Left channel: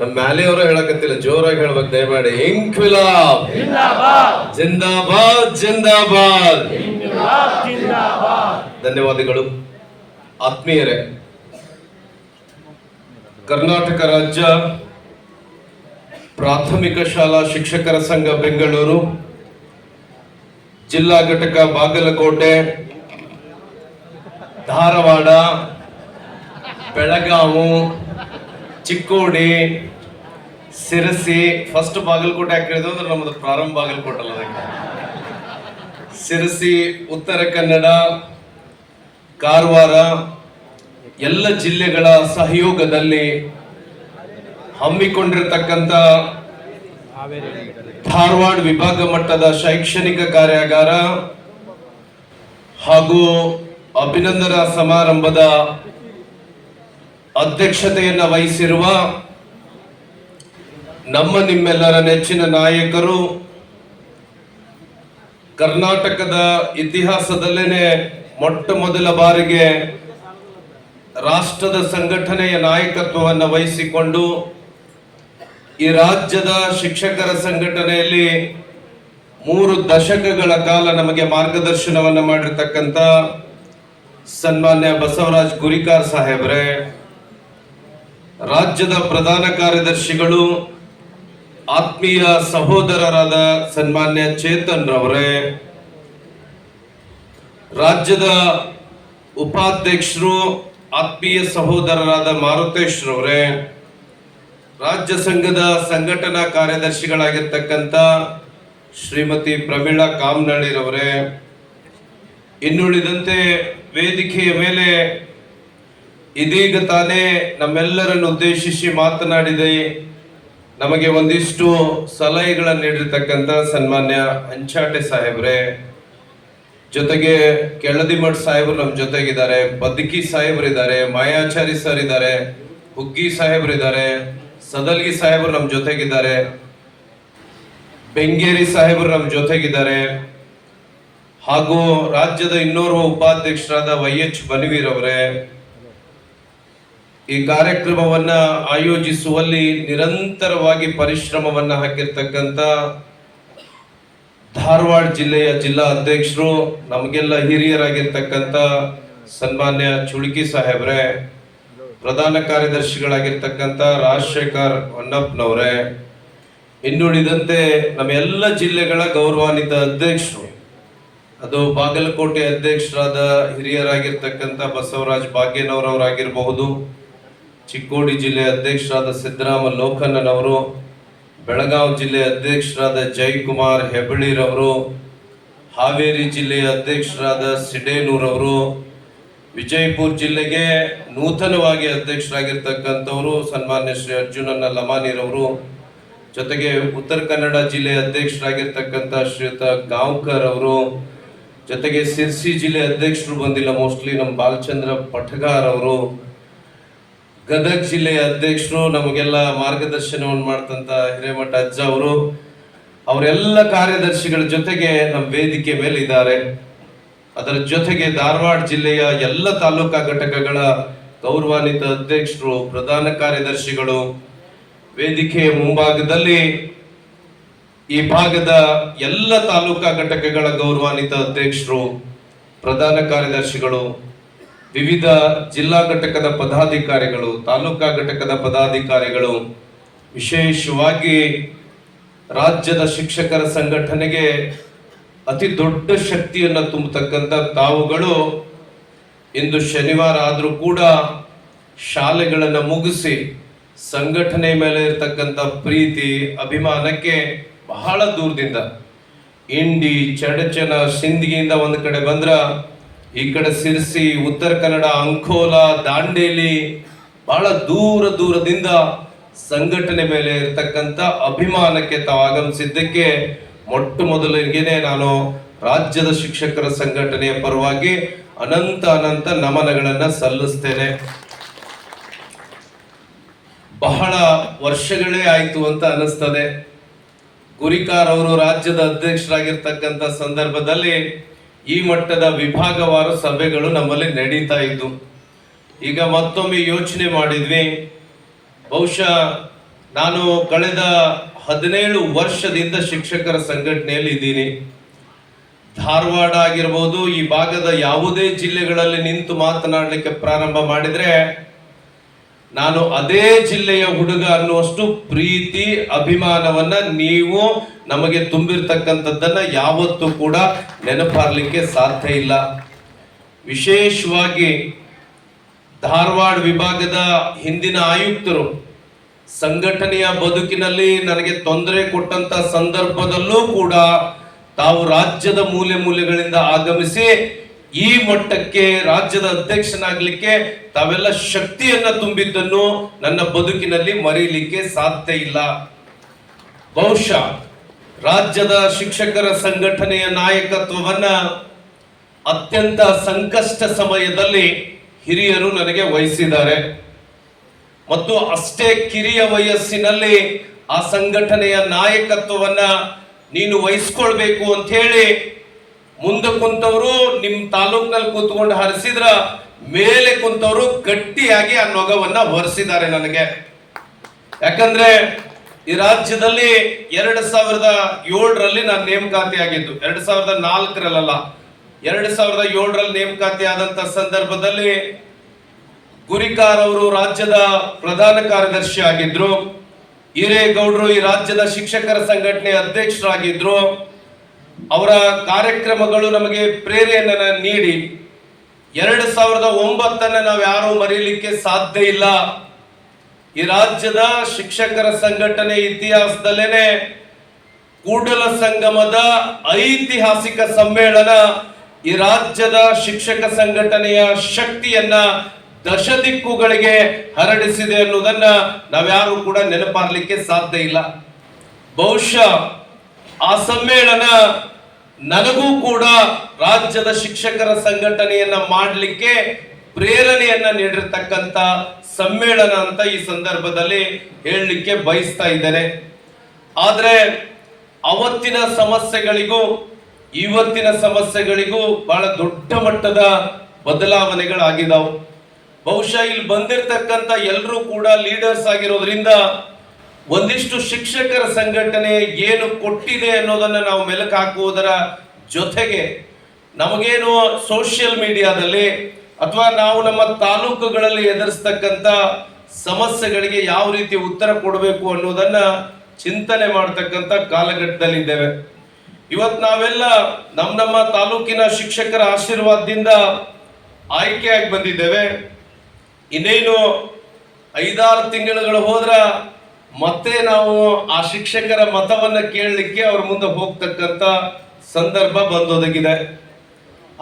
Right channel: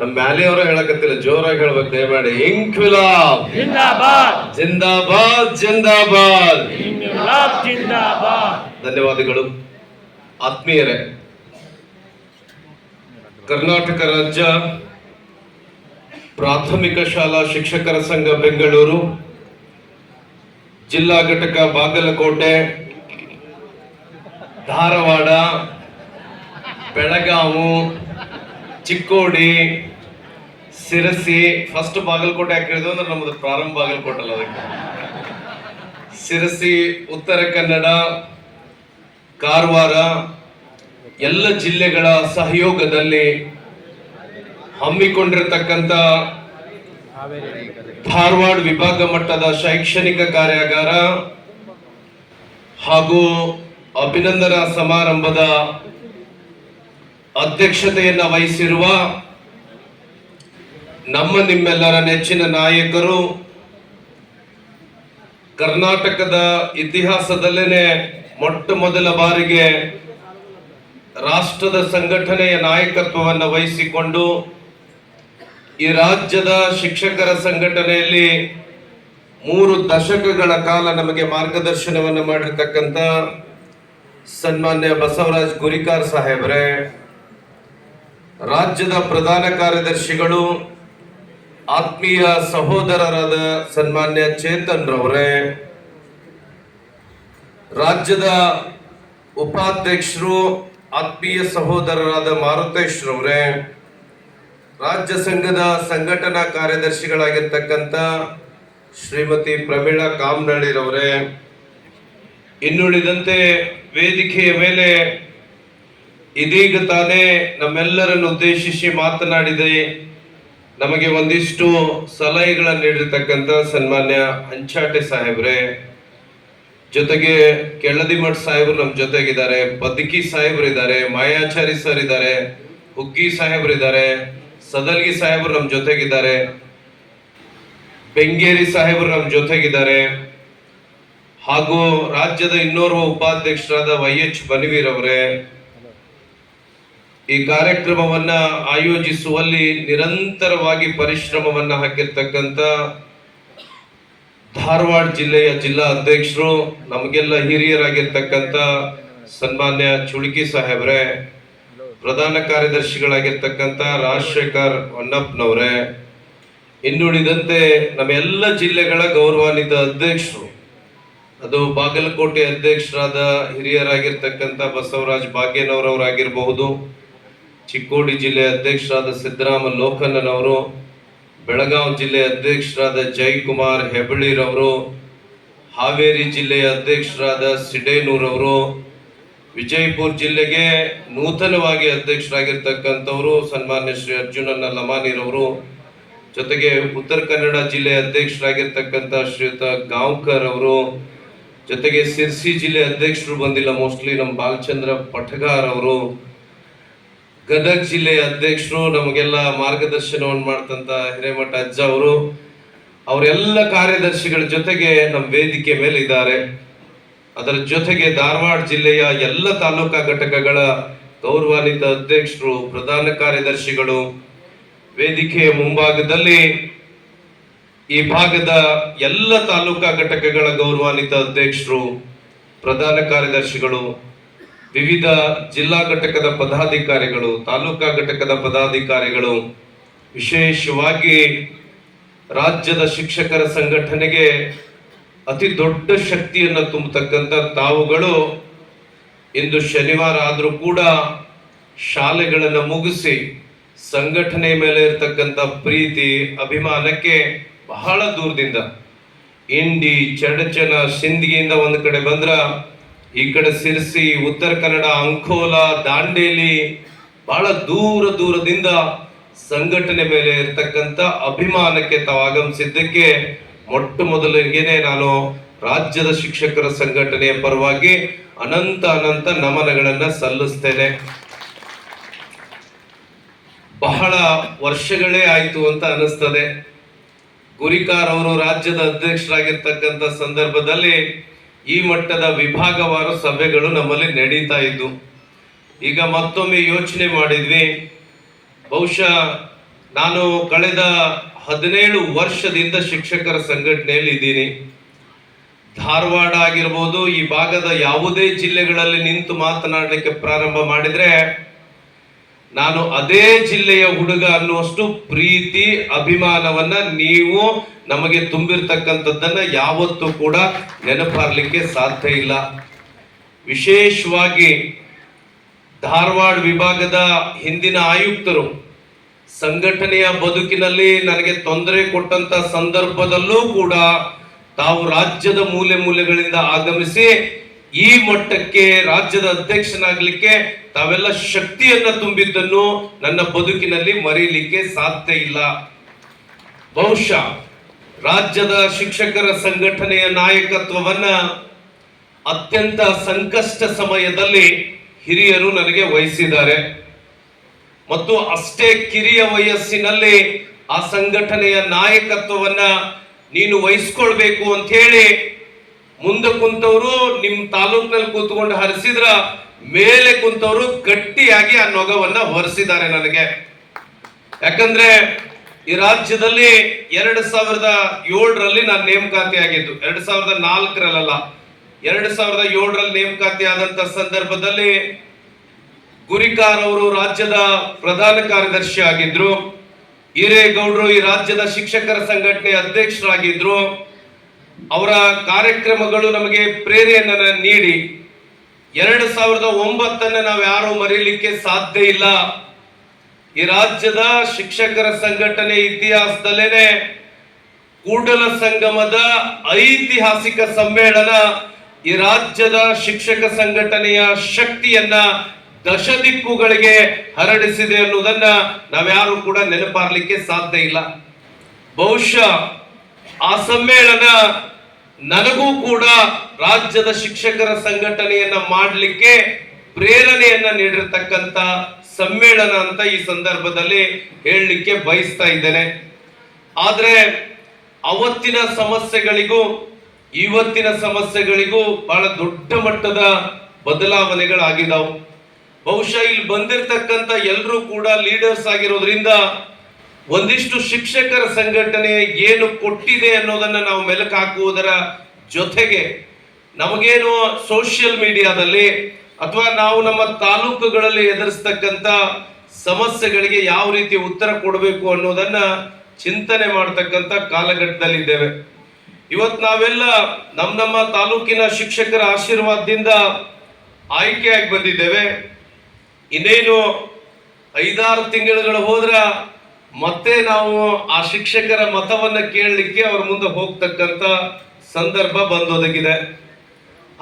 ನಮ್ಮ ಮ್ಯಾಲಿಯವರು ಹೇಳಕತ್ತಿಲ್ಲ, ಜೋರಾಗಿ ಹೇಳ್ಬೇಕು ದಯಮಾಡಿ. ಇನ್ಕ್ವಿಲಾಬ್ ಜಿಂದಾಬಾದ್ ಜಿಂದಾಬಾದ್ ಜಿಂದಾಬಾದ್. ಇನ್ಕ್ವಿಲಾಬ್ ಜಿಂದಾಬಾದ್. ಧನ್ಯವಾದಗಳು. ಆತ್ಮೀಯರೇ, ಕರ್ನಾಟಕ ರಾಜ್ಯ ಪ್ರಾಥಮಿಕ ಶಾಲಾ ಶಿಕ್ಷಕರ ಸಂಘ ಬೆಂಗಳೂರು, ಜಿಲ್ಲಾ ಘಟಕ ಬಾಗಲಕೋಟೆ, ಧಾರವಾಡ, ಬೆಳಗಾವಿ, ಚಿಕ್ಕೋಡಿ, ಸಿರಸಿ, ಫಸ್ಟ್ ಬಾಗಲಕೋಟೆ ಯಾಕೆ ಹೇಳಿದ್ರು ಅಂದ್ರೆ ನಮ್ಮದು ಪ್ರಾರಂಭ ಬಾಗಲಕೋಟೆ ಅಲ್ಲ, ಅದಕ್ಕೆ ಸಿರಸಿ, ಉತ್ತರ ಕನ್ನಡ, ಕಾರವಾರ ಎಲ್ಲ ಜಿಲ್ಲೆಗಳ ಸಹಯೋಗದಲ್ಲಿ ಹಮ್ಮಿಕೊಂಡಿರತಕ್ಕಂಥ ಧಾರವಾಡ ವಿಭಾಗ ಮಟ್ಟದ ಶೈಕ್ಷಣಿಕ ಕಾರ್ಯಾಗಾರ ಹಾಗೂ ಅಭಿನಂದನಾ ಸಮಾರಂಭದ ಅಧ್ಯಕ್ಷತೆಯನ್ನು ವಹಿಸಿರುವ ನಿಮ್ಮೆಲ್ಲರ ನೆಚ್ಚಿನ ನಾಯಕರು, ಕರ್ನಾಟಕದ ಇತಿಹಾಸದಲ್ಲೇನೆ ಮೊಟ್ಟ ಮೊದಲ ಬಾರಿಗೆ ರಾಷ್ಟ್ರದ ಸಂಘಟನೆಯ ನಾಯಕತ್ವವನ್ನು ವಹಿಸಿಕೊಂಡು ಈ ರಾಜ್ಯದ ಶಿಕ್ಷಕರ ಸಂಘಟನೆಯಲ್ಲಿ 3 ದಶಕಗಳ ಕಾಲ ನಮಗೆ ಮಾರ್ಗದರ್ಶನವನ್ನು ಮಾಡಿರ್ತಕ್ಕಂಥ ಸನ್ಮಾನ್ಯ ಬಸವರಾಜ್ ಗುರಿಕಾರ್ ಸಾಹೇಬ್ರೆ, ರಾಜ್ಯದ ಪ್ರಧಾನ ಕಾರ್ಯದರ್ಶಿಗಳು, ಆತ್ಮೀಯ ಸಹೋದರರಾದ ಸನ್ಮಾನ್ಯ ಚೇತನ್ ರವರೇ, ರಾಜ್ಯದ ಉಪಾಧ್ಯಕ್ಷರು ಆತ್ಮೀಯ ಸಹೋದರರಾದ ಮಾರುತೇಶ್ ರವರೇ, ರಾಜ್ಯ ಸಂಘದ ಸಂಘಟನಾ ಕಾರ್ಯದರ್ಶಿಗಳಾಗಿರ್ತಕ್ಕಂಥ ಶ್ರೀಮತಿ ಪ್ರಮೀಳಾ ಕಾಮನಳ್ಳಿರವರೇ, ಇನ್ನುಳಿದಂತೆ ವೇದಿಕೆಯ ಮೇಲೆ ಇದೀಗ ತಾನೇ ನಮ್ಮೆಲ್ಲರನ್ನು ಉದ್ದೇಶಿಸಿ ಮಾತನಾಡಿದೆ, ನಮಗೆ ಒಂದಿಷ್ಟು ಸಲಹೆಗಳನ್ನು ನೀಡಿರ್ತಕ್ಕಂಥ ಸನ್ಮಾನ್ಯ ಅಂಚಾಟೆ ಸಾಹೇಬ್ರೆ, ಜೊತೆಗೆ ಕೆಳದಿಮಠ್ ಸಾಹೇಬರು ನಮ್ಮ ಜೊತೆಗಿದ್ದಾರೆ, ಬದುಕಿ ಸಾಹೇಬ್ರು ಇದ್ದಾರೆ, ಮಾಯಾಚಾರಿ ಸರ್ ಇದ್ದಾರೆ, ಹುಗ್ಗಿ ಸಾಹೇಬ್ರು ಇದ್ದಾರೆ, ಸದಲ್ಗಿ ಸಾಹೇಬರು ನಮ್ಮ ಜೊತೆಗಿದ್ದಾರೆ, ಬೆಂಗೇರಿ ಸಾಹೇಬರು ನಮ್ಮ ಜೊತೆಗಿದ್ದಾರೆ, ಹಾಗೂ ರಾಜ್ಯದ ಇನ್ನೋರ್ವ ಉಪಾಧ್ಯಕ್ಷರಾದ YH ಬನವೀರ್ ಅವರೇ, ಈ ಕಾರ್ಯಕ್ರಮವನ್ನ ಆಯೋಜಿಸುವಲ್ಲಿ ನಿರಂತರವಾಗಿ ಪರಿಶ್ರಮವನ್ನ ಹಾಕಿರ್ತಕ್ಕಂಥ ಧಾರವಾಡ ಜಿಲ್ಲೆಯ ಜಿಲ್ಲಾ ಅಧ್ಯಕ್ಷರು, ನಮಗೆಲ್ಲ ಹಿರಿಯರಾಗಿರ್ತಕ್ಕಂಥ ಸನ್ಮಾನ್ಯ ಚುಳ್ಕಿ ಸಾಹೇಬ್ರೆ, ಪ್ರಧಾನ ಕಾರ್ಯದರ್ಶಿಗಳಾಗಿರ್ತಕ್ಕಂಥ ರಾಜಶೇಖರ್ ಹೊನ್ನಪ್ಪನವರೇ, ಇನ್ನುಳಿದಂತೆ ನಮ್ಮ ಎಲ್ಲ ಜಿಲ್ಲೆಗಳ ಗೌರವಾನ್ವಿತ ಅಧ್ಯಕ್ಷರು, ಅದು ಬಾಗಲಕೋಟೆ ಅಧ್ಯಕ್ಷರಾದ ಹಿರಿಯರಾಗಿರ್ತಕ್ಕಂಥ ಬಸವರಾಜ್ ಭಾಗ್ಯನವರವರಾಗಿರಬಹುದು, ಚಿಕ್ಕೋಡಿ ಜಿಲ್ಲೆ ಅಧ್ಯಕ್ಷರಾದ ಸಿದ್ದರಾಮ ಲೋಕಣ್ಣನವರು, ಬೆಳಗಾವಿ ಜಿಲ್ಲೆಯ ಅಧ್ಯಕ್ಷರಾದ ಜಯಕುಮಾರ್ ಹೆಬಳಿರವರು, ಹಾವೇರಿ ಜಿಲ್ಲೆಯ ಅಧ್ಯಕ್ಷರಾದ ಸಿಡೇನೂರವರು, ವಿಜಯಪುರ ಜಿಲ್ಲೆಗೆ ನೂತನವಾಗಿ ಅಧ್ಯಕ್ಷರಾಗಿರ್ತಕ್ಕಂಥವರು ಸನ್ಮಾನ್ಯ ಶ್ರೀ ಅರ್ಜುನನ್ನ ಲಮಾನಿರವರು, ಜೊತೆಗೆ ಉತ್ತರ ಕನ್ನಡ ಜಿಲ್ಲೆಯ ಅಧ್ಯಕ್ಷರಾಗಿರ್ತಕ್ಕಂಥ ಶ್ರೀಯುತ ಗಾಂವ್ಕರ್ ಅವರು, ಜೊತೆಗೆ ಸಿರ್ಸಿ ಜಿಲ್ಲೆ ಅಧ್ಯಕ್ಷರು ಬಂದಿಲ್ಲ, ಮೋಸ್ಟ್ಲಿ ನಮ್ಮ ಬಾಲಚಂದ್ರ ಪಠಗಾರ್ ಅವರು, ಗದಗ ಜಿಲ್ಲೆಯ ಅಧ್ಯಕ್ಷರು, ನಮಗೆಲ್ಲ ಮಾರ್ಗದರ್ಶನವನ್ನು ಮಾಡ್ತಂತ ಹಿರೇಮಠ ಅಜ್ಜ ಅವರು, ಅವರೆಲ್ಲ ಕಾರ್ಯದರ್ಶಿಗಳ ಜೊತೆಗೆ ನಮ್ಮ ವೇದಿಕೆ ಮೇಲೆ ಇದ್ದಾರೆ. ಅದರ ಜೊತೆಗೆ ಧಾರವಾಡ ಜಿಲ್ಲೆಯ ಎಲ್ಲ ತಾಲೂಕಾ ಘಟಕಗಳ ಗೌರವಾನ್ವಿತ ಅಧ್ಯಕ್ಷರು, ಪ್ರಧಾನ ಕಾರ್ಯದರ್ಶಿಗಳು, ವೇದಿಕೆಯ ಮುಂಭಾಗದಲ್ಲಿ ಈ ಭಾಗದ ಎಲ್ಲ ತಾಲೂಕಾ ಘಟಕಗಳ ಗೌರವಾನ್ವಿತ ಅಧ್ಯಕ್ಷರು, ಪ್ರಧಾನ ಕಾರ್ಯದರ್ಶಿಗಳು, ವಿವಿಧ ಜಿಲ್ಲಾ ಘಟಕದ ಪದಾಧಿಕಾರಿಗಳು, ತಾಲೂಕಾ ಘಟಕದ ಪದಾಧಿಕಾರಿಗಳು, ವಿಶೇಷವಾಗಿ ರಾಜ್ಯದ ಶಿಕ್ಷಕರ ಸಂಘಟನೆಗೆ ಅತಿ ದೊಡ್ಡ ಶಕ್ತಿಯನ್ನು ತುಂಬತಕ್ಕಂಥ ತಾವುಗಳು ಇಂದು ಶನಿವಾರ ಆದರೂ ಕೂಡ ಶಾಲೆಗಳನ್ನು ಮುಗಿಸಿ ಸಂಘಟನೆ ಮೇಲೆ ಇರತಕ್ಕಂಥ ಪ್ರೀತಿ ಅಭಿಮಾನಕ್ಕೆ ಬಹಳ ದೂರದಿಂದ ಇಂಡಿ, ಚಡಚನ, ಸಿಂದಗಿಯಿಂದ ಒಂದು ಕಡೆ ಬಂದ್ರ, ಈ ಕಡೆ ಸಿರ್ಸಿ, ಉತ್ತರ ಕನ್ನಡ, ಅಂಕೋಲಾ, ದಾಂಡೇಲಿ, ಬಹಳ ದೂರದಿಂದ ಸಂಘಟನೆ ಮೇಲೆ ಇರತಕ್ಕಂಥ ಅಭಿಮಾನಕ್ಕೆ ತಾವು ಆಗಮಿಸಿದ್ದಕ್ಕೆ ಮೊಟ್ಟ ಮೊದಲಿಗೆನೆ ನಾನು ರಾಜ್ಯದ ಶಿಕ್ಷಕರ ಸಂಘಟನೆಯ ಪರವಾಗಿ ಅನಂತ ನಮನಗಳನ್ನ ಸಲ್ಲಿಸ್ತೇನೆ. ಬಹಳ ವರ್ಷಗಳೇ ಆಯ್ತು ಅಂತ ಅನಿಸ್ತದೆ. ಗುರಿಕಾರ್ ಅವರು ರಾಜ್ಯದ ಅಧ್ಯಕ್ಷರಾಗಿರ್ತಕ್ಕಂಥ ಸಂದರ್ಭದಲ್ಲಿ ಈ ಮಟ್ಟದ ವಿಭಾಗವಾರು ಸಭೆಗಳು ನಮ್ಮಲ್ಲಿ ನಡೀತಾ ಇದ್ದು, ಈಗ ಮತ್ತೊಮ್ಮೆ ಯೋಚನೆ ಮಾಡಿದ್ವಿ, ಬಹುಶಃ ನಾನು ಕಳೆದ 17 ವರ್ಷದಿಂದ ಶಿಕ್ಷಕರ ಸಂಘಟನೆಯಲ್ಲಿ ಇದ್ದೀನಿ. ಧಾರವಾಡ ಆಗಿರ್ಬೋದು, ಈ ಭಾಗದ ಯಾವುದೇ ಜಿಲ್ಲೆಗಳಲ್ಲಿ ನಿಂತು ಮಾತನಾಡಲಿಕ್ಕೆ ಪ್ರಾರಂಭ ಮಾಡಿದ್ರೆ ನಾನು ಅದೇ ಜಿಲ್ಲೆಯ ಹುಡುಗ ಅನ್ನುವಷ್ಟು ಪ್ರೀತಿ ಅಭಿಮಾನವನ್ನ ನೀವು ನಮಗೆ ತುಂಬಿರ್ತಕ್ಕಂಥದ್ದನ್ನ ಯಾವತ್ತೂ ಕೂಡ ನೆನಪಾರ್ಲಿಕ್ಕೆ ಸಾಧ್ಯ ಇಲ್ಲ. ವಿಶೇಷವಾಗಿ ಧಾರವಾಡ ವಿಭಾಗದ ಹಿಂದಿನ ಆಯುಕ್ತರು ಸಂಘಟನೆಯ ಬದುಕಿನಲ್ಲಿ ನನಗೆ ತೊಂದರೆ ಕೊಟ್ಟಂತ ಸಂದರ್ಭದಲ್ಲೂ ಕೂಡ ತಾವು ರಾಜ್ಯದ ಮೂಲೆ ಮೂಲೆಗಳಿಂದ ಆಗಮಿಸಿ ಈ ಮಟ್ಟಕ್ಕೆ ರಾಜ್ಯದ ಅಧ್ಯಕ್ಷನಾಗ್ಲಿಕ್ಕೆ ತಾವೆಲ್ಲ ಶಕ್ತಿಯನ್ನ ತುಂಬಿದ್ದನ್ನು ನನ್ನ ಬದುಕಿನಲ್ಲಿ ಮರೀಲಿಕ್ಕೆ ಸಾಧ್ಯ ಇಲ್ಲ. ಬಹುಶಃ ರಾಜ್ಯದ ಶಿಕ್ಷಕರ ಸಂಘಟನೆಯ ನಾಯಕತ್ವವನ್ನ ಅತ್ಯಂತ ಸಂಕಷ್ಟ ಸಮಯದಲ್ಲಿ ಹಿರಿಯರು ನನಗೆ ವಹಿಸಿದ್ದಾರೆ ಮತ್ತು ಅಷ್ಟೇ ಕಿರಿಯ ವಯಸ್ಸಿನಲ್ಲಿ ಆ ಸಂಘಟನೆಯ ನಾಯಕತ್ವವನ್ನ ನೀನು ವಹಿಸ್ಕೊಳ್ಬೇಕು ಅಂತ ಹೇಳಿ ಮುಂದೆ ಕುಂತವರು ನಿಮ್ ತಾಲೂಕಿನಲ್ಲಿ ಕೂತ್ಕೊಂಡು ಹರಿಸಿದ್ರ ಮೇಲೆ ಕುಂತವರು ಗಟ್ಟಿಯಾಗಿ ಆ ನೊಗವನ್ನ ಹೊರಿಸಿದ್ದಾರೆ ನನಗೆ. ಯಾಕಂದ್ರೆ ಈ ರಾಜ್ಯದಲ್ಲಿ 2007ರಲ್ಲಿ ನಾನು ನೇಮಕಾತಿ ಆಗಿದ್ದು, 2004ರಲ್ಲ, 2007ರಲ್ಲಿ ನೇಮಕಾತಿ ಆದಂತ ಸಂದರ್ಭದಲ್ಲಿ ಗುರಿಕಾರ್ ಅವರು ರಾಜ್ಯದ ಪ್ರಧಾನ ಕಾರ್ಯದರ್ಶಿ ಆಗಿದ್ರು. ಹಿರೇಗೌಡರು ಈ ರಾಜ್ಯದ ಶಿಕ್ಷಕರ ಸಂಘಟನೆ ಅಧ್ಯಕ್ಷರಾಗಿದ್ರು. ಅವರ ಕಾರ್ಯಕ್ರಮಗಳು ನಮಗೆ ಪ್ರೇರಣೆಯನ್ನ ನೀಡಿ 2009 ನಾವು ಯಾರು ಮರೀಲಿಕ್ಕೆ ಸಾಧ್ಯ ಇಲ್ಲ. ಈ ರಾಜ್ಯದ ಶಿಕ್ಷಕರ ಸಂಘಟನೆ ಇತಿಹಾಸದಲ್ಲೇನೆ ಕೂಡಲ ಸಂಗಮದ ಐತಿಹಾಸಿಕ ಸಮ್ಮೇಳನ ಈ ರಾಜ್ಯದ ಶಿಕ್ಷಕ ಸಂಘಟನೆಯ ಶಕ್ತಿಯನ್ನ ದಶ ದಿಕ್ಕುಗಳಿಗೆ ಹರಡಿಸಿದೆ ಅನ್ನುವುದನ್ನ ನಾವ್ಯಾರು ಕೂಡ ನೆನಪಾರ್ಲಿಕ್ಕೆ ಸಾಧ್ಯ ಇಲ್ಲ. ಬಹುಶಃ ಆ ಸಮ್ಮೇಳನ ನನಗೂ ಕೂಡ ರಾಜ್ಯದ ಶಿಕ್ಷಕರ ಸಂಘಟನೆಯನ್ನ ಮಾಡಲಿಕ್ಕೆ ಪ್ರೇರಣೆಯನ್ನ ನೀಡಿರ್ತಕ್ಕಂಥ ಸಮ್ಮೇಳನ ಅಂತ ಈ ಸಂದರ್ಭದಲ್ಲಿ ಹೇಳಲಿಕ್ಕೆ ಬಯಸ್ತಾ ಇದ್ದೇನೆ. ಆದ್ರೆ ಅವತ್ತಿನ ಸಮಸ್ಯೆಗಳಿಗೂ ಇವತ್ತಿನ ಸಮಸ್ಯೆಗಳಿಗೂ ಬಹಳ ದೊಡ್ಡ ಮಟ್ಟದ ಬದಲಾವಣೆಗಳಾಗಿದ್ದಾವೆ. ಬಹುಶಃ ಇಲ್ಲಿ ಬಂದಿರತಕ್ಕಂತ ಎಲ್ಲರೂ ಕೂಡ ಲೀಡರ್ಸ್ ಆಗಿರೋದ್ರಿಂದ ಒಂದಿಷ್ಟು ಶಿಕ್ಷಕರ ಸಂಘಟನೆ ಏನು ಕೊಟ್ಟಿದೆ ಅನ್ನೋದನ್ನ ನಾವು ಮೆಲುಕು ಹಾಕುವುದರ ಜೊತೆಗೆ ನಮಗೇನು ಸೋಷಿಯಲ್ ಮೀಡಿಯಾದಲ್ಲಿ ಅಥವಾ ನಾವು ನಮ್ಮ ತಾಲೂಕುಗಳಲ್ಲಿ ಎದುರಿಸ್ತಕ್ಕಂಥ ಸಮಸ್ಯೆಗಳಿಗೆ ಯಾವ ರೀತಿ ಉತ್ತರ ಕೊಡಬೇಕು ಅನ್ನೋದನ್ನ ಚಿಂತನೆ ಮಾಡತಕ್ಕಂಥ ಕಾಲಘಟ್ಟದಲ್ಲಿದ್ದೇವೆ. ಇವತ್ತು ನಾವೆಲ್ಲ ನಮ್ಮ ತಾಲೂಕಿನ ಶಿಕ್ಷಕರ ಆಶೀರ್ವಾದದಿಂದ ಆಯ್ಕೆಯಾಗಿ ಬಂದಿದ್ದೇವೆ. ಇನ್ನೇನು 5-6 ತಿಂಗಳುಗಳು ಹೋದ್ರ ಮತ್ತೆ ನಾವು ಆ ಶಿಕ್ಷಕರ ಮತವನ್ನ ಕೇಳಲಿಕ್ಕೆ ಅವ್ರ ಮುಂದೆ ಹೋಗ್ತಕ್ಕಂತ ಸಂದರ್ಭ ಬಂದೊದಗಿದೆ.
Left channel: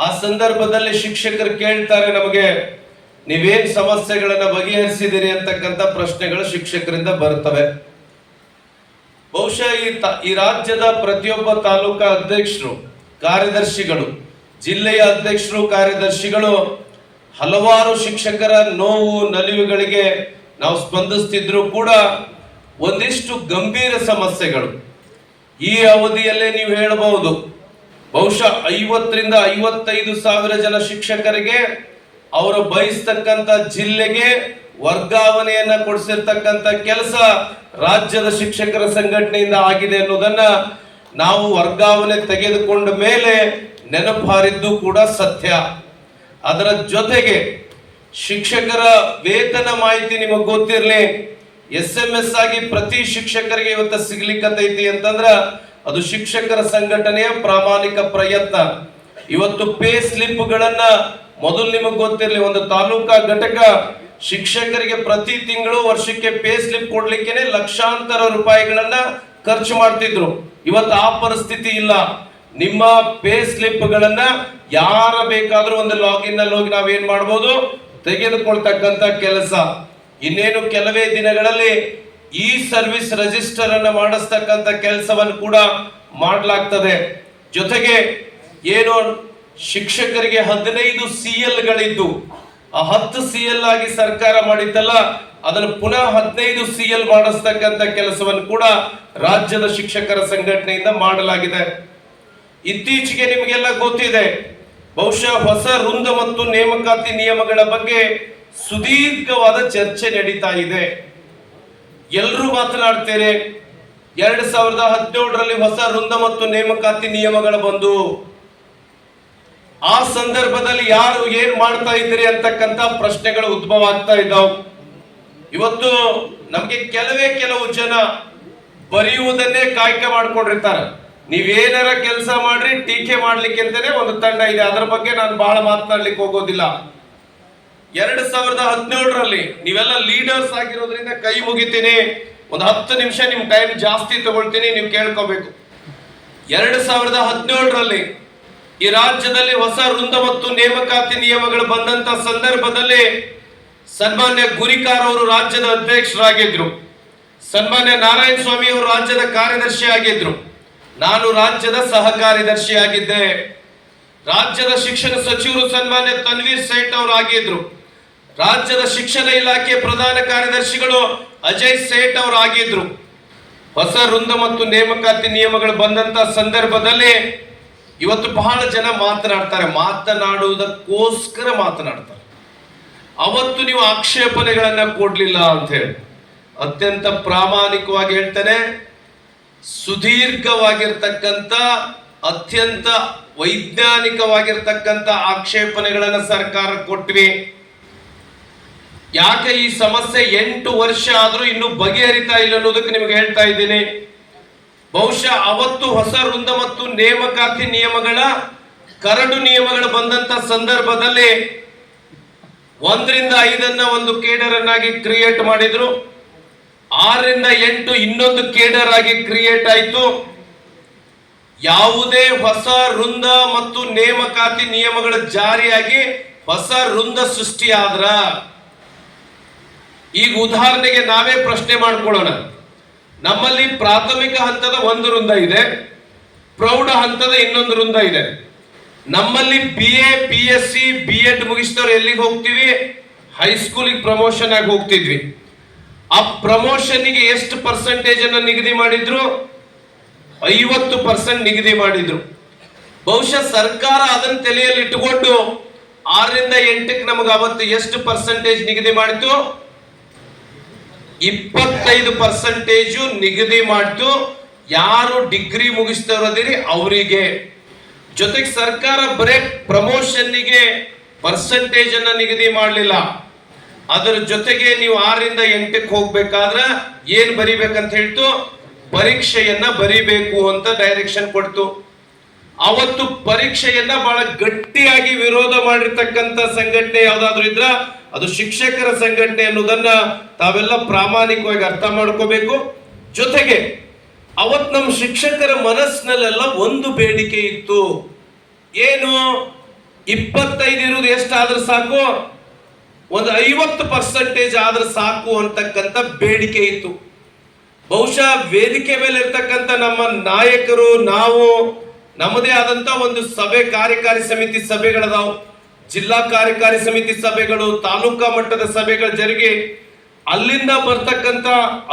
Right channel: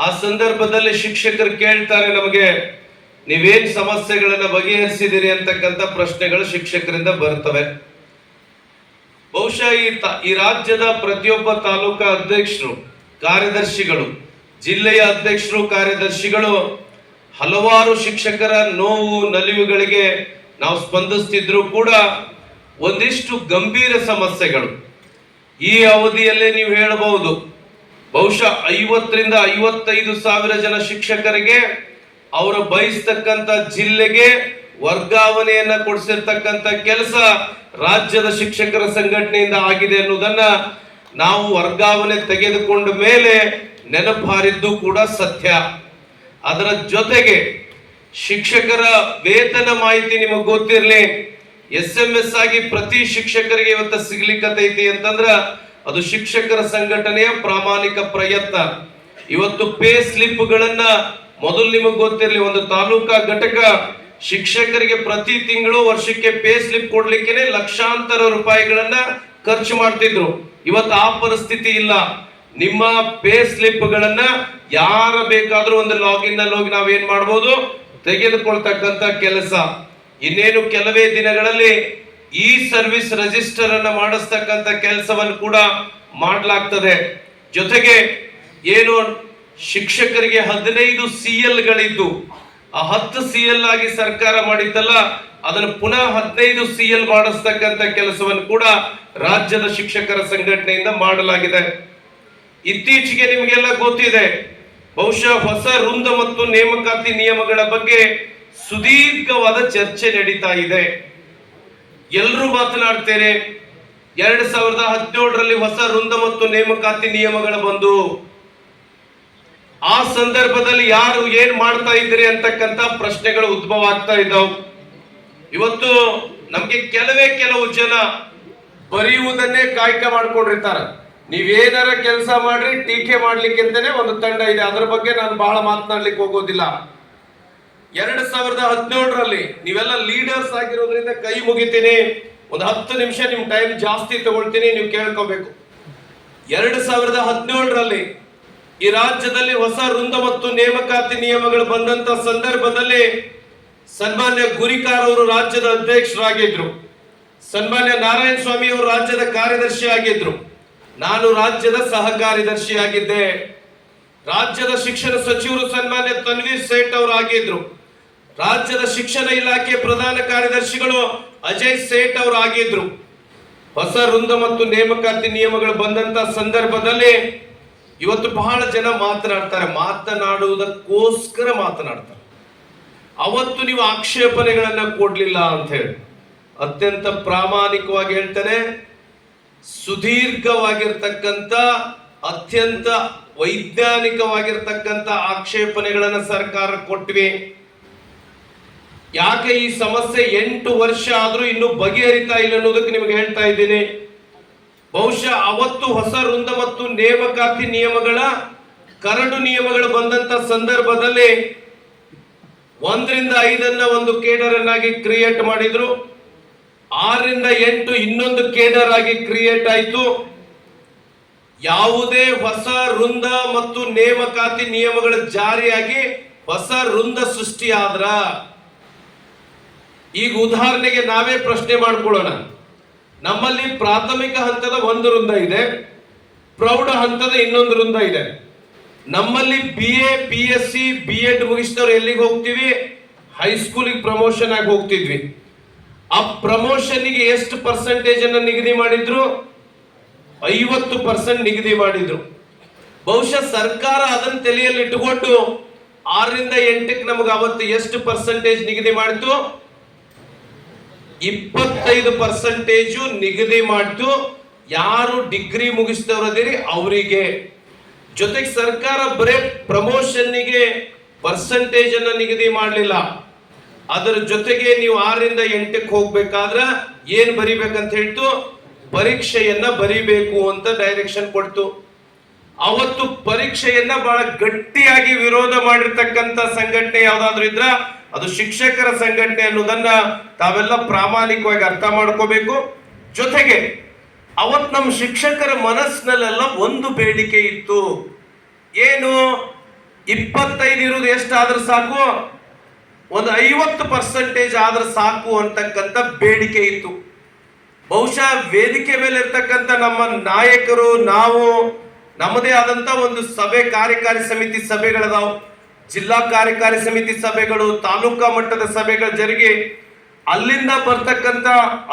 ಆ ಸಂದರ್ಭದಲ್ಲಿ ಶಿಕ್ಷಕರು ಕೇಳ್ತಾರೆ, ನಮಗೆ ನೀವೇನ್ ಸಮಸ್ಯೆಗಳನ್ನ ಬಗೆಹರಿಸಿದಿರಿ ಅಂತಕ್ಕಂಥ ಪ್ರಶ್ನೆಗಳು ಶಿಕ್ಷಕರಿಂದ ಬರ್ತವೆ. ಬಹುಶಃ ಈ ರಾಜ್ಯದ ಪ್ರತಿಯೊಬ್ಬ ತಾಲೂಕಾ ಅಧ್ಯಕ್ಷರು, ಕಾರ್ಯದರ್ಶಿಗಳು, ಜಿಲ್ಲೆಯ ಅಧ್ಯಕ್ಷರು, ಕಾರ್ಯದರ್ಶಿಗಳು ಹಲವಾರು ಶಿಕ್ಷಕರ ನೋವು ನಲಿವುಗಳಿಗೆ ನಾವು ಸ್ಪಂದಿಸ್ತಿದ್ರು ಕೂಡ ಒಂದಿಷ್ಟು ಗಂಭೀರ ಸಮಸ್ಯೆಗಳು ಈ ಅವಧಿಯಲ್ಲೇ ನೀವು ಹೇಳಬಹುದು. ಬಹುಶಃ 50ರಿಂದ 55 ಸಾವಿರ ಜನ ಶಿಕ್ಷಕರಿಗೆ ಅವರು ಬಯಸ್ತಕ್ಕಂಥ ಜಿಲ್ಲೆಗೆ ವರ್ಗಾವಣೆಯನ್ನ ಕೊಡಿಸಿರ್ತಕ್ಕಂಥ ಕೆಲಸ ರಾಜ್ಯದ ಶಿಕ್ಷಕರ ಸಂಘಟನೆಯಿಂದ ಆಗಿದೆ ಅನ್ನೋದನ್ನ ನಾವು ವರ್ಗಾವಣೆ ತೆಗೆದುಕೊಂಡ ಮೇಲೆ ನೆನಪಾರಿದ್ದು ಕೂಡ ಸತ್ಯ. ಅದರ ಜೊತೆಗೆ ಶಿಕ್ಷಕರ ವೇತನ ಮಾಹಿತಿ ನಿಮಗೆ ಗೊತ್ತಿರಲಿ, SMS ಆಗಿ ಪ್ರತಿ ಶಿಕ್ಷಕರಿಗೆ ಇವತ್ತು ಸಿಗ್ಲಿಕ್ಕತ್ತೈತಿ ಅಂತಂದ್ರ ಅದು ಶಿಕ್ಷಕರ ಸಂಘಟನೆಯ ಪ್ರಾಮಾಣಿಕ ಪ್ರಯತ್ನ. ಇವತ್ತು ಪೇ ಸ್ಲಿಪ್ ಗಳನ್ನ ಮೊದಲು ನಿಮಗೆ ಗೊತ್ತಿರಲಿ, ಒಂದು ತಾಲೂಕಾ ಘಟಕ ಶಿಕ್ಷಕರಿಗೆ ಪ್ರತಿ ತಿಂಗಳು ವರ್ಷಕ್ಕೆ ಪೇ ಸ್ಲಿಪ್ ಕೊಡ್ಲಿಕ್ಕೆ ಲಕ್ಷಾಂತರ ರೂಪಾಯಿಗಳನ್ನ ಖರ್ಚು ಮಾಡ್ತಿದ್ರು. ಇವತ್ತು ಆ ಪರಿಸ್ಥಿತಿ ಇಲ್ಲ. ನಿಮ್ಮ ಪೇ ಸ್ಲಿಪ್ ಗಳನ್ನ ಯಾರ ಬೇಕಾದ್ರೂ ಒಂದು ಲಾಗಿನ್ ನಲ್ಲಿ ಹೋಗಿ ನಾವೇನ್ ಮಾಡ್ಬೋದು, ತೆಗೆದುಕೊಳ್ತಕ್ಕಂತ ಕೆಲಸ. ಇನ್ನೇನು ಕೆಲವೇ ದಿನಗಳಲ್ಲಿ ಈ ಸರ್ವಿಸ್ ರಿಜಿಸ್ಟರ್ ಅನ್ನ ಮಾಡಿಸ್ತಕ್ಕಂತ ಕೆಲಸವನ್ನು ಕೂಡ ಮಾಡಲಾಗ್ತದೆ. ಜೊತೆಗೆ ಏನು ಶಿಕ್ಷಕರಿಗೆ 15 CL ಗಳಿದ್ದು ಆ 10 CL ಆಗಿ ಸರ್ಕಾರ ಮಾಡಿತ್ತಲ್ಲ, ಅದನ್ನು ಪುನಃ 15 CL ಮಾಡಿಸ್ತಕ್ಕಂತ ಕೆಲಸವನ್ನು ಕೂಡ ರಾಜ್ಯದ ಶಿಕ್ಷಕರ ಸಂಘಟನೆಯಿಂದ ಮಾಡಲಾಗಿದೆ. ಇತ್ತೀಚೆಗೆ ನಿಮಗೆಲ್ಲ ಗೊತ್ತಿದೆ, ಬಹುಶಃ ಹೊಸ ವೃಂದ ಮತ್ತು ನೇಮಕಾತಿ ನಿಯಮಗಳ ಬಗ್ಗೆ ಸುದೀರ್ಘವಾದ ಚರ್ಚೆ ನಡೀತಾ ಇದೆ. ಎಲ್ಲರೂ ಮಾತನಾಡ್ತೇನೆ. 2017ರಲ್ಲಿ ಹೊಸ ವೃಂದ ಮತ್ತು ನೇಮಕಾತಿ ನಿಯಮಗಳು ಬಂದು ಆ ಸಂದರ್ಭದಲ್ಲಿ ಯಾರು ಏನ್ ಮಾಡ್ತಾ ಇದ್ರಿ ಅಂತಕ್ಕಂತ ಪ್ರಶ್ನೆಗಳು ಉದ್ಭವ ಆಗ್ತಾ ಇದ್ದಾವೆ. ಇವತ್ತು ನಮ್ಗೆ ಕೆಲವು ಜನ ಬರೆಯುವುದನ್ನೇ ಕಾಯಕ ಮಾಡ್ಕೊಂಡಿರ್ತಾರ. ನೀವೇನಾರ ಕೆಲಸ ಮಾಡ್ರಿ, ಟೀಕೆ ಮಾಡ್ಲಿಕ್ಕೆ ಅಂತಾನೆ ಒಂದು ತಂಡ ಇದೆ. ಅದರ ಬಗ್ಗೆ ನಾನು ಬಹಳ ಮಾತನಾಡ್ಲಿಕ್ಕೆ ಹೋಗೋದಿಲ್ಲ. 2017ರಲ್ಲಿ ನೀವೆಲ್ಲ ಲೀಡರ್ಸ್ ಆಗಿರೋದ್ರಿಂದ ಕೈ ಮುಗಿತೀನಿ, ಒಂದು 10 ನಿಮಿಷ ನಿಮ್ ಟೈಮ್ ಜಾಸ್ತಿ ತಗೊಳ್ತೀನಿ, ನೀವು ಕೇಳ್ಕೋಬೇಕು. 2017ರಲ್ಲಿ ಈ ರಾಜ್ಯದಲ್ಲಿ ಹೊಸ ವೃಂದ ಮತ್ತು ನೇಮಕಾತಿ ನಿಯಮಗಳು ಬಂದಂತ ಸಂದರ್ಭದಲ್ಲಿ ಸನ್ಮಾನ್ಯ ಗುರಿಕಾರ್ ಅವರು ರಾಜ್ಯದ ಅಧ್ಯಕ್ಷರಾಗಿದ್ರು, ಸನ್ಮಾನ್ಯ ನಾರಾಯಣ ಸ್ವಾಮಿ ಅವರು ರಾಜ್ಯದ ಕಾರ್ಯದರ್ಶಿ ಆಗಿದ್ರು, ನಾನು ರಾಜ್ಯದ ಸಹ ಕಾರ್ಯದರ್ಶಿಯಾಗಿದ್ದೆ. ರಾಜ್ಯದ ಶಿಕ್ಷಣ ಸಚಿವರು ಸನ್ಮಾನ್ಯ ತನ್ವೀರ್ ಸೇಠ್ ಅವರು ಆಗಿದ್ರು. ರಾಜ್ಯದ ಶಿಕ್ಷಣ ಇಲಾಖೆ ಪ್ರಧಾನ ಕಾರ್ಯದರ್ಶಿಗಳು ಅಜಯ್ ಸೇಠ್ ಅವರು ಆಗಿದ್ರು. ಹೊಸ ವೃಂದ ಮತ್ತು ನೇಮಕಾತಿ ನಿಯಮಗಳು ಬಂದಂತ ಸಂದರ್ಭದಲ್ಲಿ ಇವತ್ತು ಬಹಳ ಜನ ಮಾತನಾಡ್ತಾರೆ, ಮಾತನಾಡುವುದಕ್ಕೋಸ್ಕರ ಮಾತನಾಡ್ತಾರೆ. ಅವತ್ತು ನೀವು ಆಕ್ಷೇಪಣೆಗಳನ್ನ ಕೊಡ್ಲಿಲ್ಲ ಅಂತ ಹೇಳಿ ಅತ್ಯಂತ ಪ್ರಾಮಾಣಿಕವಾಗಿ ಹೇಳ್ತೇನೆ, ಸುದೀರ್ಘವಾಗಿರ್ತಕ್ಕಂಥ ಅತ್ಯಂತ ವೈಜ್ಞಾನಿಕವಾಗಿರ್ತಕ್ಕಂಥ ಆಕ್ಷೇಪಣೆಗಳನ್ನ ಸರ್ಕಾರ ಕೊಟ್ವಿ. ಯಾಕೆ ಈ ಸಮಸ್ಯೆ 8 ವರ್ಷ ಆದ್ರೂ ಇನ್ನೂ ಬಗೆಹರಿತಾ ಇಲ್ಲ ಅನ್ನೋದಕ್ಕೆ ನಿಮಗೆ ಹೇಳ್ತಾ ಇದ್ದೀನಿ. ಬಹುಶಃ ಅವತ್ತು ಹೊಸ ವೃಂದ ಮತ್ತು ನೇಮಕಾತಿ ನಿಯಮಗಳ ಕರಡು ನಿಯಮಗಳು ಬಂದಂತ ಸಂದರ್ಭದಲ್ಲಿ 1 ರಿಂದ 5 ಒಂದು ಕೇಡರ್ ಅನ್ನಾಗಿ ಕ್ರಿಯೇಟ್ ಮಾಡಿದ್ರು, 6 ರಿಂದ 8 ಇನ್ನೊಂದು ಕೇಡರ್ ಆಗಿ ಕ್ರಿಯೇಟ್ ಆಯಿತು. ಯಾವುದೇ ಹೊಸ ವೃಂದ ಮತ್ತು ನೇಮಕಾತಿ ನಿಯಮಗಳ ಜಾರಿಯಾಗಿ ಹೊಸ ವೃಂದ ಸೃಷ್ಟಿ ಆದ್ರ, ಈಗ ಉದಾಹರಣೆಗೆ ನಾವೇ ಪ್ರಶ್ನೆ ಮಾಡ್ಕೊಳ್ಳೋಣ. ನಮ್ಮಲ್ಲಿ ಪ್ರಾಥಮಿಕ ಹಂತದ ಒಂದು ವೃಂದ ಇದೆ, ಪ್ರೌಢ ಹಂತದ ಇನ್ನೊಂದು ವೃಂದ ಇದೆ. ನಮ್ಮಲ್ಲಿ BA BSc B.Ed ಮುಗಿಸಿದವ್ರು ಎಲ್ಲಿಗೆ ಹೋಗ್ತೀವಿ? ಹೈಸ್ಕೂಲಿಗೆ ಪ್ರಮೋಷನ್ ಆಗಿ ಹೋಗ್ತಿದ್ವಿ. ಆ ಪ್ರಮೋಷನ್ಗೆ ಎಷ್ಟು ಪರ್ಸೆಂಟೇಜ್ ಅನ್ನು ನಿಗದಿ ಮಾಡಿದ್ರು? 50% ನಿಗದಿ ಮಾಡಿದ್ರು. ಬಹುಶಃ ಸರ್ಕಾರ ಅದನ್ನ ತಲೆಯಲ್ಲಿ ಇಟ್ಟುಕೊಂಡು 6 ರಿಂದ 8ಕ್ಕೆ ನಮಗೆ ಅವತ್ತು ಎಷ್ಟು ಪರ್ಸೆಂಟೇಜ್ ನಿಗದಿ ಮಾಡಿತು? 25% ನಿಗದಿ ಮಾಡಿತು. ಯಾರು ಡಿಗ್ರಿ ಮುಗಿಸ್ತವ್ರದಿರಿ ಅವರಿಗೆ. ಜೊತೆಗೆ ಸರ್ಕಾರ ಬರೇ ಪ್ರಮೋಷನ್ನಿಗೆ ಪರ್ಸೆಂಟೇಜ್ ಅನ್ನ ನಿಗದಿ ಮಾಡಲಿಲ್ಲ, ಅದರ ಜೊತೆಗೆ ನೀವು 6 ರಿಂದ 8ಕ್ಕೆ ಹೋಗ್ಬೇಕಾದ್ರೆ ಏನ್ ಬರಿಬೇಕಂತ ಹೇಳ್ತು? ಪರೀಕ್ಷೆಯನ್ನ ಬರಿಬೇಕು ಅಂತ ಡೈರೆಕ್ಷನ್ ಕೊಡ್ತು. ಅವತ್ತು ಪರೀಕ್ಷೆಯನ್ನ ಬಹಳ ಗಟ್ಟಿಯಾಗಿ ವಿರೋಧ ಮಾಡಿರ್ತಕ್ಕಂಥ ಸಂಘಟನೆ ಯಾವ್ದಾದ್ರು ಇದ್ರ ಅದು ಶಿಕ್ಷಕರ ಸಂಘಟನೆ ಅನ್ನೋದನ್ನ ತಾವೆಲ್ಲ ಪ್ರಾಮಾಣಿಕವಾಗಿ ಅರ್ಥ ಮಾಡ್ಕೋಬೇಕು. ಜೊತೆಗೆ ಅವತ್ ನಮ್ಮ ಶಿಕ್ಷಕರ ಮನಸ್ಸಿನಲ್ಲೆಲ್ಲ ಒಂದು ಬೇಡಿಕೆ ಇತ್ತು, ಏನು? 25 ಇರುವುದು ಎಷ್ಟಾದ್ರೂ ಸಾಕು, ಒಂದು 50% ಆದ್ರೆ ಸಾಕು ಅಂತಕ್ಕಂಥ ಬೇಡಿಕೆ ಇತ್ತು. ಬಹುಶಃ ವೇದಿಕೆ ಮೇಲೆ ಇರ್ತಕ್ಕಂಥ ನಮ್ಮ ನಾಯಕರು, ನಾವು ನಮ್ಮದೇ ಆದಂತ ಒಂದು ಸಭೆ, ಕಾರ್ಯಕಾರಿ ಸಮಿತಿ ಸಭೆಗಳದಾವು, ಜಿಲ್ಲಾ ಕಾರ್ಯಕಾರಿ ಸಮಿತಿ ಸಭೆಗಳು, ತಾಲೂಕಾ ಮಟ್ಟದ ಸಭೆಗಳು ಜರುಗಿ ಅಲ್ಲಿಂದ ಬರ್ತಕ್ಕಂಥ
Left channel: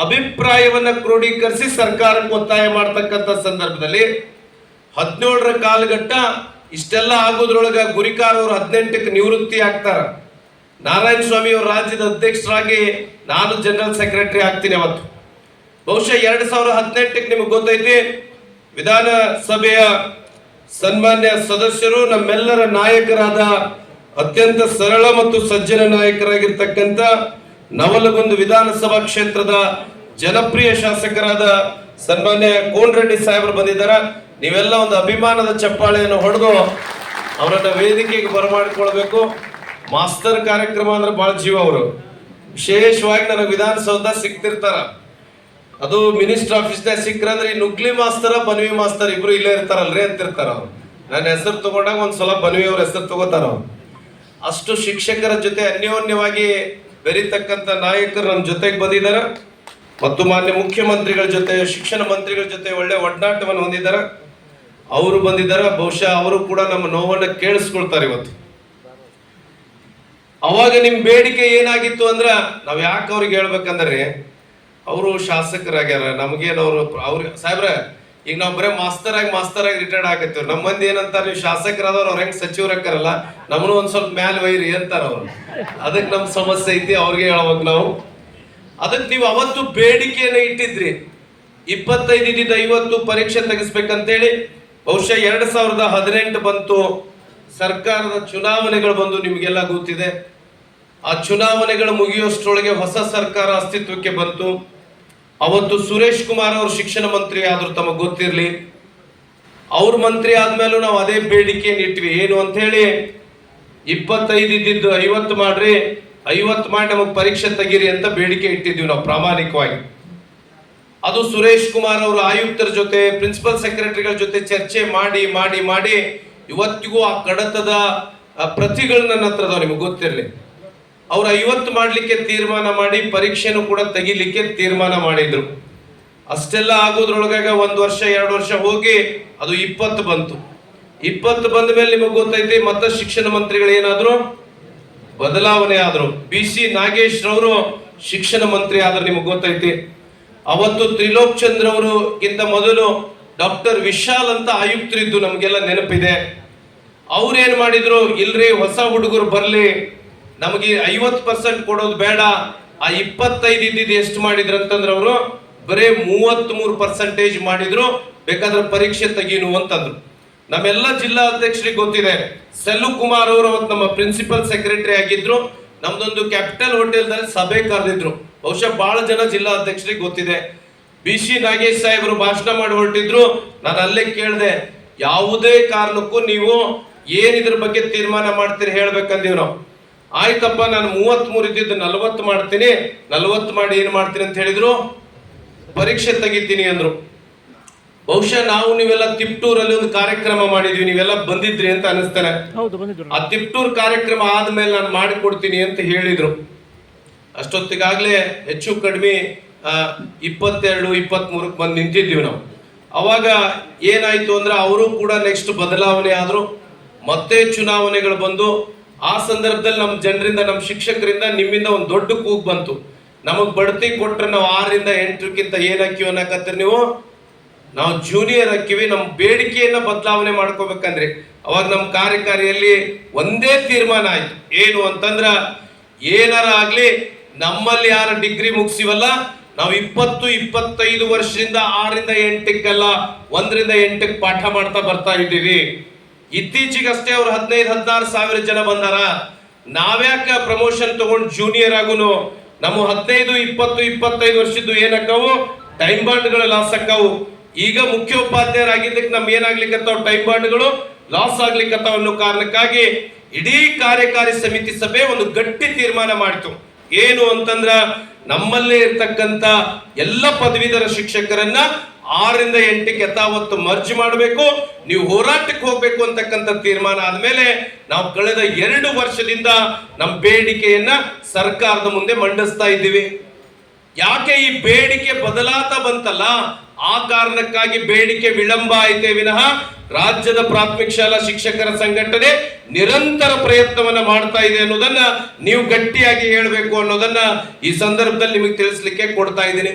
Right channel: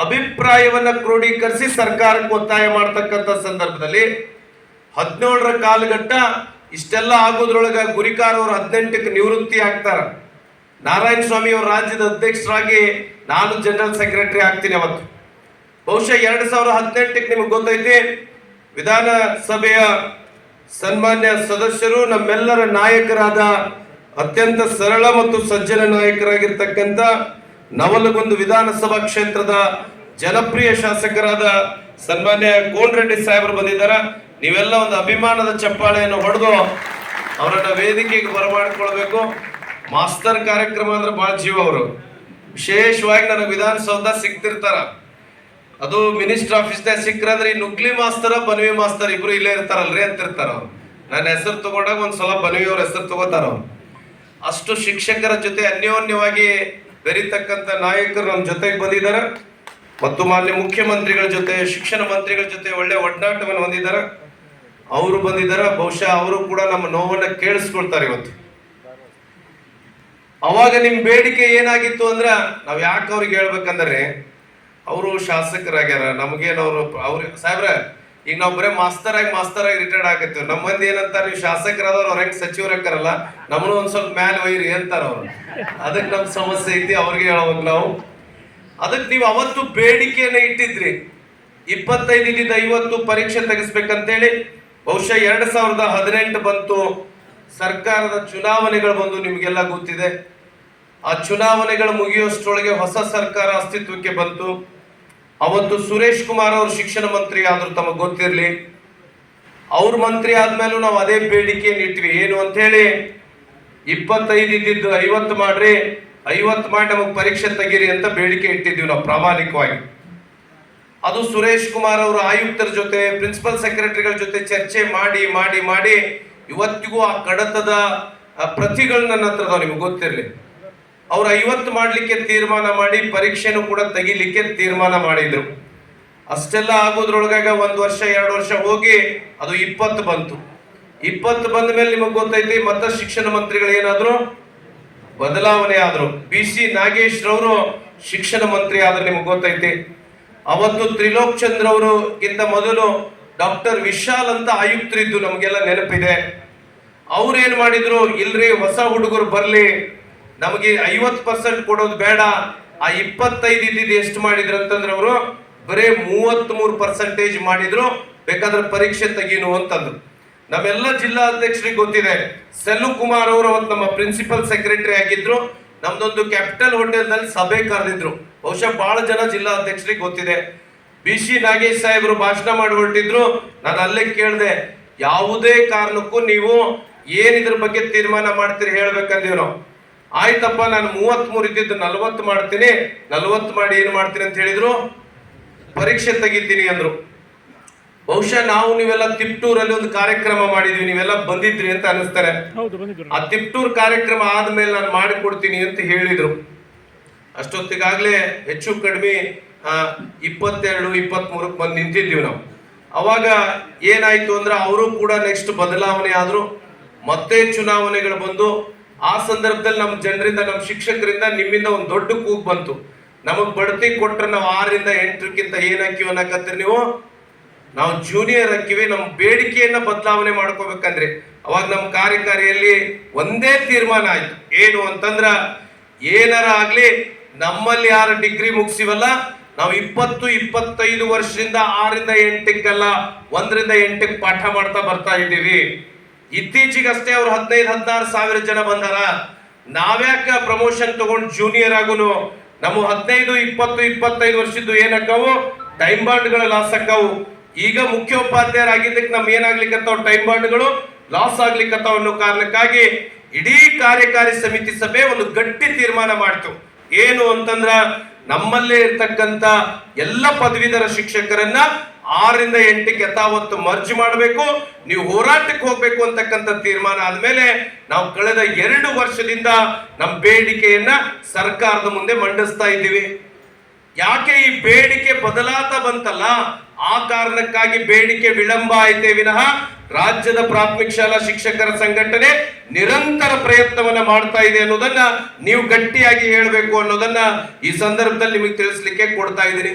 ಅಭಿಪ್ರಾಯವನ್ನ ಕ್ರೋಢೀಕರಿಸಿ ಸರ್ಕಾರಕ್ಕೆ ಒತ್ತಾಯ ಮಾಡ್ತಕ್ಕಂಥ ಸಂದರ್ಭದಲ್ಲಿ 17ರ ಕಾಲಘಟ್ಟ ಇಷ್ಟೆಲ್ಲ ಆಗೋದ್ರೊಳಗ ಗುರಿಕಾರ್ ಅವರು 18ಕ್ಕೆ ನಿವೃತ್ತಿ ಆಗ್ತಾರ. ನಾರಾಯಣ ಸ್ವಾಮಿ ಅವರು ರಾಜ್ಯದ ಅಧ್ಯಕ್ಷರಾಗಿ, ನಾನು ಜನರಲ್ ಸೆಕ್ರೆಟರಿ ಆಗ್ತೀನಿ ಅವತ್ತು. ಬಹುಶಃ 2018ಕ್ಕೆ ನಿಮಗೆ ಗೊತ್ತೈತಿ, ವಿಧಾನಸಭೆಯ ಸನ್ಮಾನ್ಯ ಸದಸ್ಯರು, ನಮ್ಮೆಲ್ಲರ ನಾಯಕರಾದ ಅತ್ಯಂತ ಸರಳ ಮತ್ತು ಸಜ್ಜನ ನಾಯಕರಾಗಿರ್ತಕ್ಕಂಥ ನವಲಗುಂದ ವಿಧಾನಸಭಾ ಕ್ಷೇತ್ರದ ಜನಪ್ರಿಯ ಶಾಸಕರಾದ ಸನ್ಮಾನ್ಯ ಕೋನರೆಡ್ಡಿ ಸಾಹೇಬರು ಬಂದಿದ್ದಾರೆ. ನೀವೆಲ್ಲ ಒಂದು ಅಭಿಮಾನದ ಚಪ್ಪಾಳೆಯನ್ನು ಹೊಡೆದು ಅವರನ್ನ ವೇದಿಕೆಗೆ ಬರಮಾಡಿಕೊಳ್ಬೇಕು. ಮಾಸ್ತರ್ ಕಾರ್ಯಕ್ರಮ ಅಂದ್ರೆ ಬಹಳ ಜೀವ ಅವರು. ವಿಶೇಷವಾಗಿ ನನಗೆ ವಿಧಾನಸೌಧ ಸಿಗ್ತಿರ್ತಾರ, ಅದು ಮಿನಿಸ್ಟರ್ ಆಫೀಸ್ನಾಗ ಸಿಕ್ಕರಂದ್ರೆ ಈ ನುಗ್ಲಿ ಮಾಸ್ತರ ಬನ್ವಿ ಮಾಸ್ತರ್ ಇಬ್ರು ಇಲ್ಲೇ ಇರ್ತಾರಲ್ರಿ ಅಂತಿರ್ತಾರ ಅವ್ರು. ನನ್ನ ಹೆಸರು ತಗೊಂಡಾಗ ಒಂದ್ಸಲ ಬನ್ವಿ ಅವ್ರ ಹೆಸರು ತಗೋತಾರ ಅವ್ರು. ಅಷ್ಟು ಶಿಕ್ಷಕರ ಜೊತೆ ಅನ್ಯೋನ್ಯವಾಗಿ ಬೆರೀತಕ್ಕಂಥ ನಾಯಕರು ನಮ್ಮ ಜೊತೆಗೆ ಬಂದಿದ್ದಾರೆ ಮತ್ತು ಮಾನ್ಯ ಮುಖ್ಯಮಂತ್ರಿಗಳ ಜೊತೆ, ಶಿಕ್ಷಣ ಮಂತ್ರಿಗಳ ಜೊತೆ ಒಳ್ಳೆ ಒಡನಾಟವನ್ನು ಹೊಂದಿದ್ದಾರೆ. ಅವರು ಬಂದಿದ್ದಾರೆ. ಬಹುಶಃ ಅವರು ಕೂಡ ನಮ್ಮ ನೋವನ್ನ ಕೇಳಿಸ್ಕೊಳ್ತಾರೆ ಇವತ್ತು. ಅವಾಗ ನಿಮ್ ಬೇಡಿಕೆ ಏನಾಗಿತ್ತು ಅಂದ್ರ, ನಾವ್ ಯಾಕೆ ಅವ್ರಿಗೆ ಹೇಳ್ಬೇಕಂದ್ರೆ, ಅವರು ಶಾಸಕರಾಗ್ಯಾರ, ನಮಗೇನವ್ರು ಅವ್ರಿಗೆ ಸಾಹೇಬ್ರ ಈಗ ನಾವು ಬರೀ ಮಾಸ್ತರ್ ಆಗಿ ರಿಟೈರ್ಡ್ ಆಗತ್ತೀವಿ. ನಮ್ಮ ಮಂದಿ ಏನಂತಾರ, ನೀವು ಶಾಸಕರಾದವ್ರು ಅವ್ರ ಹೆಂಗ್ ಸಚಿವರು ಹಾಕಾರಲ್ಲ, ನಮ್ಮನ್ನು ಒಂದ್ ಸ್ವಲ್ಪ ಮ್ಯಾಲ ವೈರಿ ಅಂತಾರ ಅವ್ರು. ಅದಕ್ಕೆ ನಮ್ ಸಮಸ್ಯೆ ಐತಿ, ಅವ್ರಿಗೆ ಹೇಳ್ಬೇಕು ನಾವು. ಅದಕ್ಕೆ ನೀವು ಅವತ್ತು ಬೇಡಿಕೆಯನ್ನು ಇಟ್ಟಿದ್ರಿ 25 50 ಪರೀಕ್ಷೆ ತೆಗೆಸ್ಬೇಕಂತೇಳಿ. ಬಹುಶಃ 2018 ಬಂತು, ಸರ್ಕಾರದ ಚುನಾವಣೆಗಳು ಬಂದು, ನಿಮಗೆಲ್ಲ ಗೊತ್ತಿದೆ. ಆ ಚುನಾವಣೆಗಳು ಮುಗಿಯೋಷ್ಟರೊಳಗೆ ಹೊಸ ಸರ್ಕಾರ ಅಸ್ತಿತ್ವಕ್ಕೆ ಬಂತು. ಅವತ್ತು ಸುರೇಶ್ ಕುಮಾರ್ ಅವರು ಶಿಕ್ಷಣ ಮಂತ್ರಿ ಆದ್ರು, ತಮಗೆ ಗೊತ್ತಿರಲಿ. ಅವ್ರ ಮಂತ್ರಿ ಆದ್ಮೇಲೂ ನಾವು ಅದೇ ಬೇಡಿಕೆಯನ್ನು ಇಟ್ವಿ. ಏನು ಅಂತ ಹೇಳಿ, 25 ಇದ್ದಿದ್ದು 50 ಮಾಡ್ರಿ, 50 ಮಾಡಿ ನಮಗೆ ಪರೀಕ್ಷೆ ತೆಗೀರಿ ಅಂತ ಬೇಡಿಕೆ ಇಟ್ಟಿದ್ವಿ ನಾವು ಪ್ರಾಮಾಣಿಕವಾಗಿ. ಅದು ಸುರೇಶ್ ಕುಮಾರ್ ಅವರು ಆಯುಕ್ತರ ಜೊತೆ, ಪ್ರಿನ್ಸಿಪಲ್ ಸೆಕ್ರೆಟರಿಗಳ ಜೊತೆ ಚರ್ಚೆ ಮಾಡಿ ಮಾಡಿ ಮಾಡಿ ಇವತ್ತಿಗೂ ಆ ಕಡತದ ಪ್ರತಿಗಳು ನನ್ನ ಹತ್ರ ಅದಾವ, ನಿಮಗೆ ಗೊತ್ತಿರಲಿ. ಅವ್ರು 50 ಮಾಡ್ಲಿಕ್ಕೆ ತೀರ್ಮಾನ ಮಾಡಿ ಪರೀಕ್ಷೆನೂ ಕೂಡ ತೆಗಿಲಿಕ್ಕೆ ತೀರ್ಮಾನ ಮಾಡಿದ್ರು. ಅಷ್ಟೆಲ್ಲ ಆಗೋದ್ರೊಳಗಾಗ 1 ವರ್ಷ 2 ವರ್ಷ ಹೋಗಿ ಅದು 20 ಬಂತು. 20 ಬಂದ ಮೇಲೆ ನಿಮಗೆ ಗೊತ್ತೈತಿ, ಮತ್ತೆ ಶಿಕ್ಷಣ ಮಂತ್ರಿಗಳು ಏನಾದ್ರು ಬದಲಾವಣೆ ಆದ್ರು. BC ನಾಗೇಶ್ ರವರು ಶಿಕ್ಷಣ ಮಂತ್ರಿ ಆದ್ರೆ ನಿಮಗೆ ಗೊತ್ತೈತಿ. ಅವತ್ತು ತ್ರಿಲೋಕ್ ಚಂದ್ರ ಅವರು ಗಿಂತ ಮೊದಲು ಡಾಕ್ಟರ್ ವಿಶಾಲ್ ಅಂತ ಆಯುಕ್ತರಿದ್ದು, ನಮಗೆಲ್ಲ ನೆನಪಿದೆ. ಅವ್ರೇನ್ ಮಾಡಿದ್ರು, ಇಲ್ರಿ ಹೊಸ ಹುಡುಗರು ಬರ್ಲಿ, ನಮಗೆ 50% ಕೊಡೋದು ಬೇಡ, ಆ 25 ಇದ್ದಿದ್ದು ಎಷ್ಟು ಮಾಡಿದ್ರು ಅಂತಂದ್ರೆ ಅವರು ಬರೇ 33% ಮಾಡಿದ್ರು, ಬೇಕಾದ್ರೆ ಪರೀಕ್ಷೆ ತೆಗೀನು ಅಂತಂದ್ರು. ನಮ್ಮೆಲ್ಲ ಜಿಲ್ಲಾ ಅಧ್ಯಕ್ಷರಿಗೆ ಗೊತ್ತಿದೆ, ಸೆಲ್ಲು ಕುಮಾರ್ ಅವರು ಅವತ್ತು ನಮ್ಮ ಪ್ರಿನ್ಸಿಪಲ್ ಸೆಕ್ರೆಟರಿ ಆಗಿದ್ರು. ನಮ್ದೊಂದು ಕ್ಯಾಪಿಟಲ್ ಹೋಟೆಲ್ನಲ್ಲಿ ಸಭೆ ಕರೆದಿದ್ರು, ಬಹುಶಃ ಬಹಳ ಜನ ಜಿಲ್ಲಾ ಅಧ್ಯಕ್ಷರಿಗೆ ಗೊತ್ತಿದೆ. BC ನಾಗೇಶ್ ಸಾಹೇಬರು ಭಾಷಣ ಮಾಡಿ ಹೊರಟಿದ್ರು. ನಾನು ಅಲ್ಲೇ ಕೇಳಿದೆ, ಯಾವುದೇ ಕಾರಣಕ್ಕೂ ನೀವು ಏನಿದ್ರ ಬಗ್ಗೆ ತೀರ್ಮಾನ ಮಾಡ್ತೀರಿ ಹೇಳ್ಬೇಕಂದೀವಿ ನಾವು. ಆಯ್ತಪ್ಪ, ನಾನು 33 ಇದ್ದಿದ್ದು 40 ಮಾಡ್ತೀನಿ, 40 ಮಾಡಿ ಏನ್ ಮಾಡ್ತೀನಿ ಅಂತ ಹೇಳಿದ್ರು, ಪರೀಕ್ಷೆ ತೆಗಿತೀನಿ ಅಂದ್ರು. ಬಹುಶಃ ನಾವು ನೀವೆಲ್ಲ ತಿಪ್ಟೂರಲ್ಲಿ ಒಂದು ಕಾರ್ಯಕ್ರಮ ಮಾಡಿದ್ವಿ, ನೀವೆಲ್ಲ ಬಂದಿದ್ರಿ ಅಂತ ಅನಿಸ್ತಾರೆ. ಆ ತಿಪ್ಟೂರ್ ಕಾರ್ಯಕ್ರಮ ಆದ್ಮೇಲೆ ನಾನು ಮಾಡಿಕೊಡ್ತೀನಿ ಅಂತ ಹೇಳಿದ್ರು. ಅಷ್ಟೊತ್ತಿಗಾಗ್ಲೇ ಹೆಚ್ಚು ಕಡಿಮೆ 22 23 ಬಂದು ನಿಂತಿದ್ದೀವಿ ನಾವು. ಅವಾಗ ಏನಾಯ್ತು ಅಂದ್ರೆ, ಅವರು ಕೂಡ ನೆಕ್ಸ್ಟ್ ಬದಲಾವಣೆ ಆದ್ರು, ಮತ್ತೆ ಚುನಾವಣೆಗಳು ಬಂದು. ಆ ಸಂದರ್ಭದಲ್ಲಿ ನಮ್ಮ ಜನರಿಂದ, ನಮ್ಮ ಶಿಕ್ಷಕರಿಂದ, ನಿಮ್ಮಿಂದ ಒಂದು ದೊಡ್ಡ ಕೂಗು ಬಂತು, ನಮಗ್ ಬಡ್ತಿ ಕೊಟ್ರೆ ನಾವು 6ರಿಂದ 8ಕ್ಕಿಂತ ಏನ್ ಹಾಕಿವಿ ಅನ್ನಕತ್ತೀರಿ ನೀವು, ನಾವು ಜೂನಿಯರ್ ಹಾಕಿವಿ, ನಮ್ಮ ಬೇಡಿಕೆಯನ್ನ ಬದಲಾವಣೆ ಮಾಡ್ಕೋಬೇಕಂದ್ರೆ. ಅವಾಗ ನಮ್ಮ ಕಾರ್ಯಕಾರಿಯಲ್ಲಿ ಒಂದೇ ತೀರ್ಮಾನ ಆಯ್ತು, ಏನು ಅಂತಂದ್ರ, ಏನಾರ ಆಗ್ಲಿ ನಮ್ಮಲ್ಲಿ ಯಾರು ಡಿಗ್ರಿ ಮುಗಿಸಿವಲ್ಲ, ನಾವು 20-25 ವರ್ಷದಿಂದ 6ರಿಂದ 8ಕ್ಕಲ್ಲ 1ರಿಂದ 8ಕ್ಕೆ ಪಾಠ ಮಾಡ್ತಾ ಬರ್ತಾ ಇದ್ದೀವಿ. ಇತ್ತೀಚೆಗಷ್ಟೇ ಅವ್ರು 15-16 ಸಾವಿರ ಜನ ಬಂದಾರ. ನಾವ್ಯಾಕ ಪ್ರಮೋಷನ್ ತಗೊಂಡು ಜೂನಿಯರ್ ಆಗುನು, ನಮ್ಮ 15-20-25 ವರ್ಷದ್ದು ಏನಕ್ಕಾವು ಟೈಮ್ ಬಾಂಡ್ಗಳು ಲಾಸ್ ಆಕ್ಕಾವು. ಈಗ ಮುಖ್ಯೋಪಾಧ್ಯಾಯರಾಗಿದ್ದಕ್ಕೆ ನಮ್ ಏನಾಗ್ಲಿಕ್ಕತ್ತಾವ, ಟೈಮ್ ಬಾಂಡ್ಗಳು ಲಾಸ್ ಆಗ್ಲಿಕ್ಕತ್ತಾವ ಅನ್ನೋ ಕಾರಣಕ್ಕಾಗಿ ಇಡೀ ಕಾರ್ಯಕಾರಿ ಸಮಿತಿ ಸಭೆ ಒಂದು ಗಟ್ಟಿ ತೀರ್ಮಾನ ಮಾಡ್ತು. ಏನು ಅಂತಂದ್ರ, ನಮ್ಮಲ್ಲೇ ಇರ್ತಕ್ಕಂತ ಎಲ್ಲ ಪದವೀಧರ ಶಿಕ್ಷಕರನ್ನ 6ರಿಂದ 8ಕ್ಕೆ ಯಥಾವತ್ತು ಮರ್ಜ್ ಮಾಡಬೇಕು, ನೀವು ಹೋರಾಟಕ್ಕೆ ಹೋಗ್ಬೇಕು ಅಂತಕ್ಕಂಥ ತೀರ್ಮಾನ ಆದ್ಮೇಲೆ ನಾವು ಕಳೆದ 2 ವರ್ಷದಿಂದ ನಮ್ಮ ಬೇಡಿಕೆಯನ್ನ ಸರ್ಕಾರದ ಮುಂದೆ ಮಂಡಿಸ್ತಾ ಇದ್ದೀವಿ. ಯಾಕೆ ಈ ಬೇಡಿಕೆ ಬದಲಾತಾ ಬಂತಲ್ಲ, ಆ ಕಾರಣಕ್ಕಾಗಿ ಬೇಡಿಕೆ ವಿಳಂಬ ಆಯ್ತೇ ವಿನಃ ರಾಜ್ಯದ ಪ್ರಾಥಮಿಕ ಶಾಲಾ ಶಿಕ್ಷಕರ ಸಂಘಟನೆ ನಿರಂತರ ಪ್ರಯತ್ನವನ್ನ ಮಾಡ್ತಾ ಇದೆ ಅನ್ನೋದನ್ನ ನೀವು ಗಟ್ಟಿಯಾಗಿ ಹೇಳಬೇಕು ಅನ್ನೋದನ್ನ ಈ ಸಂದರ್ಭದಲ್ಲಿ ನಿಮಗೆ ತಿಳಿಸ್ಲಿಕ್ಕೆ ಕೊಡ್ತಾ ಇದ್ದೀನಿ.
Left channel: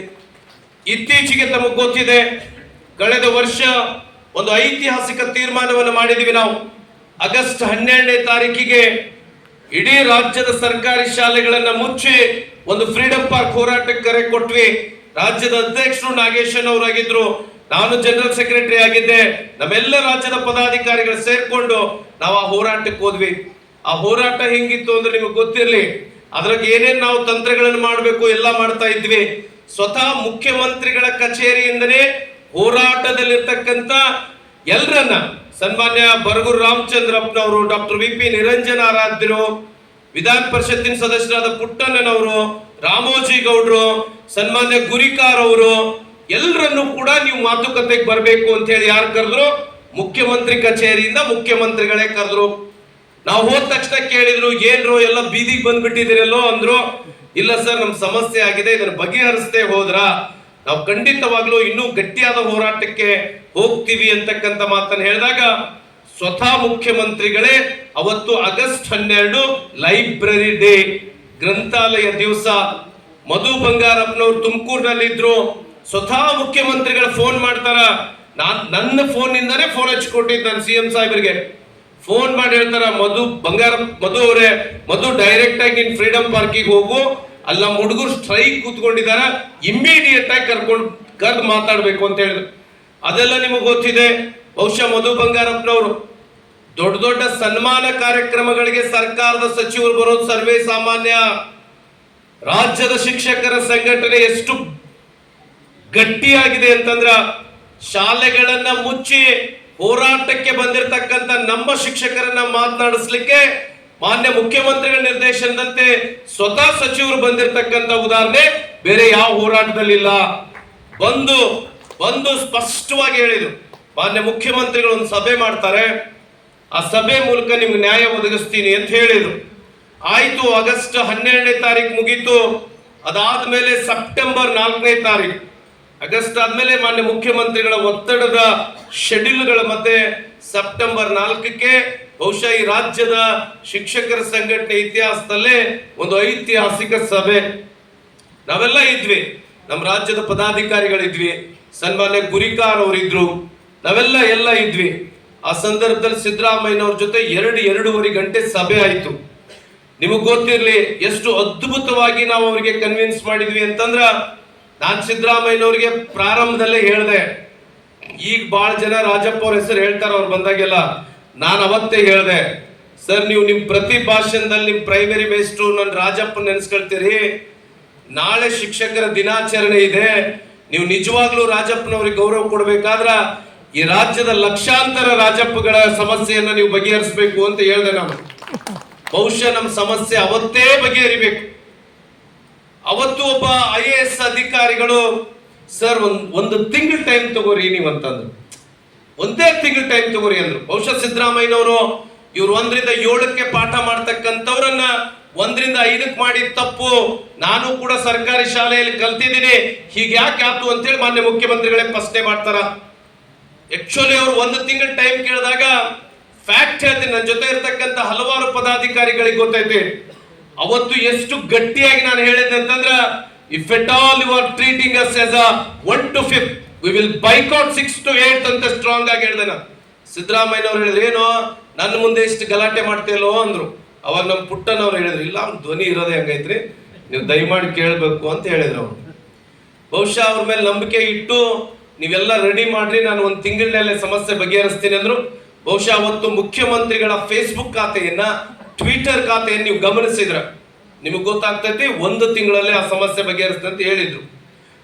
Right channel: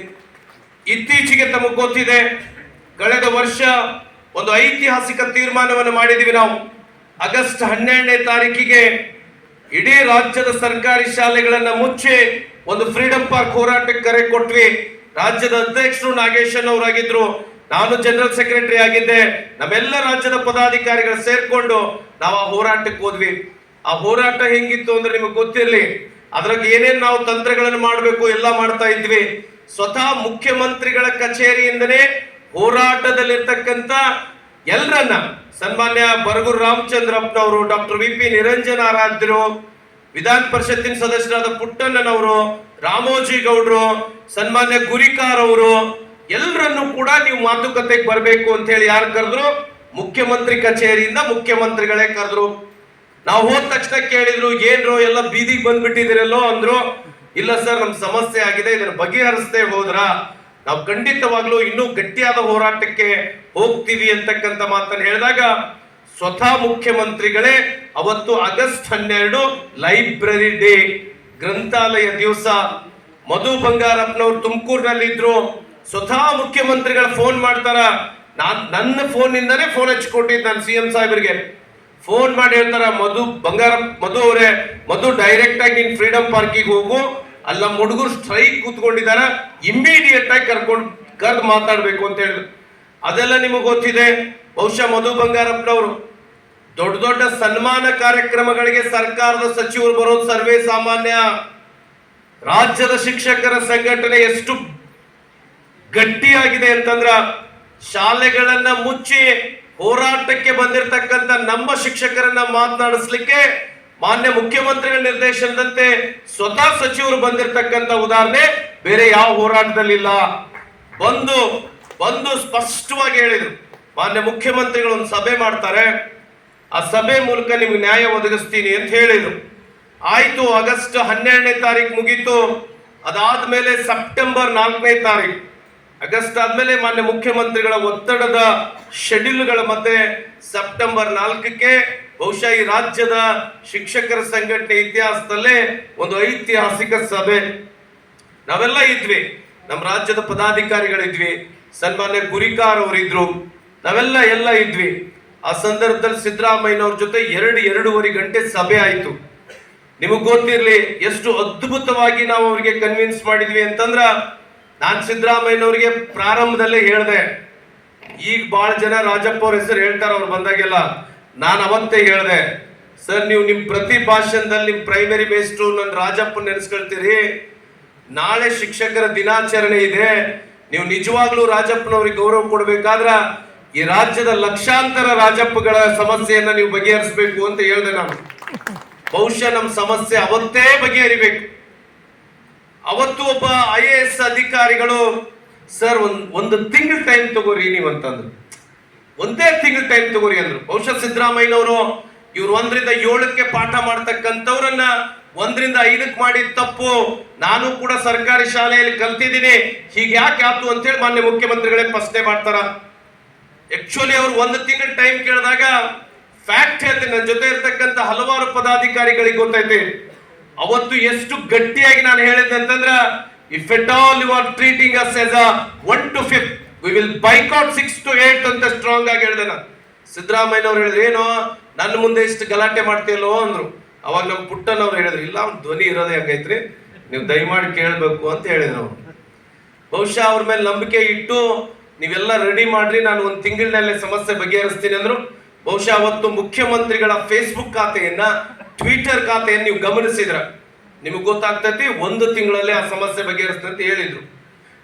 ಇತ್ತೀಚೆಗೆ ತಮಗೆ ಗೊತ್ತಿದೆ, ಕಳೆದ ವರ್ಷ ಒಂದು ಐತಿಹಾಸಿಕ ತೀರ್ಮಾನವನ್ನು ಮಾಡಿದೀವಿ ನಾವು. ಆಗಸ್ಟ್ 12ನೇ ತಾರೀಕಿಗೆ ಇಡೀ ರಾಜ್ಯದ ಸರ್ಕಾರಿ ಶಾಲೆಗಳನ್ನ ಮುಚ್ಚಿ ಒಂದು ಫ್ರೀಡಂ ಪಾರ್ಕ್ ಹೋರಾಟಕ್ಕೆ ಕರೆ ಕೊಟ್ವಿ. ರಾಜ್ಯದ ಅಧ್ಯಕ್ಷರು ನಾಗೇಶನ್ ಅವರಾಗಿದ್ರು, ನಾನು ಜನರಲ್ ಸೆಕ್ರೆಟರಿ ಆಗಿದ್ದೆ. ನಮ್ಮೆಲ್ಲ ರಾಜ್ಯದ ಪದಾಧಿಕಾರಿಗಳು ಸೇರ್ಕೊಂಡು ನಾವು ಆ ಹೋರಾಟಕ್ಕೆ ಹೋದ್ವಿ. ಆ ಹೋರಾಟ ಹೆಂಗಿತ್ತು ಅಂದ್ರೆ ನಿಮಗೆ ಗೊತ್ತಿರಲಿ, ಅದ್ರಾಗ ಏನೇನ್ ನಾವು ತಂತ್ರಗಳನ್ನು ಮಾಡಬೇಕು ಎಲ್ಲ ಮಾಡ್ತಾ ಇದ್ವಿ. ಸ್ವತಃ ಮುಖ್ಯಮಂತ್ರಿಗಳ ಕಚೇರಿಯಿಂದನೇ ಹೋರಾಟದಲ್ಲಿರ್ತಕ್ಕಂಥ ಎಲ್ಲರನ್ನ, ಸನ್ಮಾನ್ಯ ಬರಗೂರು ರಾಮಚಂದ್ರಪ್ಪನವರು, ಡಾಕ್ಟರ್ VP ನಿರಂಜನ ಆರಾಧ್ಯರು, ವಿಧಾನ ಪರಿಷತ್ತಿನ ಸದಸ್ಯರಾದ ಪುಟ್ಟಣ್ಣನವರು, ರಾಮೋಜಿ ಗೌಡ್ರು, ಸನ್ಮಾನ್ಯ ಗುರಿಕಾರ್ ಅವರು, ಎಲ್ಲರನ್ನು ಕೂಡ ನೀವು ಮಾತುಕತೆಗೆ ಬರಬೇಕು ಅಂತ ಹೇಳಿ ಯಾರು ಕರೆದ್ರು, ಮುಖ್ಯಮಂತ್ರಿ ಕಚೇರಿಯಿಂದ ಮುಖ್ಯಮಂತ್ರಿಗಳೇ ಕರೆದ್ರು. ನಾವು ಹೋದ ತಕ್ಷಣ ಕೇಳಿದ್ರು, ಏನ್ರು ಎಲ್ಲ ಬೀದಿಗೆ ಬಂದ್ಬಿಟ್ಟಿದಿರಲ್ಲೋ ಅಂದ್ರು. ಇಲ್ಲ ಸರ್, ನಮ್ ಸಮಸ್ಯೆ ಆಗಿದೆ, ಇದನ್ನ ಬಗೆಹರಿಸದೆ ಹೋದ್ರ ನಾವು ಖಂಡಿತವಾಗ್ಲೂ ಇನ್ನೂ ಗಟ್ಟಿಯಾದ ಹೋರಾಟಕ್ಕೆ ಹೋಗ್ತೀವಿ ಅಂತಕ್ಕಂಥ ಮಾತನ್ನು ಹೇಳಿದಾಗ, ಸ್ವತಃ ಮುಖ್ಯಮಂತ್ರಿಗಳೇ ಅವತ್ತು ಆಗಸ್ಟ್ 12 ಲೈಬ್ರರಿ ಡೇ, ಗ್ರಂಥಾಲಯ ದಿವಸ, ಮಧು ಬಂಗಾರಪ್ಪನವ್ರು ತುಮಕೂರಿನಲ್ಲಿ ಇದ್ರು. ಸ್ವತಃ ಮುಖ್ಯಮಂತ್ರಿಗಳ ಫೋನ್ ಮಾಡ್ತಾರ. ನನ್ನ ಫೋನ್ ನಿಂದಾನೇ ಫೋನ್ ಹಚ್ಕೊಟ್ಟಿದ್ದು ನಾನು CM ಸಾಹೇಬರಿಗೆ. ಫೋನ್ ಮಾಡಿ ಹೇಳ್ತಾರ, ಮಧು ಅವರೇ, ಮಧು ಡೈರೆಕ್ಟ್ ಆಗಿ ನೀನ್ ಫ್ರೀಡಂ ಪಾರ್ಕಿಗೆ ಹೋಗು, ಅಲ್ಲಿ ನಮ್ಮ ಹುಡುಗರು ಸ್ಟ್ರೈಕ್ ಕೂತ್ಕೊಂಡಿದ್ದಾರೆ, ಇಮ್ಮಿಡಿಯೇಟ್ ಆಗಿ ಕರೆದು ಮಾತಾಡ್ಬೇಕು ಅಂತ ಹೇಳಿದ್ರು. ಅದೆಲ್ಲ ನಿಮಗೆ ಗೊತ್ತಿದೆ. ಬಹುಶಃ ಮಧು ಬಂಗಾರಪ್ಪನವರು ದೊಡ್ಡ ದೊಡ್ಡ ಸನ್ಮಾನ ಕಾರ್ಯಕ್ರಮಗಳಿಗೆ ಸರ್ಕಾರದ ಸಚಿವರು ಬರೋದು ಸರ್ವೇ ಸಾಮಾನ್ಯ. ರಾಜ್ಯದ ಶಿಕ್ಷಕರ ಸಂಘಟನೆ ಎಷ್ಟು ಗಟ್ಟಿಯಾಗಿದೆ ಅಂತಂದ್ರ, ಶಾಲೆಗಳನ್ನ ಮುಚ್ಚಿ ಹೋರಾಟಕ್ಕೆ ಬಂದಿರತಕ್ಕಂತ ನಮ್ಮ ಶಿಕ್ಷಕರನ್ನ ಮಾತನಾಡಿಸ್ಲಿಕ್ಕೆ ಮಾನ್ಯ ಮುಖ್ಯಮಂತ್ರಿಗಳ ನಿರ್ದೇಶನದಂತೆ ಸ್ವತಃ ಸಚಿವರು ಬಂದಿರತಕ್ಕಂತ ಉದಾಹರಣೆ ಬೇರೆ ಯಾವ ಹೋರಾಟದಲ್ಲಿಲ್ಲ. ಬಂದು ಸ್ಪಷ್ಟವಾಗಿ ಹೇಳಿದ್ರು, ಮಾನ್ಯ ಮುಖ್ಯಮಂತ್ರಿಗಳು ಒಂದು ಸಭೆ ಮಾಡ್ತಾರೆ, ಆ ಸಭೆ ಮೂಲಕ ನಿಮ್ಗೆ ನ್ಯಾಯ ಒದಗಿಸ್ತೀನಿ ಅಂತ ಹೇಳಿದ್ರು. ಆಯ್ತು, ಆಗಸ್ಟ್ 12ನೇ ತಾರೀಕು ಮುಗೀತು. ಅದಾದ್ಮೇಲೆ ಸೆಪ್ಟೆಂಬರ್ 4ನೇ ತಾರೀಕು, ಆಗಸ್ಟ್ ಆದ್ಮೇಲೆ ಮಾನ್ಯ ಮುಖ್ಯಮಂತ್ರಿಗಳ ಒತ್ತಡದ ಶೆಡ್ಯೂಲ್ಗಳ ಮಧ್ಯೆ ಸೆಪ್ಟೆಂಬರ್ 4ಕ್ಕೆ ಬಹುಶಃ ಈ ರಾಜ್ಯದ ಶಿಕ್ಷಕರ ಸಂಘಟನೆ ಇತಿಹಾಸದಲ್ಲೇ ಒಂದು ಐತಿಹಾಸಿಕ ಸಭೆ. ನಾವೆಲ್ಲ ಇದ್ವಿ, ನಮ್ಮ ರಾಜ್ಯದ ಪದಾಧಿಕಾರಿಗಳಿದ್ವಿ, ಸನ್ಮಾನ್ಯ ಗುರಿಕಾರ್ ಅವರಿದ್ರು, ನಾವೆಲ್ಲ ಇದ್ವಿ. ಆ ಸಂದರ್ಭದಲ್ಲಿ ಸಿದ್ದರಾಮಯ್ಯನವ್ರ ಜೊತೆ 2.5 ಗಂಟೆ ಸಭೆ ಆಯ್ತು. ನಿಮಗೆ ಗೊತ್ತಿರ್ಲಿ ಎಷ್ಟು ಅದ್ಭುತವಾಗಿ ನಾವು ಅವರಿಗೆ ಕನ್ವಿನ್ಸ್ ಮಾಡಿದ್ವಿ ಅಂತಂದ್ರ, ನಾನು ಸಿದ್ದರಾಮಯ್ಯನವ್ರಿಗೆ ಪ್ರಾರಂಭದಲ್ಲೇ ಹೇಳಿದೆ. ಈಗ ಬಹಳ ಜನ ರಾಜಪ್ಪ ಅವ್ರ ಹೆಸರು ಹೇಳ್ತಾರೆ ಅವ್ರು ಬಂದಾಗೆಲ್ಲ. ನಾನು ಅವತ್ತೇ ಹೇಳಿದೆ, ಸರ್ ನೀವು ನಿಮ್ ಪ್ರತಿ ಭಾಷಣದಲ್ಲಿ ನಿಮ್ ಪ್ರೈಮರಿ ಮೇಸ್ಟ್ರು ನನ್ನ ರಾಜಪ್ಪ ನೆನೆಸ್ಕೊಳ್ತೀರಿ, ನಾಳೆ ಶಿಕ್ಷಕರ ದಿನಾಚರಣೆ ಇದೆ, ನೀವು ನಿಜವಾಗ್ಲೂ ರಾಜಪ್ಪನವ್ರಿಗೆ ಗೌರವ ಕೊಡ್ಬೇಕಾದ್ರ ಈ ರಾಜ್ಯದ ಲಕ್ಷಾಂತರ ರಾಜಪ್ಪಗಳ ಸಮಸ್ಯೆಯನ್ನ ನೀವು ಬಗೆಹರಿಸಬೇಕು ಅಂತ ಹೇಳಿದೆ ನಾನು. ಬಹುಶಃ ನಮ್ಮ ಸಮಸ್ಯೆ ಅವತ್ತೇ ಬಗೆಹರಿಬೇಕು. ಅವತ್ತು ಒಬ್ಬ IAS ಅಧಿಕಾರಿಗಳು, ಸರ್ ಒಂದು ತಿಂಗಳ ಟೈಮ್ ತಗೋರಿ ನೀವಂತಂದ್ರು, ಒಂದೇ ತಿಂಗಳ ಟೈಮ್ ತಗೋರಿ ಅಂದ್ರು. ಬಹುಶಃ ಸಿದ್ದರಾಮಯ್ಯನವರು ಇವ್ರು 1ರಿಂದ 7ಕ್ಕೆ ಪಾಠ ಮಾಡ್ತಕ್ಕಂಥವ್ರನ್ನ 1ರಿಂದ 5ಕ್ಕೆ ಮಾಡಿದ ತಪ್ಪು, ನಾನು ಕೂಡ ಸರ್ಕಾರಿ ಶಾಲೆಯಲ್ಲಿ ಕಲ್ತಿದ್ದೀನಿ, ಹೀಗೆ ಯಾಕೆ ಆಯ್ತು ಅಂತೇಳಿ ಮಾನ್ಯ ಮುಖ್ಯಮಂತ್ರಿಗಳೇ ಪ್ರಶ್ನೆ ಮಾಡ್ತಾರ. ಆಕ್ಚುಲಿ ಅವ್ರು 1 ತಿಂಗಳ ಟೈಮ್ ಕೇಳಿದಾಗ ಫ್ಯಾಕ್ಟ್ ಹೇಳ್ತೀನಿ, ನನ್ನ ಜೊತೆ ಇರ್ತಕ್ಕಂಥ ಹಲವಾರು ಪದಾಧಿಕಾರಿಗಳಿಗೆ ಗೊತ್ತೈತೆ ಅವತ್ತು ಎಷ್ಟು ಗಟ್ಟಿಯಾಗಿ ನಾನು ಹೇಳಿದ್ದೆ ಅಂತಂದ್ರ, if at all you are treating us as a 1 to 5 we will boycott 6 to 8 ಅಂತ ಸ್ಟ್ರಾಂಗ್ ಆಗಿ ಹೇಳಿದೆ ನಾನು. ಸಿದ್ದರಾಮಯ್ಯನವ್ರು ಹೇಳಿದ್ರು, ಏನೋ ನನ್ನ ಮುಂದೆ ಇಷ್ಟು ಗಲಾಟೆ ಮಾಡ್ತೀಯಲ್ಲೋ ಅಂದ್ರು. ಅವಾಗ ನಮ್ಮ ಪುಟ್ಟನವ್ರು ಹೇಳಿದ್ರು, ಇಲ್ಲ ಅವ್ನ ಧ್ವನಿ ಇರೋದೇ ಹಂಗೈತ್ರಿ, ನೀವು ದಯಮಾಡಿ ಕೇಳಬೇಕು ಅಂತ ಹೇಳಿದ್ರು. ಬಹುಶಃ ಅವ್ರ ಮೇಲೆ ನಂಬಿಕೆ ಇಟ್ಟು ನೀವೆಲ್ಲ ರೆಡಿ ಮಾಡ್ರಿ, ನಾನು 1 ತಿಂಗಳಿನಲ್ಲೇ ಸಮಸ್ಯೆ ಬಗೆಹರಿಸ್ತೀನಿ ಅಂದ್ರು. ಬಹುಶಃ ಅವತ್ತು ಮುಖ್ಯಮಂತ್ರಿಗಳ ಫೇಸ್ಬುಕ್ ಖಾತೆಯನ್ನ, ಟ್ವಿಟರ್ ಖಾತೆಯನ್ನು ನೀವು ಗಮನಿಸಿದ್ರ ನಿಮಗೆ ಗೊತ್ತಾಗ್ತೈತಿ, 1 ತಿಂಗಳಲ್ಲೇ ಆ ಸಮಸ್ಯೆ ಬಗೆಹರಿಸ್ತಂತ ಹೇಳಿದ್ರು.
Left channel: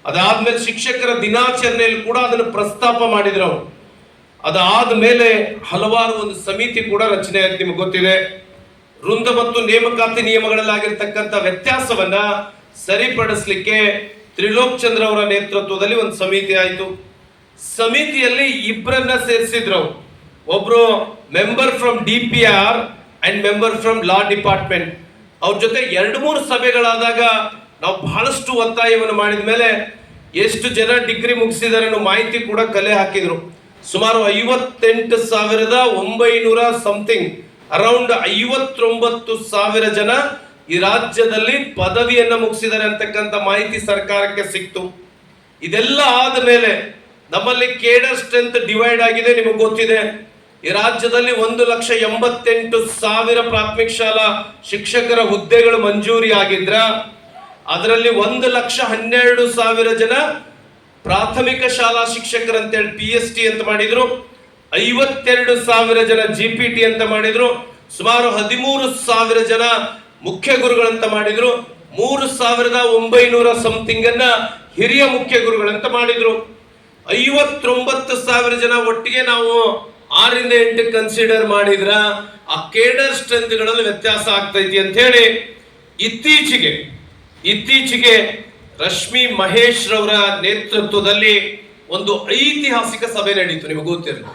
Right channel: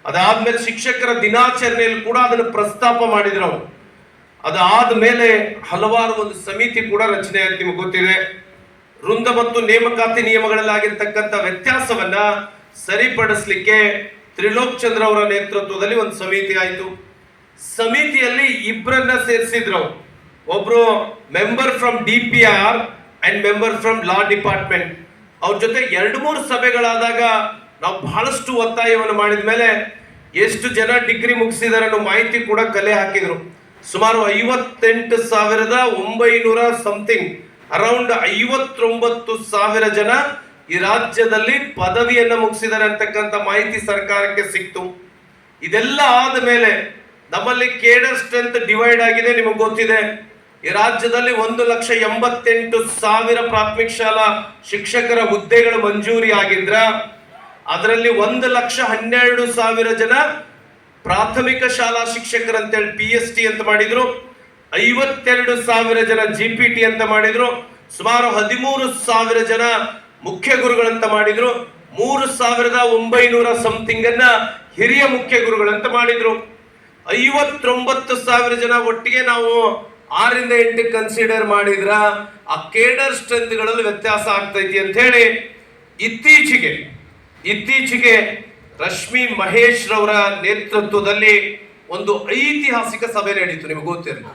ಅದಾದ್ಮೇಲೆ ಶಿಕ್ಷಕರ ದಿನಾಚರಣೆಯಲ್ಲಿ ಕೂಡ ಅದನ್ನು ಪ್ರಸ್ತಾಪ ಮಾಡಿದ್ರು ಅವರು. ಅದಾದ್ಮೇಲೆ ಹಲವಾರು ಒಂದು ಸಮಿತಿ ಕೂಡ ರಚನೆ ಆಯ್ತು. ನಿಮಗೆ ಗೊತ್ತಿದೆ, ವೃಂದ ಮತ್ತು ನೇಮಕಾತಿ ನಿಯಮಗಳಲ್ಲಿ ಆಗಿರ್ತಕ್ಕಂಥ ವ್ಯತ್ಯಾಸವನ್ನ ಸರಿಪಡಿಸಲಿಕ್ಕೆ ತ್ರಿಲೋಕ್ ಚಂದ್ರ ಅವರ ನೇತೃತ್ವದಲ್ಲಿ ಒಂದು ಸಮಿತಿ ಆಯಿತು. ಸಮಿತಿಯಲ್ಲಿ 2 ಸೇರಿಸಿದ್ರು. ಒಬ್ರು member from DPR and member from law department. ಅವ್ರ ಜೊತೆ 2-3 ಸಭೆಗಳಾದಾಗ ನಾವು ಬಹಳಷ್ಟು ಒತ್ತಾಯವನ್ನು ಮಾಡಿದ ಮೇಲೆ ಎಷ್ಟು ಜನ ಡಿಗ್ರಿ ಮುಗಿಸಿದಾರೆ ಅನ್ನೋ ಮಾಹಿತಿ ಕೂಡ ಕಲೆ ಹಾಕಿದ್ರು. ಸುಮಾರು 58,900 ಸಮಥಿಂಗ್, ಅರೌಂಡ್ 59,000 ಜನ ಈ ರಾಜ್ಯದಲ್ಲಿ ಪದವಿಯನ್ನ ಮುಗಿಸಿದ್ದಾರೆ ಅಂತಕ್ಕಂಥ ಮಾಹಿತಿ ಸರ್ಕಾರಕ್ಕೆ ಸಿಕ್ತು. ಇದೆಲ್ಲ ಆದ ಮೇಲೆ ನಮ್ಮಲ್ಲಿ ಕೇಡರ್ ಸ್ಟ್ರೆಂತ್ ಡಿವೈಡ್ ಆಗಿದೆ. ನಿಮಗೆ ಗೊತ್ತಿದೆ, ಈ ರಾಜ್ಯದಲ್ಲಿ 1,88,000 ಪ್ರಾಥಮಿಕ ಶಾಲಾ ಶಿಕ್ಷಕರ ಹುದ್ದೆಗಳು ಮಂಜೂರಿ ಆಗಿದ್ರ ಅದರಲ್ಲಿ 1,12,000 ಜನ ಪ್ರಾಥಮಿಕ ಶಾಲಾ ಶಿಕ್ಷಕರಂತೇಳಿ PST ಅಂತ ಮಾಡಿದ್ರು, 52,000 ಜನ GPT ಅಂತ ಮಾಡಿದ್ರು, ಸುಮಾರು 13,000 ಜನ ಮುಖ್ಯ ಗುರುಗಳಂತ ಮಾಡಿದ್ರು, 3,900 ಸಮಥಿಂಗ್ ಅನ್ನ ಹಿರಿಯ ಮುಖ್ಯ ಗುರುಗಳಂತ ಮಾಡಿದ್ರು. 59,000 ಜನ ಒಟ್ಟಿಗೆ ನಾವು 6ರಿಂದ 8 ಕನ್ಸಿಡರ್ ಮಾಡಿದ್ರ ಆ ಕೇಡರ್ ಸ್ಟ್ರೆಂತ್ಗಳಲ್ಲಿ ವ್ಯತ್ಯಾಸ ಆಗ್ತೈತಿ ಅಂತ ಹೇಳಿ ಇತ್ತೀಚೆಗೆ ರಶ್ಮಿ ಮಹೇಶ್ ರವರ ನೇತೃತ್ವದಲ್ಲಿ ಒಂದು ಐತಿಹಾಸಿಕ ಸಭೆ ನಡೀತು. ನಿಮಗೆ ಗೊತ್ತಿರಲಿ,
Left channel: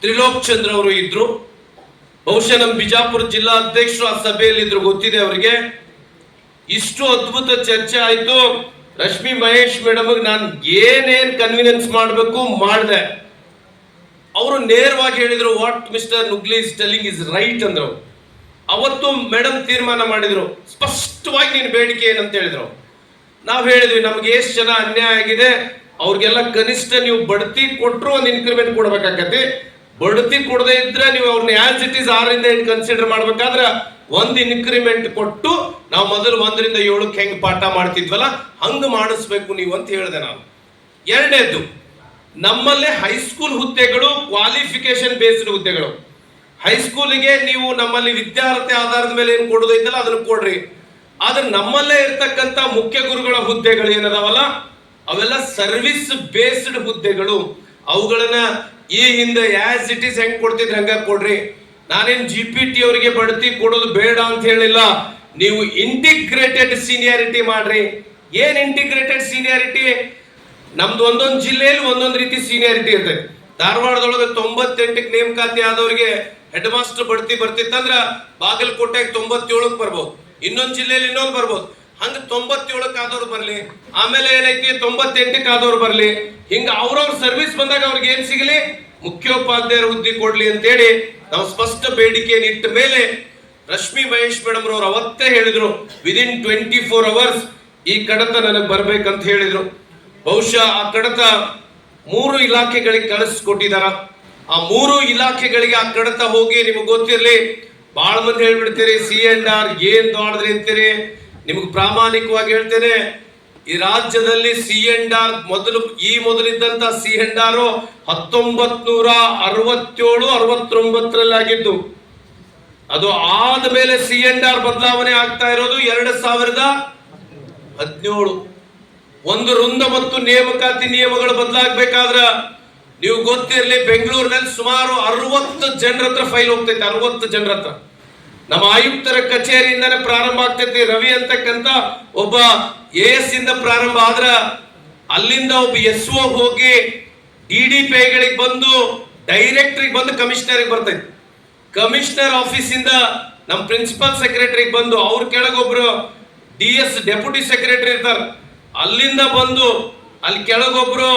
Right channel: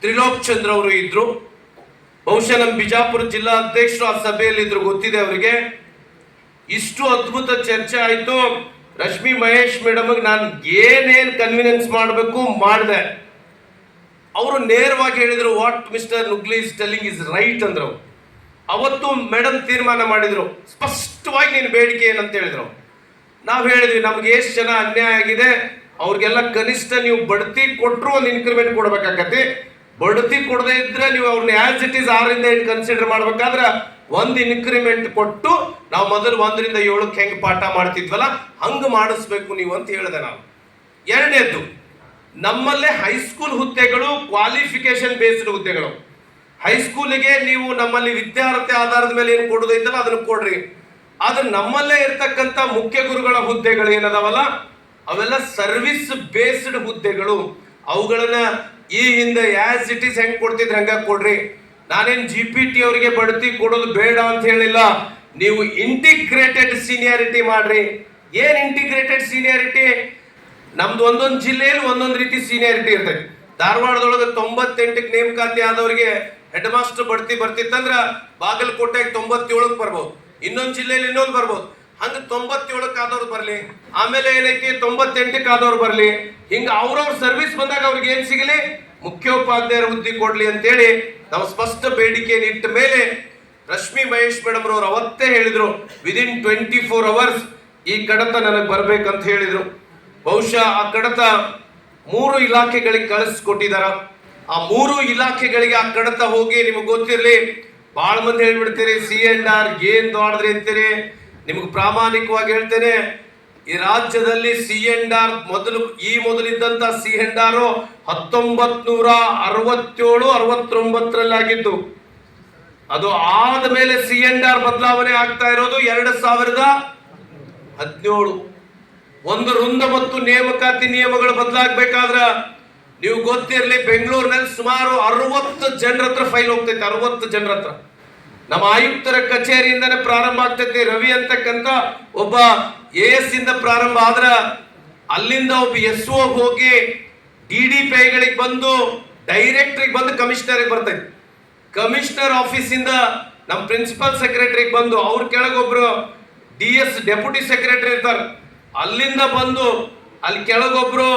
ತ್ರಿಲೋಕ್ ಚಂದ್ರ ಅವರು ಇದ್ರು. ಬಹುಶಃ ನಮ್ಮ ಬಿಜಾಪುರ ಜಿಲ್ಲಾ ಅಧ್ಯಕ್ಷರು ಆ ಸಭೆಯಲ್ಲಿ ಇದ್ರು, ಗೊತ್ತಿದೆ ಅವರಿಗೆ. ಇಷ್ಟು ಅದ್ಭುತ ಚರ್ಚೆ ಆಯ್ತು. ರಶ್ಮಿ ಮಹೇಶ್ ಮೇಡಮ್ ನಾನು ಏನೇನ್ ಕನ್ವಿನೆನ್ಸ್ ಮಾಡಬೇಕು ಮಾಡಿದೆ. ಅವರು ನೇರವಾಗಿ ಹೇಳಿದ್ರು, what mister Nugli is telling is right ಅಂದ್ರು. ಅವತ್ತು ಮೇಡಮ್ ತೀರ್ಮಾನ ಮಾಡಿದ್ರು, ಸ್ಪಷ್ಟವಾಗಿ ನೀನು ಬೇಡಿಕೆ ಏನಂತ ಹೇಳಿದ್ರು. ನಾವು ಹೇಳಿದ್ವಿ, ನಮ್ಗೆ ಎಷ್ಟು ಜನ ಅನ್ಯಾಯ ಆಗಿದೆ ಅವ್ರಿಗೆಲ್ಲ ಕನಿಷ್ಠ ನೀವು ಬಡ್ತಿ ಕೊಟ್ಟರು ಒಂದು ಇನ್ಕ್ರಿಮೆಂಟ್ ಕೊಡ್ಬೇಕಾಗತ್ತೆ. ಬಡ್ತಿ ಕೊಡದೇ ಇದ್ರೆ ನೀವು ಅವ್ರನ್ನ ಆಸ್ ಇಟ್ ಈಸ್ 6ರಿಂದ 8 ಕನ್ಸಿಡರ್ ಮಾಡ್ಬೇಕಾದ್ರೆ ಒಂದು ಇನ್ಕ್ರಿಮೆಂಟ್ ಕೊಟ್ಟು ನಾವು ಮೊದಲು 1ರಿಂದ 7ಕ್ಕೆ ಹೆಂಗ್ ಪಾಠ ಮಾಡ್ತಿದ್ವಲ್ಲ ಹಂಗ ಮಾಡಿಸ್ಬೇಕು ನೀವು ಅಂತ ಹೇಳಿದೆ ನಾನು. ಎರಡನೇದು, ನಮ್ಮಲ್ಲೇ ಹೈಸ್ಕೂಲ್ ಹುದ್ದೆಗಳು ಕ್ವಾಲಿಫಿಕೇಶನ್ ಬೇಸ್ಡ್ ಹುದ್ದೆಗಳು. ಹೈಸ್ಕೂಲಿಗೆ ನೀವು ನಮ್ಮಲ್ಲಿ ವಿದ್ಯಾರ್ಥಿ ಆಧಾರದ ಮೇಲೆ ಏನು ಕೊಡೋದೈತಲ್ಲ ಅದನ್ನು ಕೊಡ್ರಿ. ಆದ್ರೆ ನಮ್ಮಲ್ಲೇ ಇರ್ತಕ್ಕಂಥ ಮುಖ್ಯ ಗುರುಗಳ ಹುದ್ದೆಗಳು ಏನದಾವಲ್ಲ ಅವೆಲ್ಲ ಸರ್ವಿಸ್ ಬೇಸ್ಡ್ ಹುದ್ದೆಗಳು. ಅವುಗಳನ್ನ ಈ ಹಿಂದೆ ಆಸ್ ಇಟ್ ಈಸ್ ಹೆಂಗ್ ಕೊಡ್ತಿದ್ರೆ ಹಂಗ ಕೊಡ್ರಿ. ನಾನೇನ್ GPT ಅವರಿಗೆ ಬಡ್ತಿ ಕೊಡೋದು ಬೇಡ ಅಂತ ಹೇಳಿಲ್ಲ. ನೀವು ಇಂಟಿಗ್ರೇಟೆಡ್ ಸೀನಿಯಾರಿಟಿ ಮಾಡ್ರಿ. ಏನ್ ಇಂಟಿಗ್ರೇಟೆಡ್ ಸೀನಿಯಾರಿಟಿ? ನಮ್ದು ಒಂದೊಂದು ಜಿಲ್ಲೆಯಲ್ಲಿ ಒಂದೊಂದು ರೀತಿ ಸೀನಿಯಾರಿಟಿ ಇರ್ತದೆ. ಧಾರವಾಡದೊಳಗೆ 98ಕ್ಕೆ ನೇಮಕಾತಿ ಆದವ್ರಿಗೆ ಹೆಡ್ ಮಾಸ್ಟರ್ ಬಡ್ತಿ ಬರ್ತಿತ್ತಂದ್ರ ಬಾಗಲಕೋಟೆಗೆ 97ಕ್ಕೆ ಬರ್ಬೋದು, ಇನ್ನೊಂದು ಜಿಲ್ಲೆಯಲ್ಲಿ ಇನ್ನೊಂದು ಬರ್ಬೋದು. ಹಂಗ 97ಕ್ಕೆ ಆದವ್ರು ಬರ್ಲಿ, ಆಮೇಲೆ ಏನೈತಿ 98ಕ್ಕೆ ಆದವ್ರು ಬರ್ಲಿ. ಹಿಂಗ ಅವ್ರವ್ರ ಸರ್ವಿಸ್ ಬಂದಾಗ ಅವ್ರಿಗೆ ಏನ್ ಸಿಗಲಿ, ಮುಖ್ಯೋಪಾಧ್ಯಾಯರ ಹುದ್ದೆ ಕೊಡ್ಲಿ ಅಂತೇಳಿ ನಾವು ಸ್ಪಷ್ಟ ಬೇಡಿಕೆ ಇಟ್ಟ ಮೇಲೆ ರಶ್ಮಿ ಮಹೇಶ್ ಮೇಡಮ್ ರವರು ಅವತ್ತೇ ಹೇಳಿದ್ರು, ವಿದಿನ್ 24 hours ಈ ಕಡತ ನನಗೆ ಬರ್ಬೇಕಂತ ಹೇಳಿದ್ರು. ಬಹುಶಃ ಆ ಕಡತ 3 ಇಲಾಖೆಗಳಿಗೆ ಕಳಿಸ್ಕೊಟ್ಟಿದಾರ. ಆ 3 ಇಲಾಖೆಗಳಿಗೆ ಆ ಕಡತ ಹೋಗಿ ನಿಮಗೆ ಗೊತ್ತಿರ್ಲಿ, ಬಹಳ ಮಂದಿ ಹೇಳ್ಬಿಡ್ತೀರಿ C&R ಏನ್ ದೊಡ್ಡದ್ರಿ ಅಂತೀರಿ. ನಿಮ್ಗೆ ಪ್ರಾಮಾಣಿಕವಾಗಿ ಹೇಳ್ತೇನೆ, ಈ ರಾಜ್ಯದಲ್ಲಿ C&R ಮೊದಲಿದ್ದಂತ C&R 1967-69 ಆಗಿದ್ದು. ಅದು ಆದ್ಮೇಲೆ C&R ಬದಲಾವಣೆ ಆಗ್ತಾ ಇರೋದು 2017. ಒಂದು ವೃಂದ ಮತ್ತು ನೇಮಕಾತಿ ನಿಯಮಗಳು ಬದಲಾಗಬೇಕಾದ್ರ ನೀವು ಗೊತ್ತಿರಲಿ, ಬೆಂಗಳೂರಿನಲ್ಲಿ ಸುಮಾರು 60 ಜನರ ಹತ್ರ ಫೈಲ್ ಹೋಗ್ತೈತೆ. 60 ಜನರ ಹತ್ರ. ನಮ್ಮ ಆಯುಕ್ತರ ಕಚೇರಿಯಿಂದಾನೆ ಪ್ರಾರಂಭ ಆಗ್ತೈತಿ. ರವಿ ಅಂತಕ್ಕಂತ ಒಬ್ಬ AS ಇಂದ ಪ್ರಾರಂಭ ಆದ್ರ ಅಲ್ಲಿಂದ ಒಬ್ಬ SO ಹೋಗಿ DDPIಗಳಿಗೆ ಬಂದು ಡೈರೆಕ್ಟರಿಗೆ ಬಂದು ಕಮಿಷನರಿಗೆ ಬರ್ತೈತಿ. ಕಮಿಷನರ್ ಆಫೀಸ್ ಇಂದ ನಮ್ಮ ಪ್ರಿನ್ಸಿಪಲ್ ಸೆಕ್ರೆಟರಿಗೆ ಬಂದು ಅವ್ರ ಕೆಳಗೊಬ್ರು DS ಡೆಪ್ಯೂಟಿ ಸೆಕ್ರೆಟರಿ ಇರ್ತಾರೆ, ಅಲ್ಲಿಂದ ಬಂದು ಅಲ್ಲಿ ಕೆಳಗೊಬ್ರು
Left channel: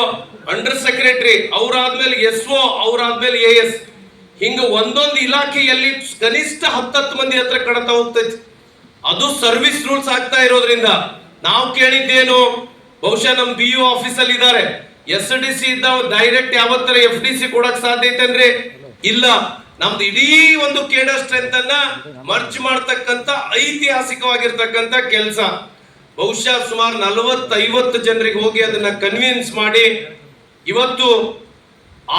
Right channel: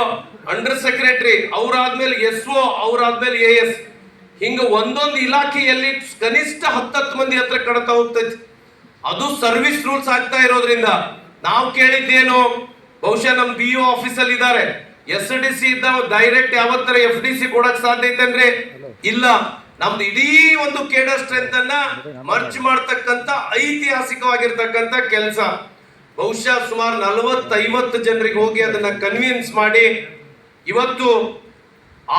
ಅಂಡರ್ ಸೆಕ್ರೆಟರಿ, ಅವ್ರಾದ್ಮೇಲೆ SO, ಅವ್ರಾದ್ಮೇಲೆ AS. ಹಿಂಗ ಒಂದೊಂದು ಇಲಾಖೆಯಲ್ಲಿ ಕನಿಷ್ಠ 10 ಮಂದಿ ಹತ್ರ ಕಡತ ಹೋಗ್ತೈತಿ. ಅದು ಸರ್ವಿಸ್ ರೂಲ್ಸ್ ಆಗ್ತಾ ಇರೋದ್ರಿಂದ ನಾವು ಕೇಳಿದ್ದೇನು, ಬಹುಶಃ ನಮ್ BO ಆಫೀಸಲ್ಲಿ ಇದ್ದಾರೆ, SDC ಇದ್ದ ಡೈರೆಕ್ಟ್ ಯಾವತ್ತರ FDC ಕೊಡಕ್ ಸಾಧ್ಯ ಐತೇನ್ರಿ? ಇಲ್ಲ. ನಮ್ದು ಇಡೀ ಒಂದು ಕೇಡರ್ ಸ್ಟ್ರೆಂತ್ ಅನ್ನ ಮರ್ಚ್ ಮಾಡ್ತಕ್ಕಂತ ಐತಿಹಾಸಿಕವಾಗಿರ್ತಕ್ಕಂತ ಕೆಲಸ. ಬಹುಶಃ ಸುಮಾರು 40-50 ಜನರಿಗೆ ಹೋಗಿ ಅದನ್ನ ಕನ್ವಿನ್ಸ್ ಮಾಡಿ ಇವತ್ತು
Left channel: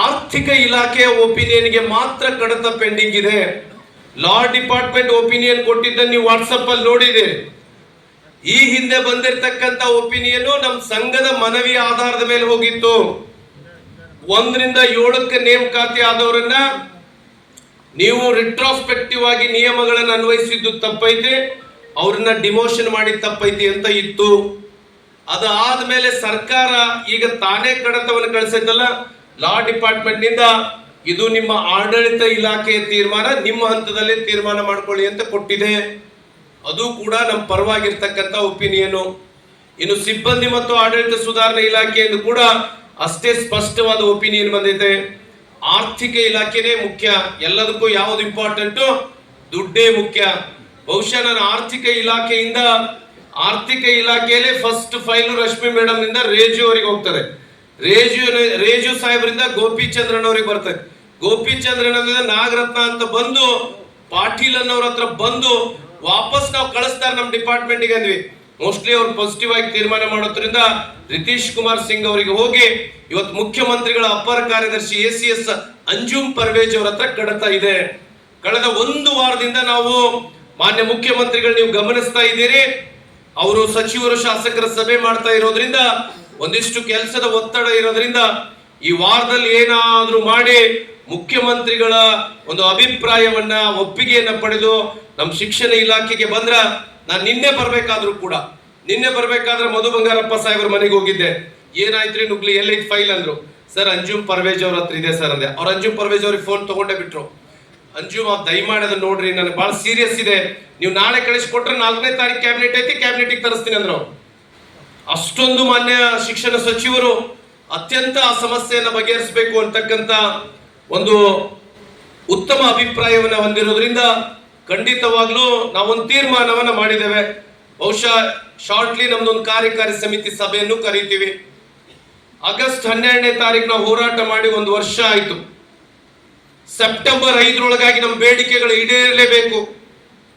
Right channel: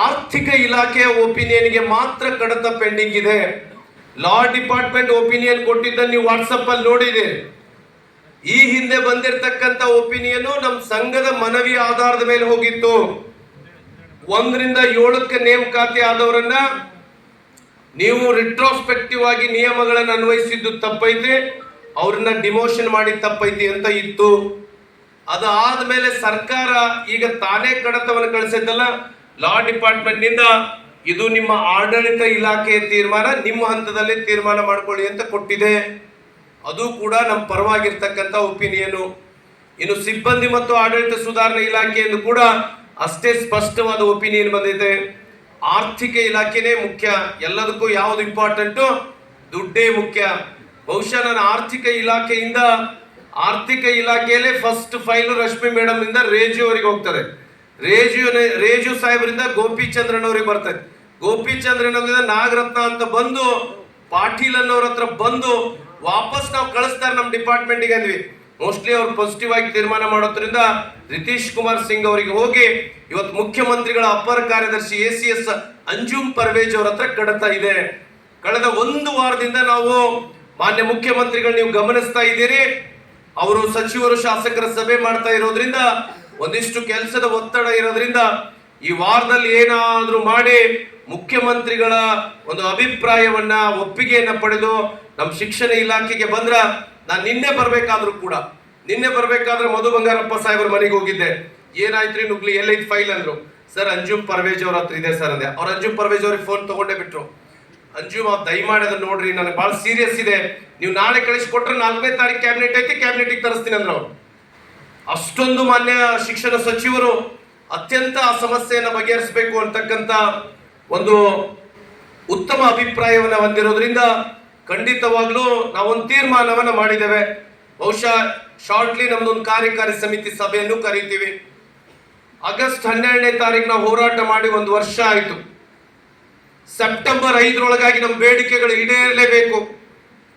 ಆರ್ಥಿಕ ಇಲಾಖೆಯ ಒಪಿನಿಯನ್ಗೆ ಮಾತ್ರ ಕಡತ ಪೆಂಡಿಂಗ್ ಇದೆ. ಲಾ ಡಿಪಾರ್ಟ್ಮೆಂಟ್ ಒಪಿನಿಯನ್ ಕೊಟ್ಟಿದ್ದನ್ನು ನೀವು ವಾಟ್ಸಪ್ ಅಲ್ಲಿ ನೋಡಿದೆ. ಈ ಹಿಂದೆ ಬಂದಿರತಕ್ಕಂತ ಒಪಿನಿಯನ್ ನಮ್ಮ ಸಂಘದ ಮನವಿ ಆಧಾರದ ಮೇಲೆ ಹೋಗಿತ್ತು. 1ರಿಂದ 7ಕ್ಕೆ ನೇಮಕಾತಿ ಆದವರನ್ನ ನೀವು ರಿಟ್ರೋಸ್ಪೆಕ್ಟಿವ್ ಆಗಿ ನಿಯಮಗಳನ್ನು ಅನ್ವಯಿಸಿದ್ದು ತಪ್ಪೈತೆ, ಅವ್ರನ್ನ ಡಿಮೋಷನ್ ಮಾಡಿ ತಪ್ಪೈತಿ ಅಂತ ಇತ್ತು. ಅದಾದ್ಮೇಲೆ ಸರ್ಕಾರ ಈಗ ತಾನೇ ಕಡತವನ್ನು ಕಳಿಸಿದ್ದಲ್ಲ, ಲಾ ಡಿಪಾರ್ಟ್ಮೆಂಟ್ ನಿಂದ ಇದು ನಿಮ್ಮ ಆಡಳಿತ ಇಲಾಖೆಯ ತೀರ್ಮಾನ, ನಿಮ್ಮ ಹಂತದಲ್ಲಿ ತೀರ್ಮಾನ ಮಾಡ್ಕೊಳ್ಳಿ ಅಂತ ಕೊಟ್ಟಿದೆ. ಅದು ಕೂಡ ನಮ್ಮ ಪರವಾಗಿರ್ತಕ್ಕಂಥ ಒಪಿನಿಯನ್. ಇನ್ನು ಸಿಬ್ಬಂದಿ ಮತ್ತು ಆಡಳಿತ ಸುಧಾರಣಾ ಇಲಾಖೆಯನ್ನು ಕೂಡ ಅಷ್ಟೇ ಸ್ಪಷ್ಟವಾದ ಒಪಿನಿಯನ್ ಬಂದಿದೆ. ಆರ್ಥಿಕ ಇಲಾಖೆನೇ ಮುಖ್ಯ, ಎಲ್ಲದಕ್ಕೂ ಯಾವ್ದು ಇಂಪಾರ್ಟೆಂಟ್? ದುಡ್ಡೇ ಮುಖ್ಯ. ಬಹುಶಃ ನಾನು ಆರ್ಥಿಕ ಇಲಾಖೆಯಲ್ಲೇ ಫಸ್ಟ್ ಫೈಲ್ ರಶ್ಮಿ ಮೇಡಮ್ ನಿಂದ ರೇಜು ಅವರಿಗೆ ಹೋಗ್ತದೆ. ರೇಜು ಸಾಹೇಬರಿಂದ ಗೋಪಿಚಂದ್ರನ್ ಅವರಿಗೆ ಬರ್ತದೆ. ಗೋಪಿಚಂದ್ರನ್ ನಾಗರತ್ನ ಅಂತ ಬಂದು ಪಾಟೀಲ್ ಅನ್ನೋರ ಹತ್ರ ಬಂದು ವಾಪಸ್ ನಾವು ಕಳಿಸ್ತಾರೆ ನಮ್ಮ ಡಿಪಾರ್ಟ್ಮೆಂಟ್ಗೆ ಅಂದ್ವಿ. ಮೋಸ್ಟ್ಲಿ ಅವ್ರು ಪಾಸಿಟಿವ್ ಆಗಿ ತೀರ್ಮಾನ ಮಾಡೋದ್ರಿಂದ ರಿತೀಶ್ ಕುಮಾರ್ ಸಿಂಗ್ ಅವರಿಗೆ ಹೋಗಿ ಇವತ್ತು ಮುಖ್ಯಮಂತ್ರಿಗಳ ಅಪರ ಕಾರ್ಯದರ್ಶಿ ACS ಅಂಜುಮ್ ಪರ್ವೇಜ್ ಅವರ ಹತ್ರ ಕಡತ ಇದೆ. ಕಳೆದ 1 ವಾರದಿಂದ ನಾವು ಮಾನ್ಯ ಮುಖ್ಯಮಂತ್ರಿಗಳು ನೀವು ಗಮನಿಸ್ತಾ ಇದ್ದೀರಿ, ಅವರು ಸಚಿವರು ಶಾಸಕರ ಸಭೆ ಮಾಡ್ತಾ ಇರೋದ್ರಿಂದ ಒಂದಿಷ್ಟು ಕೆಲಸದ ಒತ್ತಡ ಇರೋದ್ರಿಂದ ಈ ವಾರದಲ್ಲಿ ಏನಾದ್ರೂ ಮಾಡಿ ಮುಖ್ಯಮಂತ್ರಿಗಳ ಒಂದು ಅಭಿಪ್ರಾಯವನ್ನ ಒಪ್ಪಿಗೆಯನ್ನ ಪಡೆದು ನಮ್ಮ ಶಿಕ್ಷಣ ಇಲಾಖೆಗೆ ಬಂದ್ರ, ನಾನು ನಿನ್ನೆ ಬರ್ಬೇಕಾದ್ರೆ ಮಧು ಬಂಗಾರಪ್ಪ ಸಾಹೇಬ್ರ ಮನೆಗೆ ಹೋಗಿದ್ದೆ. ಏನಾಯ್ತ್ರಿ ನುಗ್ಲಿ, ಎಲ್ಲೈತ್ ಫೈಲ್ ಅಂದ್ರು. ಸರ್ ಅಂಜುಮ್ ಪರ್ವೇಜ್ ಅವ್ರ ಹತ್ರ ಇದೆ ಸರ್ ಅಂದೆ. ಅವ್ರು ಅಂಜುಮ್ ಪರ್ವೇಜ್ ಅವ್ರಿಗೆ ಫೋನ್ ತಗೊಂಡೇ ಬಿಟ್ರು. ಅಂಜುಮ್ ದಯಮಾಡಿ ಅದನ್ನ ನೋಡ್ರಿ, ನನಗೆ ಬಹಳ ಸೀರಿಯಸ್ ಇದೆ, ನೀವು ನಾಳೆ ಕಳಿಸ್ಕೊಟ್ರೆ 4ನೇ ತಾರೀಕು ಕ್ಯಾಬಿನೆಟ್ ಐತಿ, ಕ್ಯಾಬಿನೆಟ್ಗೆ ತರಿಸ್ತೀನಿ ಅಂದ್ರು. ಅಷ್ಟೊಂದು ಮಾನ್ಯ ಶಿಕ್ಷಣ ಸಚಿವರು ಅತ್ಯಂತ ಆ ಸಮಸ್ಯೆಯನ್ನ ಬಗೆಹರಿಸಬೇಕು ಅಂತಕ್ಕಂತ ಒಂದು ಉತ್ತಮ ಅಭಿಪ್ರಾಯವನ್ನ ಹೊಂದಿರೋದ್ರಿಂದ ಖಂಡಿತವಾಗ್ಲೂ ನಾವೊಂದು ತೀರ್ಮಾನವನ್ನ ಮಾಡಿದ್ದೇವೆ. ಬಹುಶಃ ಶಾರ್ಟ್ಲಿ ನಮ್ದೊಂದು ಕಾರ್ಯಕಾರಿ ಸಮಿತಿ ಸಭೆಯನ್ನು ಕರೀತೀವಿ. ಆಗಸ್ಟ್ 12ನೇ ತಾರೀಕು ನಾವು ಹೋರಾಟ ಮಾಡಿ 1 ವರ್ಷ ಆಯ್ತು. ಸೆಪ್ಟೆಂಬರ್ 5ರೊಳಗಾಗಿ ನಮ್ಮ ಬೇಡಿಕೆಗಳು ಈಡೇರಲೇಬೇಕು.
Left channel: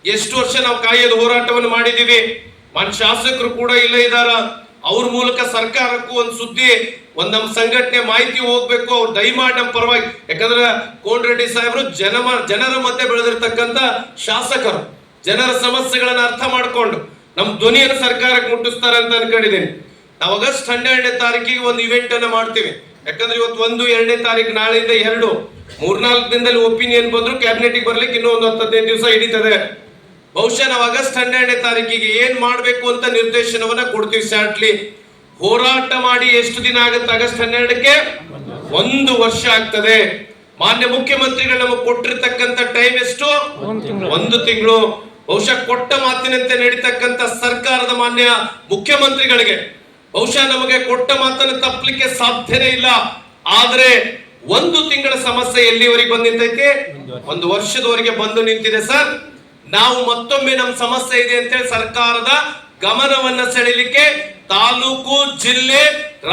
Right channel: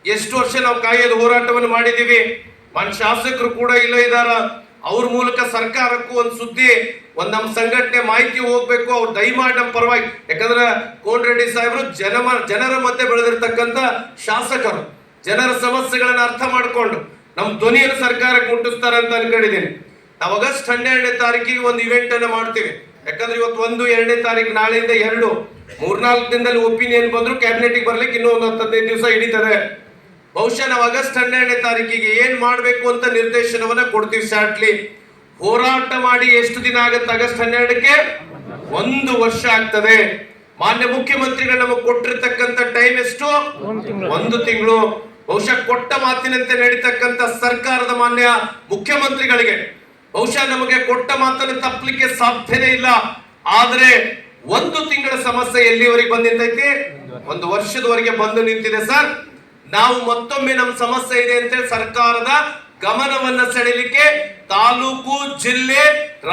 ಎಷ್ಟು ವರ್ಷ ನಾವು ಕಾಯ್ಯದ ಹೋರಾಟವನ್ನು ಮಾಡಿದೀವಿ. ಮನ್ ಶಾಸಕರು ಕೂಡ ಇಲ್ಲೇ ಇದ್ದಾರ. ಅವ್ರ ಮೂಲಕ ಸರ್ಕಾರಕ್ಕೂ ಒಂದು ಸುದ್ದಿ, ಒಂದ್ ನಮ್ಮ ಸಂಘಟನೆ ಮಾಹಿತಿ ಹೋಗ್ಬೇಕು. ಅವ್ರು ದಯಮಾಡಿ ನಮ್ಮ ಪರವಾಗಿ, ಯಾಕಂದ್ರೆ ಕೋನರೆಡ್ಡಿ ಸಾಹೇಬರು ಜನರ ಮಧ್ಯೆ ಬೆಳೆದಿರ್ತಕ್ಕಂಥ ಶಾಸಕರು, ಜನರ ಸಮಸ್ಯೆಗಳನ್ನ ಅರ್ಥ ಮಾಡ್ಕೊಂಡು ನಮ್ಮ ಧ್ವನಿಯನ್ನು ಸರ್ಕಾರಕ್ಕೆ ಮುಟ್ಟಿಸ್ತಾರೆ ಅಂತ ಅನ್ಕೊಂಡಿದ್ದೀನಿ. ನಾವು ಆಗಸ್ಟ್ 12ನೇ ತಾರೀಕಿಗೆ ಒಂದು ಇವೆಂಟ್ ಅನ್ನ ಮಾಡ್ತೀವಿ. ಯಾಕಂದ್ರೆ ಇವತ್ತು 1, 2ನೇ ತಾರೀಕು, ನಾಳೆಯಿಂದ 2, 3-4 ದಿನದಲ್ಲಿ ಒಪಿನಿಯನ್ ಬಂದ್ರು ಕ್ಯಾಬಿನೆಟ್ಗೆ ಬರ್ಲಿಕ್ಕೆ ಇನ್ನೂ ಒಂದು 10-15 ದಿವಸ ಹಿಡಿತದೆ. ಬಹುಶಃ ನಾವು ಆಗಸ್ಟ್ 12ನೇ ತಾರೀಕಿಗೆ ಏನ್ ಮಾಡ್ಬೇಕು ಅಂತ ನಿರ್ದೇಶನವನ್ನ ಕೊಡ್ತೀವಿ. ಶಾರ್ಟ್ಲಿ ಹೋರಾಟ ಮಾಡಿ ಎಷ್ಟು ದಿನ ಆಗುತ್ತೆ? ಆಗಸ್ಟ್ 12ಕ್ಕೆ 1 ವರ್ಷ ಆಗ್ತದೆ. ಮಾನ್ಯ ಮುಖ್ಯಮಂತ್ರಿಗಳು ನಮಗೆ ಕೊಟ್ಟಿರ್ತಕ್ಕಂಥ ಟೈಮ್ ಎಷ್ಟು? 1 ತಿಂಗಳು. ಬಹುಶಃ ಕೊಟ್ಟ ಮಾತಿನಂತೆ ನಡೀತಕ್ಕಂಥ ಸರ್ಕಾರದ ಮಾನ್ಯ ಮುಖ್ಯಮಂತ್ರಿಗಳಿಗೆ ಬಹುಶಃ ನಮಗೆ ಕೊಟ್ಟ ಮಾತನ್ನು ತಪ್ಪಲಿಕ್ಕೆ ಸಾಧ್ಯನೇ ಇಲ್ಲ. ಆದ್ರೆ 1 ತಿಂಗಳ ಸಮಸ್ಯೆ ಎಲ್ಲಿವರೆಗೆ ಬಂದು ನಿಂತೈತಿ? 1 ವರ್ಷದವರೆಗೆ ಬಂದು ನಿಂತಿದೆ ಸರ್. ನಾವು ಮತ್ತೊಮ್ಮೆ ನಮ್ಮ ಸಮಸ್ಯೆ ಇದೆ ಅಂತೇಳಿ ಸರ್ಕಾರದ ಗಮನವನ್ನ ಸೆಳೆಯಲಿಕ್ಕೆ ತಾಲೂಕು, ಜಿಲ್ಲೆ,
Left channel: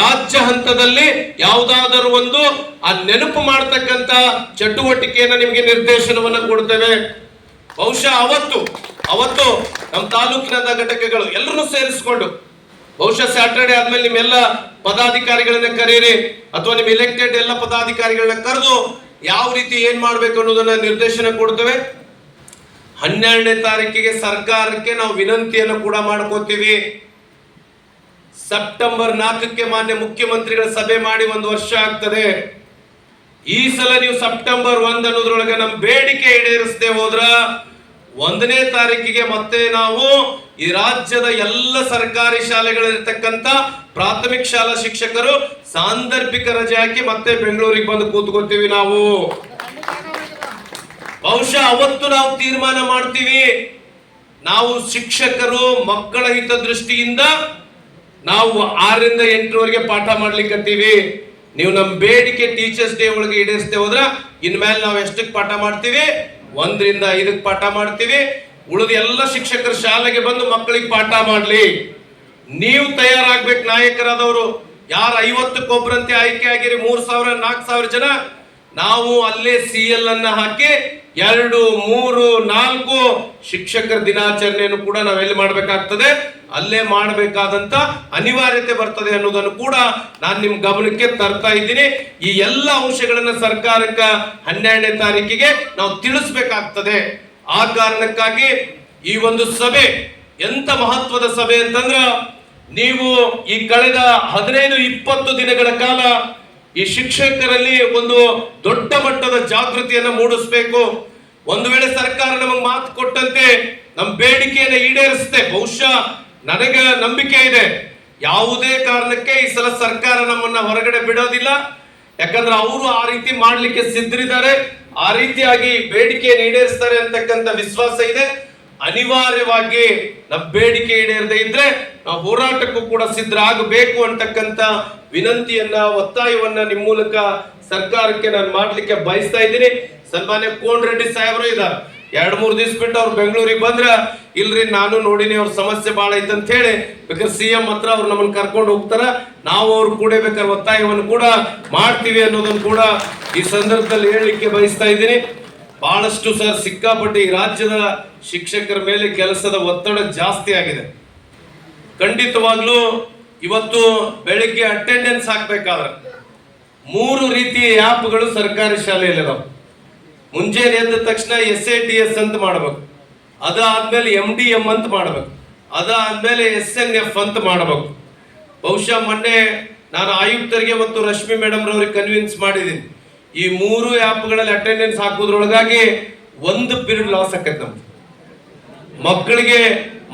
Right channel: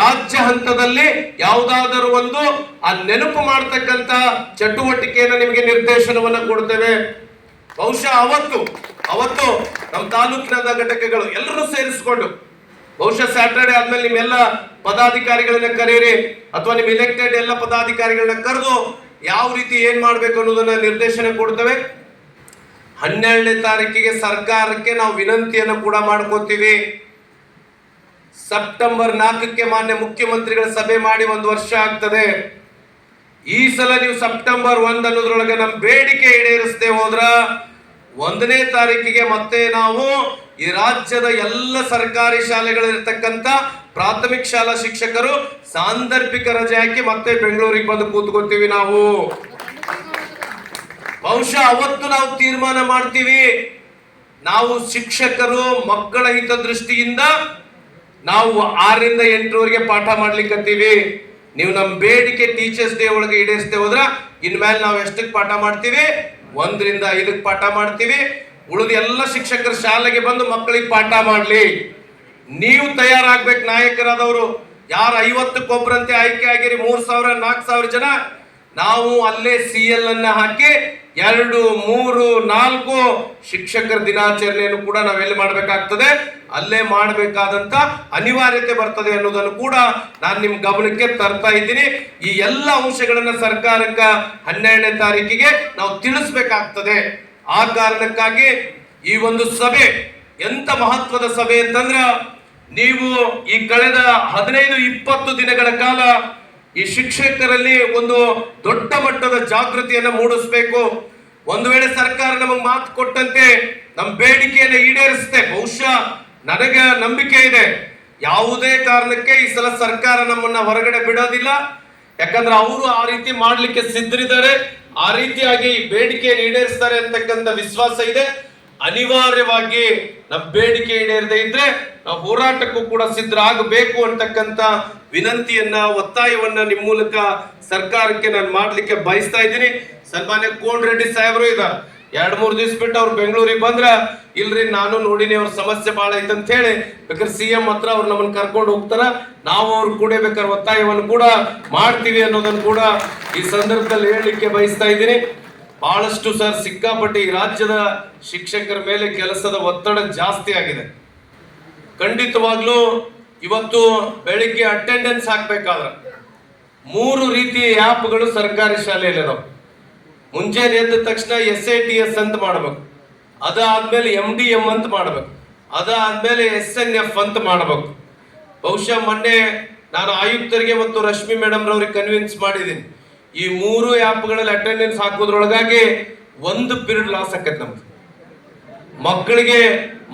ರಾಜ್ಯ ಹಂತದಲ್ಲಿ ಯಾವುದಾದರೂ ಒಂದು ಆ ನೆನಪು ಮಾಡತಕ್ಕಂತ ಚಟುವಟಿಕೆಯನ್ನು ನಿಮಗೆ ನಿರ್ದೇಶನವನ್ನ ಕೊಡ್ತೇವೆ. ಬಹುಶಃ ಅವತ್ತು ನಮ್ಮ ತಾಲೂಕಿನ ಘಟಕಗಳು ಎಲ್ಲರನ್ನು ಸೇರಿಸಿಕೊಂಡು ಬಹುಶಃ ಸ್ಯಾಟರ್ಡೆ ಆದ್ಮೇಲೆ ನಿಮ್ಮೆಲ್ಲ ಪದಾಧಿಕಾರಿಗಳನ್ನ ಕರೀರಿ, ಅಥವಾ ನಿಮ್ ಇಲೆಕ್ಟೆಡ್ ಎಲ್ಲ ಪದಾಧಿಕಾರಿಗಳನ್ನ ಕರೆದು ಯಾವ ರೀತಿ ಏನ್ ಮಾಡ್ಬೇಕು ಅನ್ನೋದನ್ನ ನಿರ್ದೇಶನ ಕೊಡ್ತೇವೆ. 12ನೇ ತಾರೀಕಿಗೆ ಸರ್ಕಾರಕ್ಕೆ ನಾವು ವಿನಂತಿಯನ್ನು ಕೂಡ ಮಾಡ್ಕೋತೀವಿ. ಸೆಪ್ಟೆಂಬರ್ 4ಕ್ಕೆ ಮಾನ್ಯ ಮುಖ್ಯಮಂತ್ರಿಗಳ ಸಭೆ ಮಾಡಿ 1 ವರ್ಷ ಆಗ್ತದೆ. ಈ ಸಲ ನೀವು ಸೆಪ್ಟೆಂಬರ್ 1 ಅನ್ನೋದ್ರೊಳಗೆ ನಮ್ಮ ಬೇಡಿಕೆ ಈಡೇರಿಸದೆ ಹೋದ್ರ 1ನೇ ತಾರೀಕಿಗೆ ಮತ್ತೆ ನಾವು ಈ ರಾಜ್ಯದ ಎಲ್ಲ ಸರ್ಕಾರಿ ಶಾಲೆಗಳಲ್ಲಿರ್ತಕ್ಕಂಥ ಪ್ರಾಥಮಿಕ ಶಾಲಾ ಶಿಕ್ಷಕರು ಸಾಂದರ್ಭಿಕ ರಜೆ ಹಾಕಿ ಮತ್ತೆ ಬೆಂಗಳೂರಿಗೆ ಬಂದು ಕೂತ್ಕೊಳ್ತೀವಿ ನಾವು. ಬಹುಶಃ ಅವತ್ತು ನಾವು ತೀರ್ಮಾನ ಮಾಡ್ತೀವಿ, ನಾವು ಶಿಕ್ಷಕರು ಮಕ್ಕಳ ಹಿತದೃಷ್ಟಿಯಿಂದ ನಾವು 6ರಿಂದ 8ರವರೆಗೆ ಪಾಠ ಮಾಡ್ಲಿಕ್ಕತ್ತೀವಿ. ನೀವು ನಮ್ಮ ಬೇಡಿಕೆ ಟೀಚರ್ಸ್ ಡೇ ಒಳಗೆ ಈಡೇರಿಸದೆ ಹೋದ್ರ ಇನ್ಮೇಲೆ ನಾವು ಎಷ್ಟಕ್ಕೆ ಪಾಠ ಮಾಡ್ತೀವಿ? 1ರಿಂದ 5ಕ್ಕೆ ಪಾಠ ಮಾಡ್ತೀವಿ. ಉಳಿದ ಎಲ್ಲ ಶಿಕ್ಷಕರು ಶಾಲೆಗೆ ಬಂದು ಮಕ್ಕಳಿಗೆ ಪಾಠ ಮಾಡ್ಲಿ. ನೀವು ತಯಾರಾಗ್ಬೇಕು ನಾಯಕರಾದವರು. ಯಾರು 50ಕ್ಕೊಬ್ಬರಂತೆ ಆಯ್ಕೆ ಆಗಿರಿ 3,000 4,000 ಜನ, ನಾವು ಅಲ್ಲೇ CL ಅನ್ನ ಹಾಕಿ 2, 3, 4 ಶಿಕ್ಷಕರ ದಿನಾಚರಣೆಯನ್ನು ಕೂಡ ನಾವೆಲ್ಲಿ ಮಾಡಬೇಕಾಗ್ತದೆ, ಅಲ್ಲೇ ಮಾಡಬೇಕಾದಂತ ಅನಿವಾರ್ಯತೆ ಬರ್ತದೆ ಅನ್ನೋದನ್ನು ಕೂಡ ನಾನು ನಿಮ್ ಗಮನಕ್ಕೆ ತರ್ತಾ ಇದ್ದೀನಿ. ಈ ಎಲ್ಲ ಅಂಶಗಳನ್ನ ಸರ್ಕಾರಕ್ಕ 12ನೇ ತಾರೀಕಿಗೆ ನಾವು ತಿಳಿಸ್ಬೇಕಾಗ್ತದೆ. ಆ ಕಾರಣಕ್ಕಾಗಿ ಈ ಒಂದು ಸಭೆ ಎಂತ ಮಹತ್ವದ ಸಭೆ ಅಂತಂದ್ರ, ನೀವು ಈ ಕಳೆದ 15-20 ದಿನಗಳ ಕಾಲ ಈ ಶಿಕ್ಷಕರಲ್ಲಿ ಒಂದು ದೊಡ್ಡ ಮಟ್ಟದ ಜಾಗೃತಿಯನ್ನು ಮೂಡಿಸಬೇಕು. ಒಂದು ವೇಳೆ ಸರ್ಕಾರ ನಮಗೆ ಮಾತು ಕೊಟ್ಟಂತೆ ನಮ್ಮ ಬೇಡಿಕೆಯನ್ನು ಈಡೇರಿಸುತ್ತೆ, ಬಹುಶಃ ನನಗೆ ನಂಬಿಕೆ ಇದೆ, ಯಾವುದೇ ಕಾರಣಕ್ಕೆ ಈ ಸಲ ಸರ್ಕಾರ ನಮ್ಮನ್ನ ಹೊರಗಡೆ ಬಿಡೋದಿಲ್ಲ. ಯಾಕಂದ್ರೆ ಅವರು ಆ ರೀತಿ ಮಾಡ್ಲಿಕ್ಕೆ ಸಿದ್ಧರಿದ್ದಾರೆ, ಆ ರೀತಿಯಾಗಿ ಬೇಡಿಕೆಯನ್ನು ಈಡೇರಿಸ್ತಾರೆ ಅಂತಕ್ಕಂಥ ವಿಶ್ವಾಸ ಇದೆ. ಅನಿವಾರ್ಯವಾಗಿ ನಮ್ಮ ಬೇಡಿಕೆ ಈಡೇರದೆ ಇದ್ರೆ ನಾವು ಹೋರಾಟಕ್ಕೂ ಕೂಡ ಸಿದ್ಧರಾಗಬೇಕು ಅಂತಕ್ಕಂಥ ವಿನಂತಿಯನ್ನ, ಒತ್ತಾಯವನ್ನ ನಿಮ್ಮ ಮೂಲಕ ಸರ್ಕಾರಕ್ಕೆ ನಾನು ಮಾಡ್ಲಿಕ್ಕೆ ಬಯಸ್ತಾ ಇದ್ದೀನಿ. ಸನ್ಮಾನ್ಯ ಕೋನರೆಡ್ಡಿ ಸಾಹೇಬರು ಇದ್ದಾರೆ, 2-3 ದಿವಸ ಬಿಟ್ಟು ಅವ್ರು ಬೆಂಗಳೂರಿಗೆ ಬಂದ್ರ, ಇಲ್ರಿ ನಾನು ನೋಡಿನಿ ಅವ್ರ ಸಮಸ್ಯೆ ಬಹಳ ಐತೆ ಅಂತ ಹೇಳಿ ಬೇಕಾದ್ರೆ CM ಹತ್ರ ಅವ್ರು ನಮ್ಮನ್ನ ಕರ್ಕೊಂಡು ಹೋಗ್ತಾರ, ನಾವು ಅವ್ರು ಕೂಡ ಬೇಕಾದ್ರೆ ಒತ್ತಾಯವನ್ನು ಕೂಡ ಮಾಡ್ತೀವಿ ಅನ್ನೋದನ್ನು ಕೂಡ ಈ ಸಂದರ್ಭದಲ್ಲಿ ಹೇಳಲಿಕ್ಕೆ ಬಯಸ್ತಾ ಇದ್ದೀನಿ. ಬಹಳಷ್ಟು ಸರ್ ಸಿಕ್ಕಾಪಟ್ಟೆ ಈ ರಾಜ್ಯದ ಶಿಕ್ಷಕರ ಮೇಲೆ ಕೆಲಸದ ಒತ್ತಡ ಜಾಸ್ತಿ ಆಗಿದೆ. ಖಂಡಿತವಾಗ್ಲೂ ಇವತ್ತು ಬೆಳಿಗ್ಗೆ ಅಟೆಂಡೆನ್ಸ್ ಹಾಕ್ಬೇಕಾದ್ರೆ 3 ರೀತಿಯ ಆ್ಯಪ್ಗಳು ಸರ್ಕಾರಿ ಶಾಲೆಯಲ್ಲಿ ಇದಾವೆ. ಮುಂಜಾನೆ ಎದ್ದ ತಕ್ಷಣ SATS ಅಂತ ಮಾಡಬೇಕು, ಅದಾದ್ಮೇಲೆ MDM ಅಂತ ಮಾಡಬೇಕು, ಅದಾದ್ಮೇಲೆ SNF ಅಂತ ಮಾಡಬೇಕು. ಬಹುಶಃ ಮೊನ್ನೆ ನಾನು ಆಯುಕ್ತರಿಗೆ ಮತ್ತು ರಶ್ಮಿ ಮೇಡಮ್ ರವ್ರಿಗೆ ಕನ್ವಿನ್ಸ್ ಮಾಡಿದ್ದೀನಿ, ಈ 3 ಆ್ಯಪ್ಗಳಲ್ಲಿ ಅಟೆಂಡೆನ್ಸ್ ಹಾಕೋದ್ರೊಳಗಾಗಿ 1 ಪೀರಿಯಡ್ ಲಾಸ್ ಆಕೈತೆ. ನಮ್ದು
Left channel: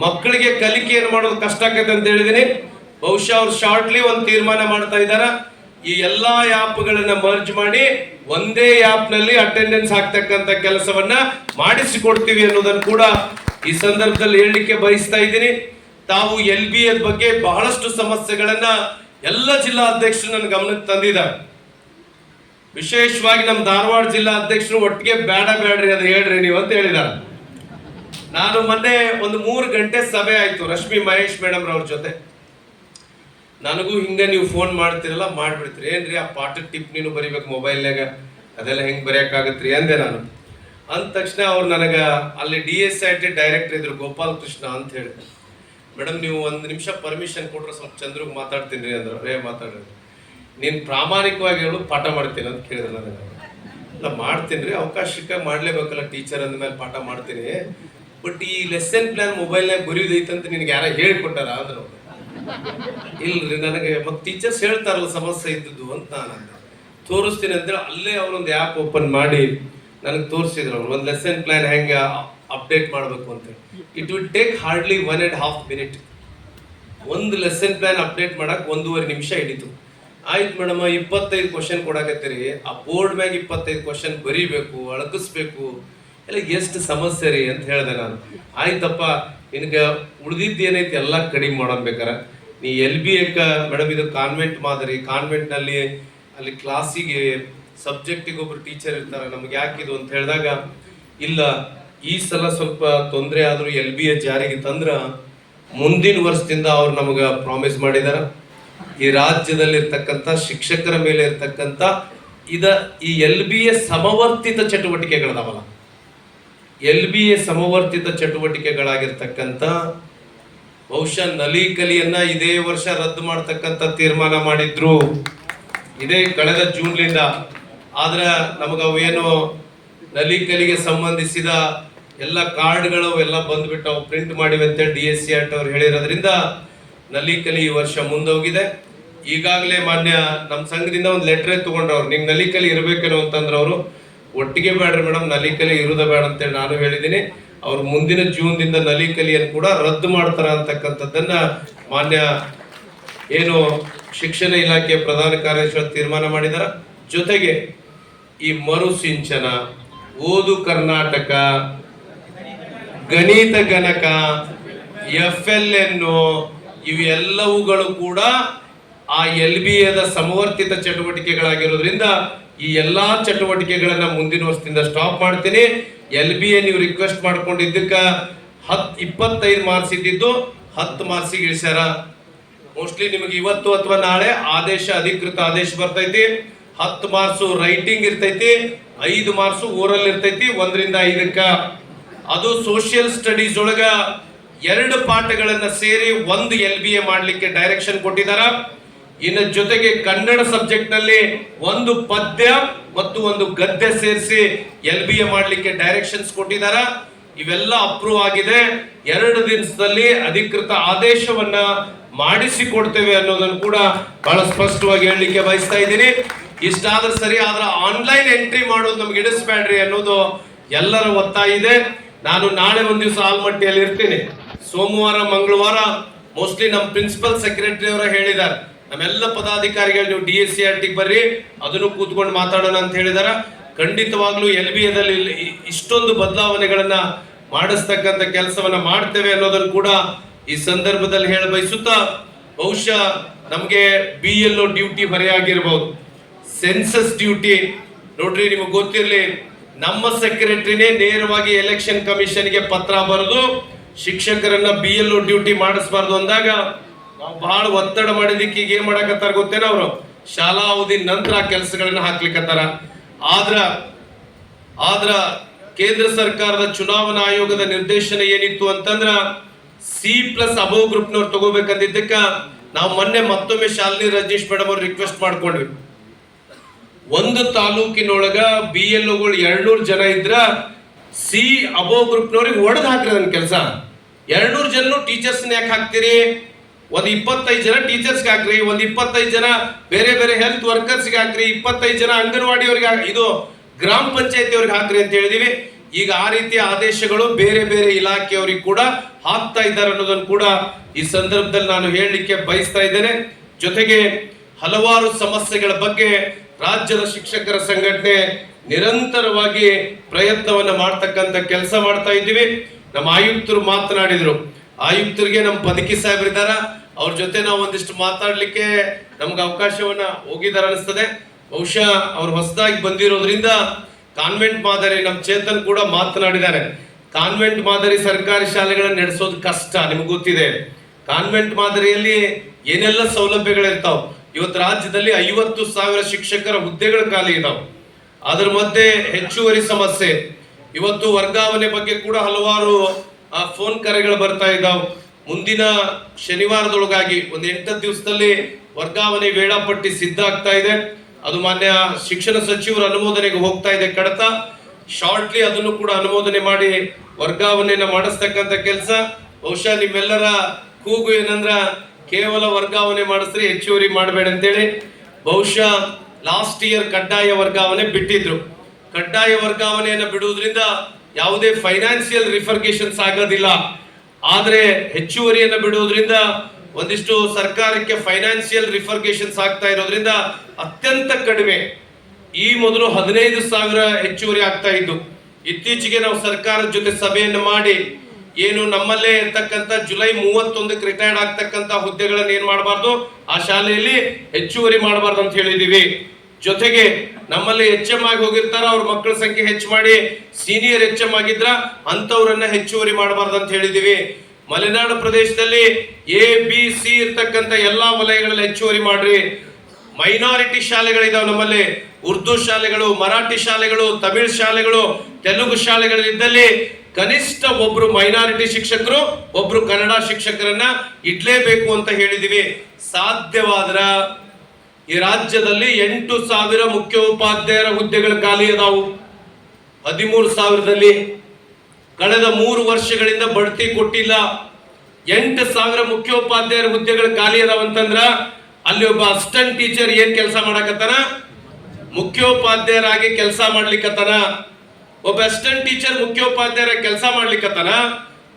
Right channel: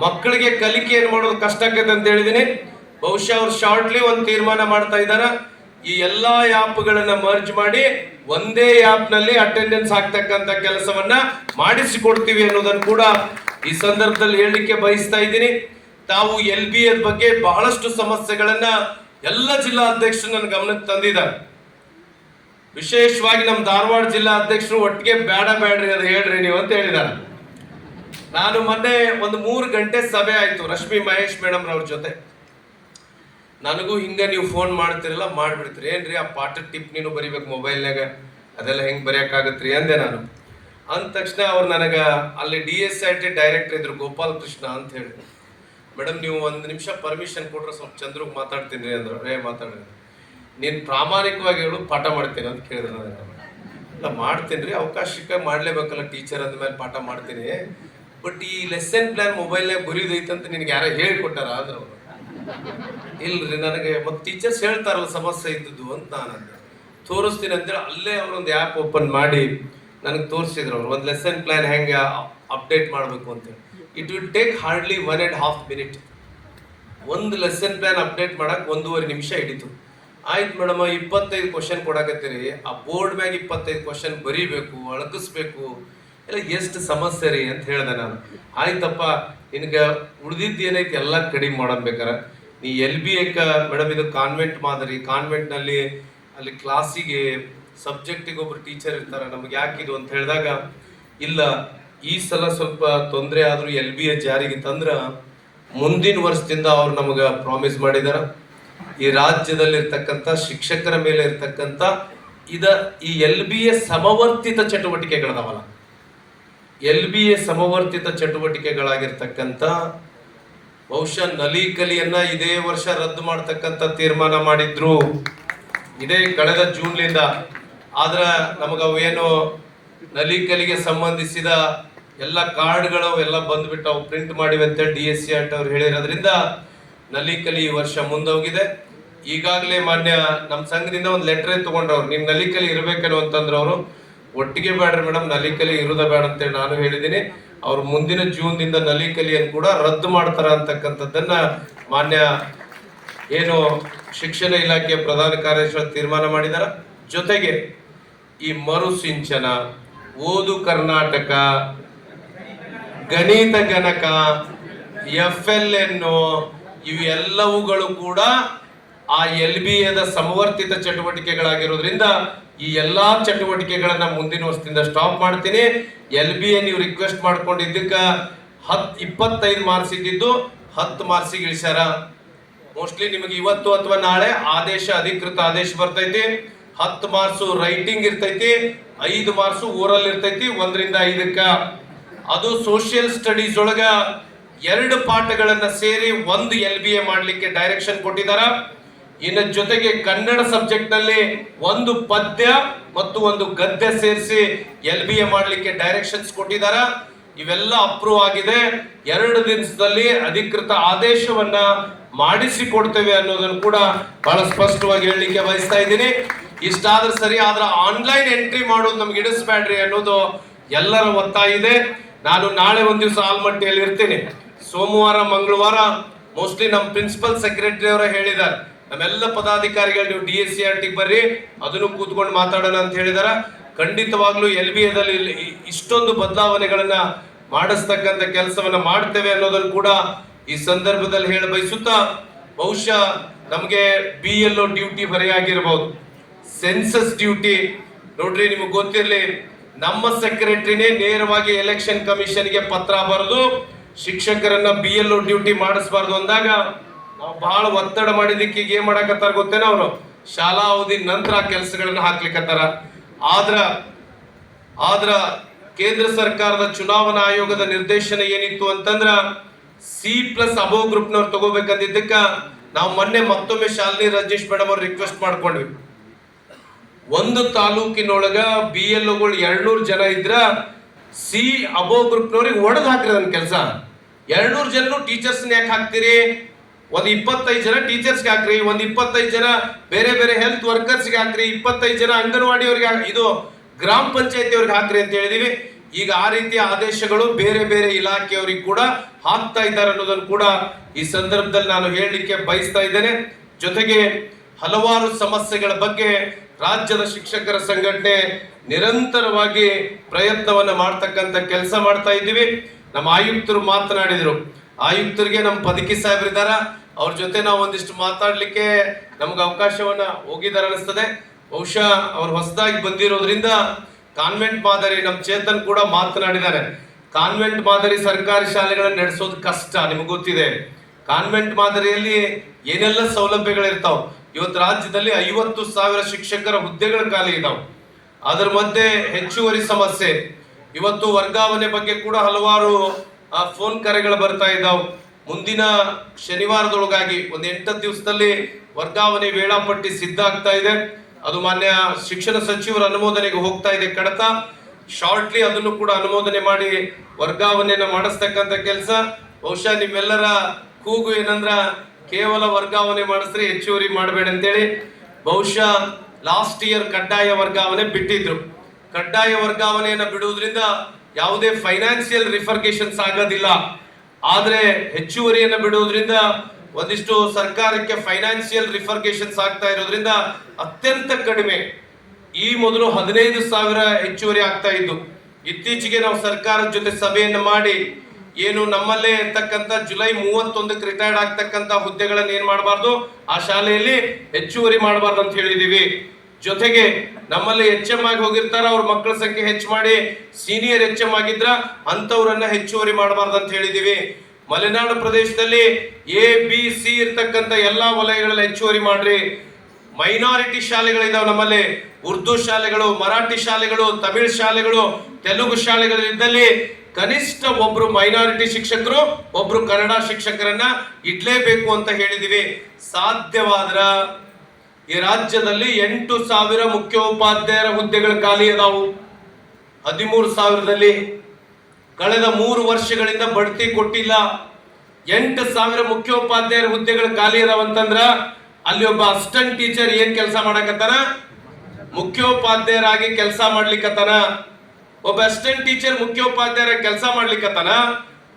ಮಕ್ಕಳಿಗೆ ಕಲಿಕೆಯನ್ನು ಮಾಡೋದು ಕಷ್ಟ ಆಕೈತೆ ಅಂತ ಹೇಳಿದೀನಿ. ಬಹುಶಃ ಅವ್ರು ಶಾರ್ಟ್ಲಿ ಒಂದು ತೀರ್ಮಾನ ಮಾಡ್ತಾ ಇದ್ದಾರೆ, ಈ ಎಲ್ಲಾ ಆ್ಯಪ್ಗಳನ್ನ ಮರ್ಜ್ ಮಾಡಿ ಒಂದೇ ಆ್ಯಪ್ ನಲ್ಲಿ ಅಟೆಂಡೆನ್ಸ್ ಹಾಕ್ತಕ್ಕಂತ ಕೆಲಸವನ್ನ ಮಾಡಿಸಿಕೊಡ್ತೀವಿ ಅನ್ನೋದನ್ನು ಕೂಡ ಈ ಸಂದರ್ಭದಲ್ಲಿ ಹೇಳಲಿಕ್ಕೆ ಬಯಸ್ತಾ ಇದ್ದೀನಿ. ತಾವು LBA ಬಗ್ಗೆ ಬಹಳಷ್ಟು ಸಮಸ್ಯೆಗಳನ್ನ ಎಲ್ಲ ಜಿಲ್ಲಾ ಅಧ್ಯಕ್ಷರು ನನ್ನ ಗಮನಕ್ಕೆ ತಂದಿದ್ದಾರೆ. ವಿಶೇಷವಾಗಿ ನಮ್ಮ ಧಾರವಾಡ ಜಿಲ್ಲಾ ಅಧ್ಯಕ್ಷರು ಒಟ್ಟಿಗೆ ಬೇಡ್ರಿ ಅದು ಹೇಳ್ರಿ ನೀವು ಅಂತ ಹೇಳಿದ್ದಾರೆ. ನಾನು ಮೊನ್ನೆ ಒಂದು 3 ಗಂಟೆ ಸಭೆ ಆಯ್ತು ರಶ್ಮಿ ಮಹೇಶ್ ಮೇಡಮ್ ರವ್ರ ಜೊತೆ. ನನಗೂ ಹಿಂಗ ನೀವು ಫೋನ್ ಮಾಡ್ತಿರಲ್ಲ ಮಾಡ್ಬಿಡ್ತೀರಿ, ಏನ್ರಿ ಆ ಪಾಠದ ಟಿಪ್ ನೀನು ಬರಿಬೇಕು ಮೊಬೈಲ್ನಾಗ, ಅದೆಲ್ಲ ಹೆಂಗ್ ಬರೆಯಕ್ಕಾಗತ್ರಿ ಅಂದೆ ನಾನು. ಅಂದ ತಕ್ಷಣ ಅವ್ರು ನನಗೆ ಅಲ್ಲಿ DSIT ಡೈರೆಕ್ಟರ್ ಇದ್ರು ಗೋಪಾಲ್ ಕೃಷ್ಣ ಅಂತ ಹೇಳಿ, ಮೇಡಮ್ ನೀವು 1 ನಿಮಿಷ ಪರ್ಮಿಷನ್ ಕೊಟ್ರೆ ಸ್ವಲ್ಪ ಚಂದ್ರಿಗೆ ಮಾತಾಡ್ತೀನಿ ರೀ ಅಂದ್ರು. ಮಾತಾಡ್ರಿ, ನೀನು ಪ್ರಾಮಾಣಿಕವಾಗಿ ಹೇಳು, ಪಾಠ ಮಾಡ್ತೀನಿ ಅಂತ ಕೇಳಿದ್ರು ನನಗೆ. ಇಲ್ಲ ಮಾಡ್ತೀನಿ ರೀ, ಅವಕಾಶಕ್ಕೆ ಮಾಡಲೇಬೇಕಲ್ಲ, ಟೀಚರ್ ಅಂದಮೇಲೆ ಪಾಠ ಮಾಡ್ತೀನಿ, ಬಟ್ ಈ ಲೆಸನ್ ಪ್ಲಾನ್ ಮೊಬೈಲ್ನಾಗ ಬರೆಯೋದೈತಂತ ನಿನಗೆ ಯಾರ ಹೇಳಿಕೊಟ್ಟಾರ ಅಂದ್ರು. ಇಲ್ರಿ ನನಗೆ ಮತ್ತೆ ಟೀಚರ್ಸ್ ಹೇಳ್ತಾರಲ್ಲ ಸಮಸ್ಯೆ ಇದ್ದದ್ದು ಅಂತ ನಾನು ತೋರಿಸ್ತೀನಿ ಅಂತೇಳಿ ಅಲ್ಲೇ ಅವರೊಂದು ಆ್ಯಪ್ ಓಪನ್ ಮಾಡಿ ನನಗೆ ತೋರಿಸಿದ್ರು. ಅವ್ರು ಒಂದು ಲೆಸನ್ ಪ್ಲಾನ್ ಹೆಂಗೆ ಅಪ್ಡೇಟ್ ಮಾಡಬೇಕು ಅಂತೇಳಿ. It will take hardly 1.5 minute. ಒಂದು ಲೆಸನ್ ಪ್ಲಾನ್ ಅಪ್ಡೇಟ್ ಮಾಡಕ್ಕೆ 1.5 ನಿಮಿಷ ಹಿಡಿತು. ಆಯ್ತು ಮೇಡಮ್, 25 ಕ್ವಶನ್ ಕೊಡಾಕತ್ತೀರಿ, ಆ ಬೋರ್ಡ್ ಮ್ಯಾಗ 25 ಕ್ವಶನ್ ಬರೀಬೇಕು, ಅಳಕಿಸ್ಬೇಕು, ಎಲ್ಲ ಎಷ್ಟು ಸಮಸ್ಯೆ ರೀ ಅಂತ ಹೇಳಿದೆ ನಾನು. ಆಯ್ತಪ್ಪ, ನಿನಗೆ ಉಳಿದಿದ್ದು ಏನೈತಿ ಎಲ್ಲ ಕಡಿಮೆ ಮಾಡಬೇಕಾರೆ ನೀ LBA ಮೇಡಮ್ ಇದು ಕಾನ್ವೆಂಟ್ ಮಾದರಿ, ಕಾನ್ವೆಂಟ್ನಲ್ಲಿ ಅಲ್ಲಿ ಕ್ಲಾಸಿಗೆ ಸಬ್ಜೆಕ್ಟಿಗೆ ಒಬ್ರು ಟೀಚರ್ ಇರ್ತಾರೆ, ನಮ್ಗೆ ಯಾಕಿದು ಅಂತ ಹೇಳಿದಾಗ, ಇಲ್ಲ ಈ ಸಲ ಸ್ವಲ್ಪ ತೊಂದರೆ ಆದರೂ LBA ಜಾರಿಗೆ ತಂದ್ರೆ ಮುಂದಿನ ವರ್ಷದಿಂದ ಅವ್ರು ನಮಗೆ ಪ್ರಾಮಿಸ್ ಮಾಡಿದಾರ, ಈ ರಾಜ್ಯದಲ್ಲಿರ್ತಕ್ಕಂಥ ಶಿಕ್ಷಕರ ಮೇಲೆ ಇರ್ತಕ್ಕಂಥ ಈ LBA ಸಮವರ್ತಿತ ಚಟುವಟಿಕೆಗಳದಾವಲ್ಲ, LBA ಸಮವರ್ತಿತ ಚಟುವಟಿಕೆಗಳಾಗಿರ್ತಕ್ಕಂಥ ಬಹುಶಃ ನಲಿಕಲಿಯನ್ನ ಇದೇ ವರ್ಷ ರದ್ದು ಮಾಡ್ತಕ್ಕಂಥ ತೀರ್ಮಾನ ಮಾಡಿದ್ರು, ಇದೇ ಕಳೆದ ಜೂನ್ಲಿಂದ. ಆದ್ರೆ ನಮಗೆ ಅವೇನು ನಲಿಕಲಿಗೆ ಸಂಬಂಧಿಸಿದ ಎಲ್ಲ ಕಾರ್ಡ್ಗಳು ಎಲ್ಲ ಬಂದ್ಬಿಟ್ಟು ಅವು ಪ್ರಿಂಟ್ ಮಾಡಿವೆ ಅಂತೇಳಿ DSCRT ಅವ್ರು ಹೇಳಿರೋದ್ರಿಂದ ನಲಿಕಲಿ ಈ ವರ್ಷ ಮುಂದೋಗಿದೆ. ಈಗಾಗಲೇ ಮಾನ್ಯ ನಮ್ಮ ಸಂಘದಿಂದ ಒಂದು ಲೆಟ್ರೇ ತಗೊಂಡ್ರವ್ರು, ನಿಮ್ ನಲಿಕಲಿ ಇರಬೇಕೇನೋ ಅಂತಂದ್ರೆ ಅವರು ಒಟ್ಟಿಗೆ ಬೇಡ್ರಿ ಮೇಡಮ್, ನಲಿಕಲಿ ಇರುದ ಬೇಡ ಅಂತೇಳಿ ನಾನು ಹೇಳಿದ್ದೀನಿ. ಅವ್ರು ಮುಂದಿನ ಜೂನ್ದಿಂದ ನಲಿಕಲಿಯನ್ನು ಕೂಡ ರದ್ದು ಮಾಡ್ತಾರ ಅಂತಕ್ಕಂಥದ್ದನ್ನ ಮಾನ್ಯ ಏನು ಶಿಕ್ಷಣ ಇಲಾಖೆ ಪ್ರಧಾನ ಕಾರ್ಯದರ್ಶಿಗಳು ತೀರ್ಮಾನ ಮಾಡಿದಾರ. ಜೊತೆಗೆ ಈ ಮರು ಸಿಂಚನ, ಓದು ಕರ್ನಾಟಕ, ಗಣಿತ ಗಣಕ, FLN ಇವೆಲ್ಲವುಗಳು ಕೂಡ ಆ LBAದ ಸಮವರ್ತಿತ ಚಟುವಟಿಕೆಗಳಾಗಿರೋದ್ರಿಂದ ಈ ಎಲ್ಲಾ ಚಟುವಟಿಕೆಗಳನ್ನ ಮುಂದಿನ ವರ್ಷದಿಂದ ಸ್ಟಾಪ್ ಮಾಡ್ತೀನಿ. LBA ನೀವು ರಿಕ್ವೆಸ್ಟ್ ಮಾಡ್ಕೊಂಡಿದ್ದಕ್ಕ 25 ಮಾರ್ಕ್ಸ್ ಇದ್ದಿದ್ದು 10 ಮಾರ್ಕ್ಸಿಗೆ ಇಳಿಸ್ಯಾರ. ಮೋಸ್ಟ್ಲಿ ನಿಮಗೆ ಇವತ್ತು ಅಥವಾ ನಾಳೆ ಅಧಿಕೃತ ಆದೇಶ ಬರ್ತೈತಿ. 10 ಮಾರ್ಕ್ಸ್ ರೈಟಿಂಗ್ ಇರ್ತೈತಿ, 5 ಮಾರ್ಕ್ಸ್ ಓರಲ್ ಇರ್ತೈತಿ 1 ರಿಂದ 5ಕ್ಕ. ಅದು ಸೋಷಿಯಲ್ ಸ್ಟಡೀಸ್ ಒಳಗ 2 ಪಾಠಗಳನ್ನ ಸೇರಿ 1 LBA ಮಾಡ್ಲಿಕ್ಕೆ ಡೈರೆಕ್ಷನ್ ಕೊಟ್ಟಿದಾರ. ಇನ್ನು ಜೊತೆಗೆ ಕನ್ನಡ ಸಬ್ಜೆಕ್ಟ್ ನಲ್ಲಿ 1 ಪದ್ಯ ಮತ್ತು 1 ಗದ್ಯ ಸೇರಿಸಿ LBA ಮಾಡ್ಲಿಕ್ಕೆ ಡೈರೆಕ್ಷನ್ಸ್ ಕೊಟ್ಟಿದಾರ. ಇವೆಲ್ಲ ಅಪ್ರೂವ್ ಆಗಿದೆ. 2 ದಿವಸದಲ್ಲಿ ಅಧಿಕೃತ ಆದೇಶವನ್ನ ಮಾಡಿಸಿಕೊಡ್ತೇವೆ ಅನ್ನೋದನ್ನು ಕೂಡ ಬಹಳ ಸ್ಪಷ್ಟವಾಗಿ ಹೇಳಲಿಕ್ಕೆ ಬಯಸ್ತಾ ಇದ್ದೀನಿ. ಇಷ್ಟಾದ್ರೆ ಸರಿ, ಆದ್ರೆ ಆನ್ಲೈನ್ ಎಂಟ್ರಿ ಮಾಡೋದು ನಮ್ಗೆ ಇಡಿಸ್ಬೇಡ್ರಿ ಅನ್ನೋದು ಎಲ್ಲರ ಒತ್ತಾಯ ಇದೆ. ನಾನು ನಾಳೆ ಒಂದು ದಿವಸ ಆಲ್ಮಟ್ಟಿಯಲ್ಲಿ ಇರ್ತೀನಿ. ಸೋಮವಾರ ಮಂಗಳವಾರ ಮೋಸ್ಟ್ಲಿ ನಮ್ಮ ಪ್ರಿನ್ಸಿಪಲ್ ಸೆಕ್ರೆಟರಿ ಅವರ ಹೇಳಿದ್ದಾರೆ, ನಮ್ಮೆಲ್ಲ ಪದಾಧಿಕಾರಿಗಳು ನೀವು DSCRT ಬರ್ರಿ, ಅದನ್ನು ಕೂತ್ಕೊಂಡು ಮಾತಾಡೋಣ ಅಂತ ಹೇಳಿದಾರ. ಖಂಡಿತವಾಗ್ಲೂ LBAದಲ್ಲಿ ಇಷ್ಟೊಂದು ಬದಲಾವಣೆಗಳನ್ನ ಮಾಡಿಸ್ತಕ್ಕಂಥ ಕೆಲಸವನ್ನ ಮಾಡ್ತೇವೆ ಅನ್ನೋದನ್ನು ಕೂಡ ಈ ಸಂದರ್ಭದಲ್ಲಿ ಹೇಳ ಬಯಸುತ್ತಾ, ಬಹುಶಃ ನಮ್ಗೆ BLO ಡ್ಯೂಟಿ ಬರೆಯಾಗಿರ್ಬೋದು, ಸೆನ್ಸಸ್ ಡ್ಯೂಟಿ ನೋಡ್ರಿ, ನಿಮಗೆ ಗೊತ್ತಿರಲಿ, ನಮ್ಮ ಸೆಕ್ರೆಟರಿನೇ ನೇರವಾಗಿ ಎಲೆಕ್ಷನ್ ಕಮಿಷನ್ಗೆ ಪತ್ರ ಬರೆದು ಶಿಕ್ಷಕರನ್ನ BLO ಡ್ಯೂಟಿ ಮಾಡಿಸಬಾರ್ದು ಅಂದಾಗ ನಾವು ಬಹಳ ಒತ್ತಡ ಮಾಡಿದಕ್ಕೆ ಈಗ ಏನ್ ಮಾಡಕತ್ತಾರ ಗೊತ್ತೇನೋ, ಅವರು ಶಾಲಾ ಅವಧಿ ನಂತರ ಕೆಲಸಗಳನ್ನ ಹಾಕ್ಲಿಕ್ಕತ್ತಾರ. ಆದ್ರ ಕೇಂದ್ರ ಸರ್ಕಾರದ ಚುನಾವಣಾ ಆಯೋಗದ ನಿರ್ದೇಶನ ಏನಿತ್ತು ಅಂತಂದ್ರ C+ ಅಬೋವ್ ಗ್ರೂಪ್ನವ್ರು ತಗೋಬೇಕಂದಿದ್ದಕ್ಕ ನಾವು ಮೊನ್ನೆ ಮತ್ತೊಮ್ಮೆ ಶಾಲಿನಿ ರಜನೀಶ್ ಮೇಡಮ್ ಅವ್ರು ರಿಕ್ವೆಸ್ಟ್ ಮಾಡ್ಕೊಂಡ್ವಿ. ಒಂದು ತಾಲೂಕಿನೊಳಗ BLOಗಳು 200 ಜನ ಇದ್ರ C ಅಬೋವ್ ಗ್ರೂಪ್ನವ್ರಿಗೆ ಒಡೆದು ಹಾಕ್ರಿ ನನ್ನ ಕೆಲಸ. 200 ಜನ ಟೀಚರ್ಸ್ ಯಾಕೆ ಹಾಕ್ತೀರಿ? ಒಂದು 25 ಜನ ಟೀಚರ್ಸ್ಗೆ ಹಾಕ್ರಿ, ಒಂದು 25 ಜನ ಬೇರೆ ಬೇರೆ ಹೆಲ್ತ್ ವರ್ಕರ್ಸ್ಗೆ ಹಾಕ್ರಿ, 25 ಜನ ಅಂಗನವಾಡಿ ಅವ್ರಿಗೆ, ಇದು ಗ್ರಾಮ ಪಂಚಾಯತಿ ಅವ್ರಿಗೆ ಹಾಕ್ರಿ ಅಂತ ಹೇಳಿದೀವಿ. ಈಗ ಆ ರೀತಿಯ ಆದೇಶಗಳು ಬೇರೆ ಬೇರೆ ಇಲಾಖೆಯವರಿಗೆ ಕೂಡ ಹಾಕ್ತಾ ಇದ್ದಾರೆ ಅನ್ನೋದನ್ನು ಕೂಡ ಈ ಸಂದರ್ಭದಲ್ಲಿ ನಾನು ಹೇಳಲಿಕ್ಕೆ ಬಯಸ್ತಾ ಇದ್ದೇನೆ. ಜೊತೆಗೆ ಹಲವಾರು ಸಮಸ್ಯೆಗಳ ಬಗ್ಗೆ ರಾಜ್ಯದ ಶಿಕ್ಷಕರ ಸಂಘಟನೆ ನಿರಂತರವಾಗಿ ಪ್ರಯತ್ನವನ್ನ ಮಾಡ್ತಕ್ಕಂಥ ಕೆಲಸ ಮಾಡ್ತಾ ಇದ್ದೀವಿ. ನಮ್ಮ ಆಯುಕ್ತರು ಮಾತನಾಡಿದ್ರು, ಆಯುಕ್ತರಿಗೆ ನಮ್ಮ ಪದಕಿ ಸಾಹೇಬರಿದ್ದಾರ, ಅವ್ರ ಜೊತೆ ನಾವು ಒಂದಿಷ್ಟು ಮಾತಾಡ್ಲಿಕ್ಕೆ ನಮ್ಗೆ ಅವಕಾಶವನ್ನ ಹೋಗಿದ್ದಾರೆ ಅನಿಸ್ತದೆ. ಬಹುಶಃ ಅವ್ರು ಹೊಸದಾಗಿ ಬಂದಿರೋದ್ರಿಂದ ಕಾನ್ವೆಂಟ್ ಮಾದರಿ, ನಮ್ಮ ಚೇತನ್ ಕೂಡ ಮಾತನಾಡಿದ್ದಾರೆ, ಕಾನ್ವೆಂಟ್ ಮಾದರಿ ಸರ್ಕಾರಿ ಶಾಲೆಗಳನ್ನ ನಡೆಸೋದು ಕಷ್ಟ, ನಿಮ್ಗೆ ಗೊತ್ತಿದೆ. ಕಾನ್ವೆಂಟ್ ಮಾದರಿಯಲ್ಲಿ ಏನೆಲ್ಲ ಸೌಲಭ್ಯಗಳಿರ್ತಾವ. ಇವತ್ತು ರಾಜ್ಯದಲ್ಲಿ 50,000 ಶಿಕ್ಷಕರ ಹುದ್ದೆಗಳು ಖಾಲಿ ಇದಾವೆ. ಅದರ ಮಧ್ಯೆ ಹೆಚ್ಚುವರಿ ಸಮಸ್ಯೆ, ಇವತ್ತು ವರ್ಗಾವಣೆ ಬಗ್ಗೆ ಕೂಡ ಹಲವಾರು ಫೋನ್ ಕರೆಗಳು ಬರ್ತಾ ಇದ್ದಾವೆ. ಮುಂದಿನ ಶನಿವಾರದೊಳಗಾಗಿ ಒಂದು 8 ದಿವಸದಲ್ಲಿ ವರ್ಗಾವಣೆ ವೇಳಾಪಟ್ಟಿ ಸಿದ್ಧ ಆಗ್ತಾ ಇದೆ. ಅದು ಮಾನ್ಯ ಶಿಕ್ಷಣ ಸಚಿವರ ಅನುಮೋದನೆಗೆ ಹೋಗ್ತಾ ಇದೆ ಕಡತ. ಶಾರ್ಟ್ಲಿ ಅದನ್ನು ಕೂಡ ಅನುಮೋದನೆ ಮಾಡಿ ವರ್ಗಾವಣೆಯನ್ನ ಮಾಡಿಸ್ತಕ್ಕಂಥ ಕೆಲಸ. ಬಹುಶಃ ನಿಮ್ಮೆಲ್ಲರ ಕೂಗು ಏನಂದ್ರ ಕೇವಲ ವರ್ಗಾವಣೆ ಮಾಡಿಸ್ರಿ, ಹೆಚ್ಚುವರಿ ಮಾಡಬೇಡ ಅಂತೇಳಿ. ಬಹುಶಃ ಲಾಸ್ಟ್ ಇಯರ್ ಕಡ್ಡಾಯ ವರ್ಗಾವಣೆ ಬಿಟ್ಟಿದ್ರು. ಕಡ್ಡಾಯ ವರ್ಗಾವಣೆಯನ್ನ ಬಿಡುವುದರಿಂದ ಯಾವುದೇ ಫೈನಾನ್ಸಿಯಲ್ ರಿಫರ್ಗೇಷನ್ಸ್ ಆಗೋದಿಲ್ಲ. ಆದ್ರೆ ಹೆಚ್ಚುವರಿಯನ್ನ ಬಿಡುವುದರಿಂದ ಒಂದಿಷ್ಟು ಸರ್ಕಾರಕ್ಕೆ ಫೈನಾನ್ಸಿಯಲ್ ರಿಫರ್ಗೇಷನ್ಸ್ ಆಗ್ತಾ ಇರೋದ್ರಿಂದ ಅತ್ಯಂತ ಕಡಿಮೆ. ಈ ಮೊದಲು 15,000 ಹೆಚ್ಚುವರಿ ಆಗ್ತಾ ಇದ್ದು. ಇತ್ತೀಚೆಗೆ ನಾವು ಸರ್ಕಾರದ ಜೊತೆ ಸಭೆಯನ್ನು ಮಾಡಿ ಏನು ನಮ್ಮಲ್ಲೇ ಇರ್ತಕ್ಕಂಥ ಜುಲೈ 31ಕ್ಕೆ ರಿಟೈರ್ಡ್ ಆಗ್ತಕ್ಕಂಥ ಹುದ್ದೆಗಳನ್ನ ಏನ್ ಮಾಡಬಾರ್ದು, ಆ ಶಾಲೆಯಲ್ಲಿ ಹೆಚ್ಚುವರಿ ಮಾಡಬಾರ್ದು ಅಂತ ಹೇಳಿದೀವಿ. ಜೊತೆಗೆ ನಮ್ಮಲ್ಲಿ HM ಆಗಿ ಹೋಗಿರ್ತಾರ, ಅವ್ರ ಮಕ್ಕಳ ಸಂಖ್ಯೆ ಹೆಚ್ಚು ಮಾಡಿ ಸೀನಿಯರ್ HM ಆಗಿದ್ರ ಅಂತವ್ರನ್ನ ಹೆಚ್ಚುವರಿ ಮಾಡಬಾರ್ದು ಅಂತ ಹೇಳಿದೀವಿ. ಮಲೆನಾಡು ಪ್ರದೇಶದಲ್ಲಿ ABC ಇರ್ತಕ್ಕಂಥ ಎಲ್ಲಾ ವಲಯಗಳಲ್ಲಿ ಹೆಚ್ಚುವರಿ ಮಾಡ್ರಿ. ಮೈನಾರಿಟಿ ಶಾಲೆಗಳಿದಾವೆ ನಮ್ಮಲ್ಲಿ, ಉರ್ದು ಶಾಲೆಗಳು, ಮರಾಠಿ ಶಾಲೆಗಳು, ತಮಿಳ್ ಶಾಲೆಗಳು, ತೆಲುಗು ಶಾಲೆಗಳಿದ್ದಲ್ಲಿ ಕನಿಷ್ಠ ಒಬ್ರು ಮೈನಾರಿಟಿ ಶಿಕ್ಷಕರು, ಒಬ್ರು ಕನ್ನಡ ಶಿಕ್ಷಕರನ್ನ ಇಡ್ಲೇಬೇಕು ಅಂತ ಹೇಳಿದಿವಿ. ಸಾಧ್ಯವಾದ್ರ ಈ ರಾಜ್ಯದಲ್ಲಿ 8,000 ಮುಖ್ಯೋಪಾಧ್ಯಾಯರ ಹುದ್ದೆಗಳು ಖಾಲಿ ಅದಾವು. 13,000ದಲ್ಲಿ ಕಳೆದ 3 ವರ್ಷಗಳಿಂದ ಬಡ್ತಿ ಕೊಟ್ಟಿಲ್ಲ. 8,000 ಮುಖ್ಯೋಪಾಧ್ಯಾಯರ ಹುದ್ದೆಗಳು ಖಾಲಿ ಅದಾವಂತಂದ್ರ ಅಲ್ಲಿ ಒಬ್ಬ ಅಸಿಸ್ಟೆಂಟ್ ಟೀಚರ್ ಏನ್ ಕೆಲಸ ಮಾಡಕತ್ತಾನ, ಮುಖ್ಯೋಪಾಧ್ಯಾಯರಾಗಿ ಕೆಲಸ ಮಾಡ್ಲಿಕ್ಕತ್ತಾನ. ಒಬ್ಬ ಅಸಿಸ್ಟೆಂಟ್ ಟೀಚರ್ ಮುಖ್ಯೋಪಾಧ್ಯಾಯರ ಕೆಲಸ ಮಾಡ್ಲಿಕ್ಕತ್ತಾನ.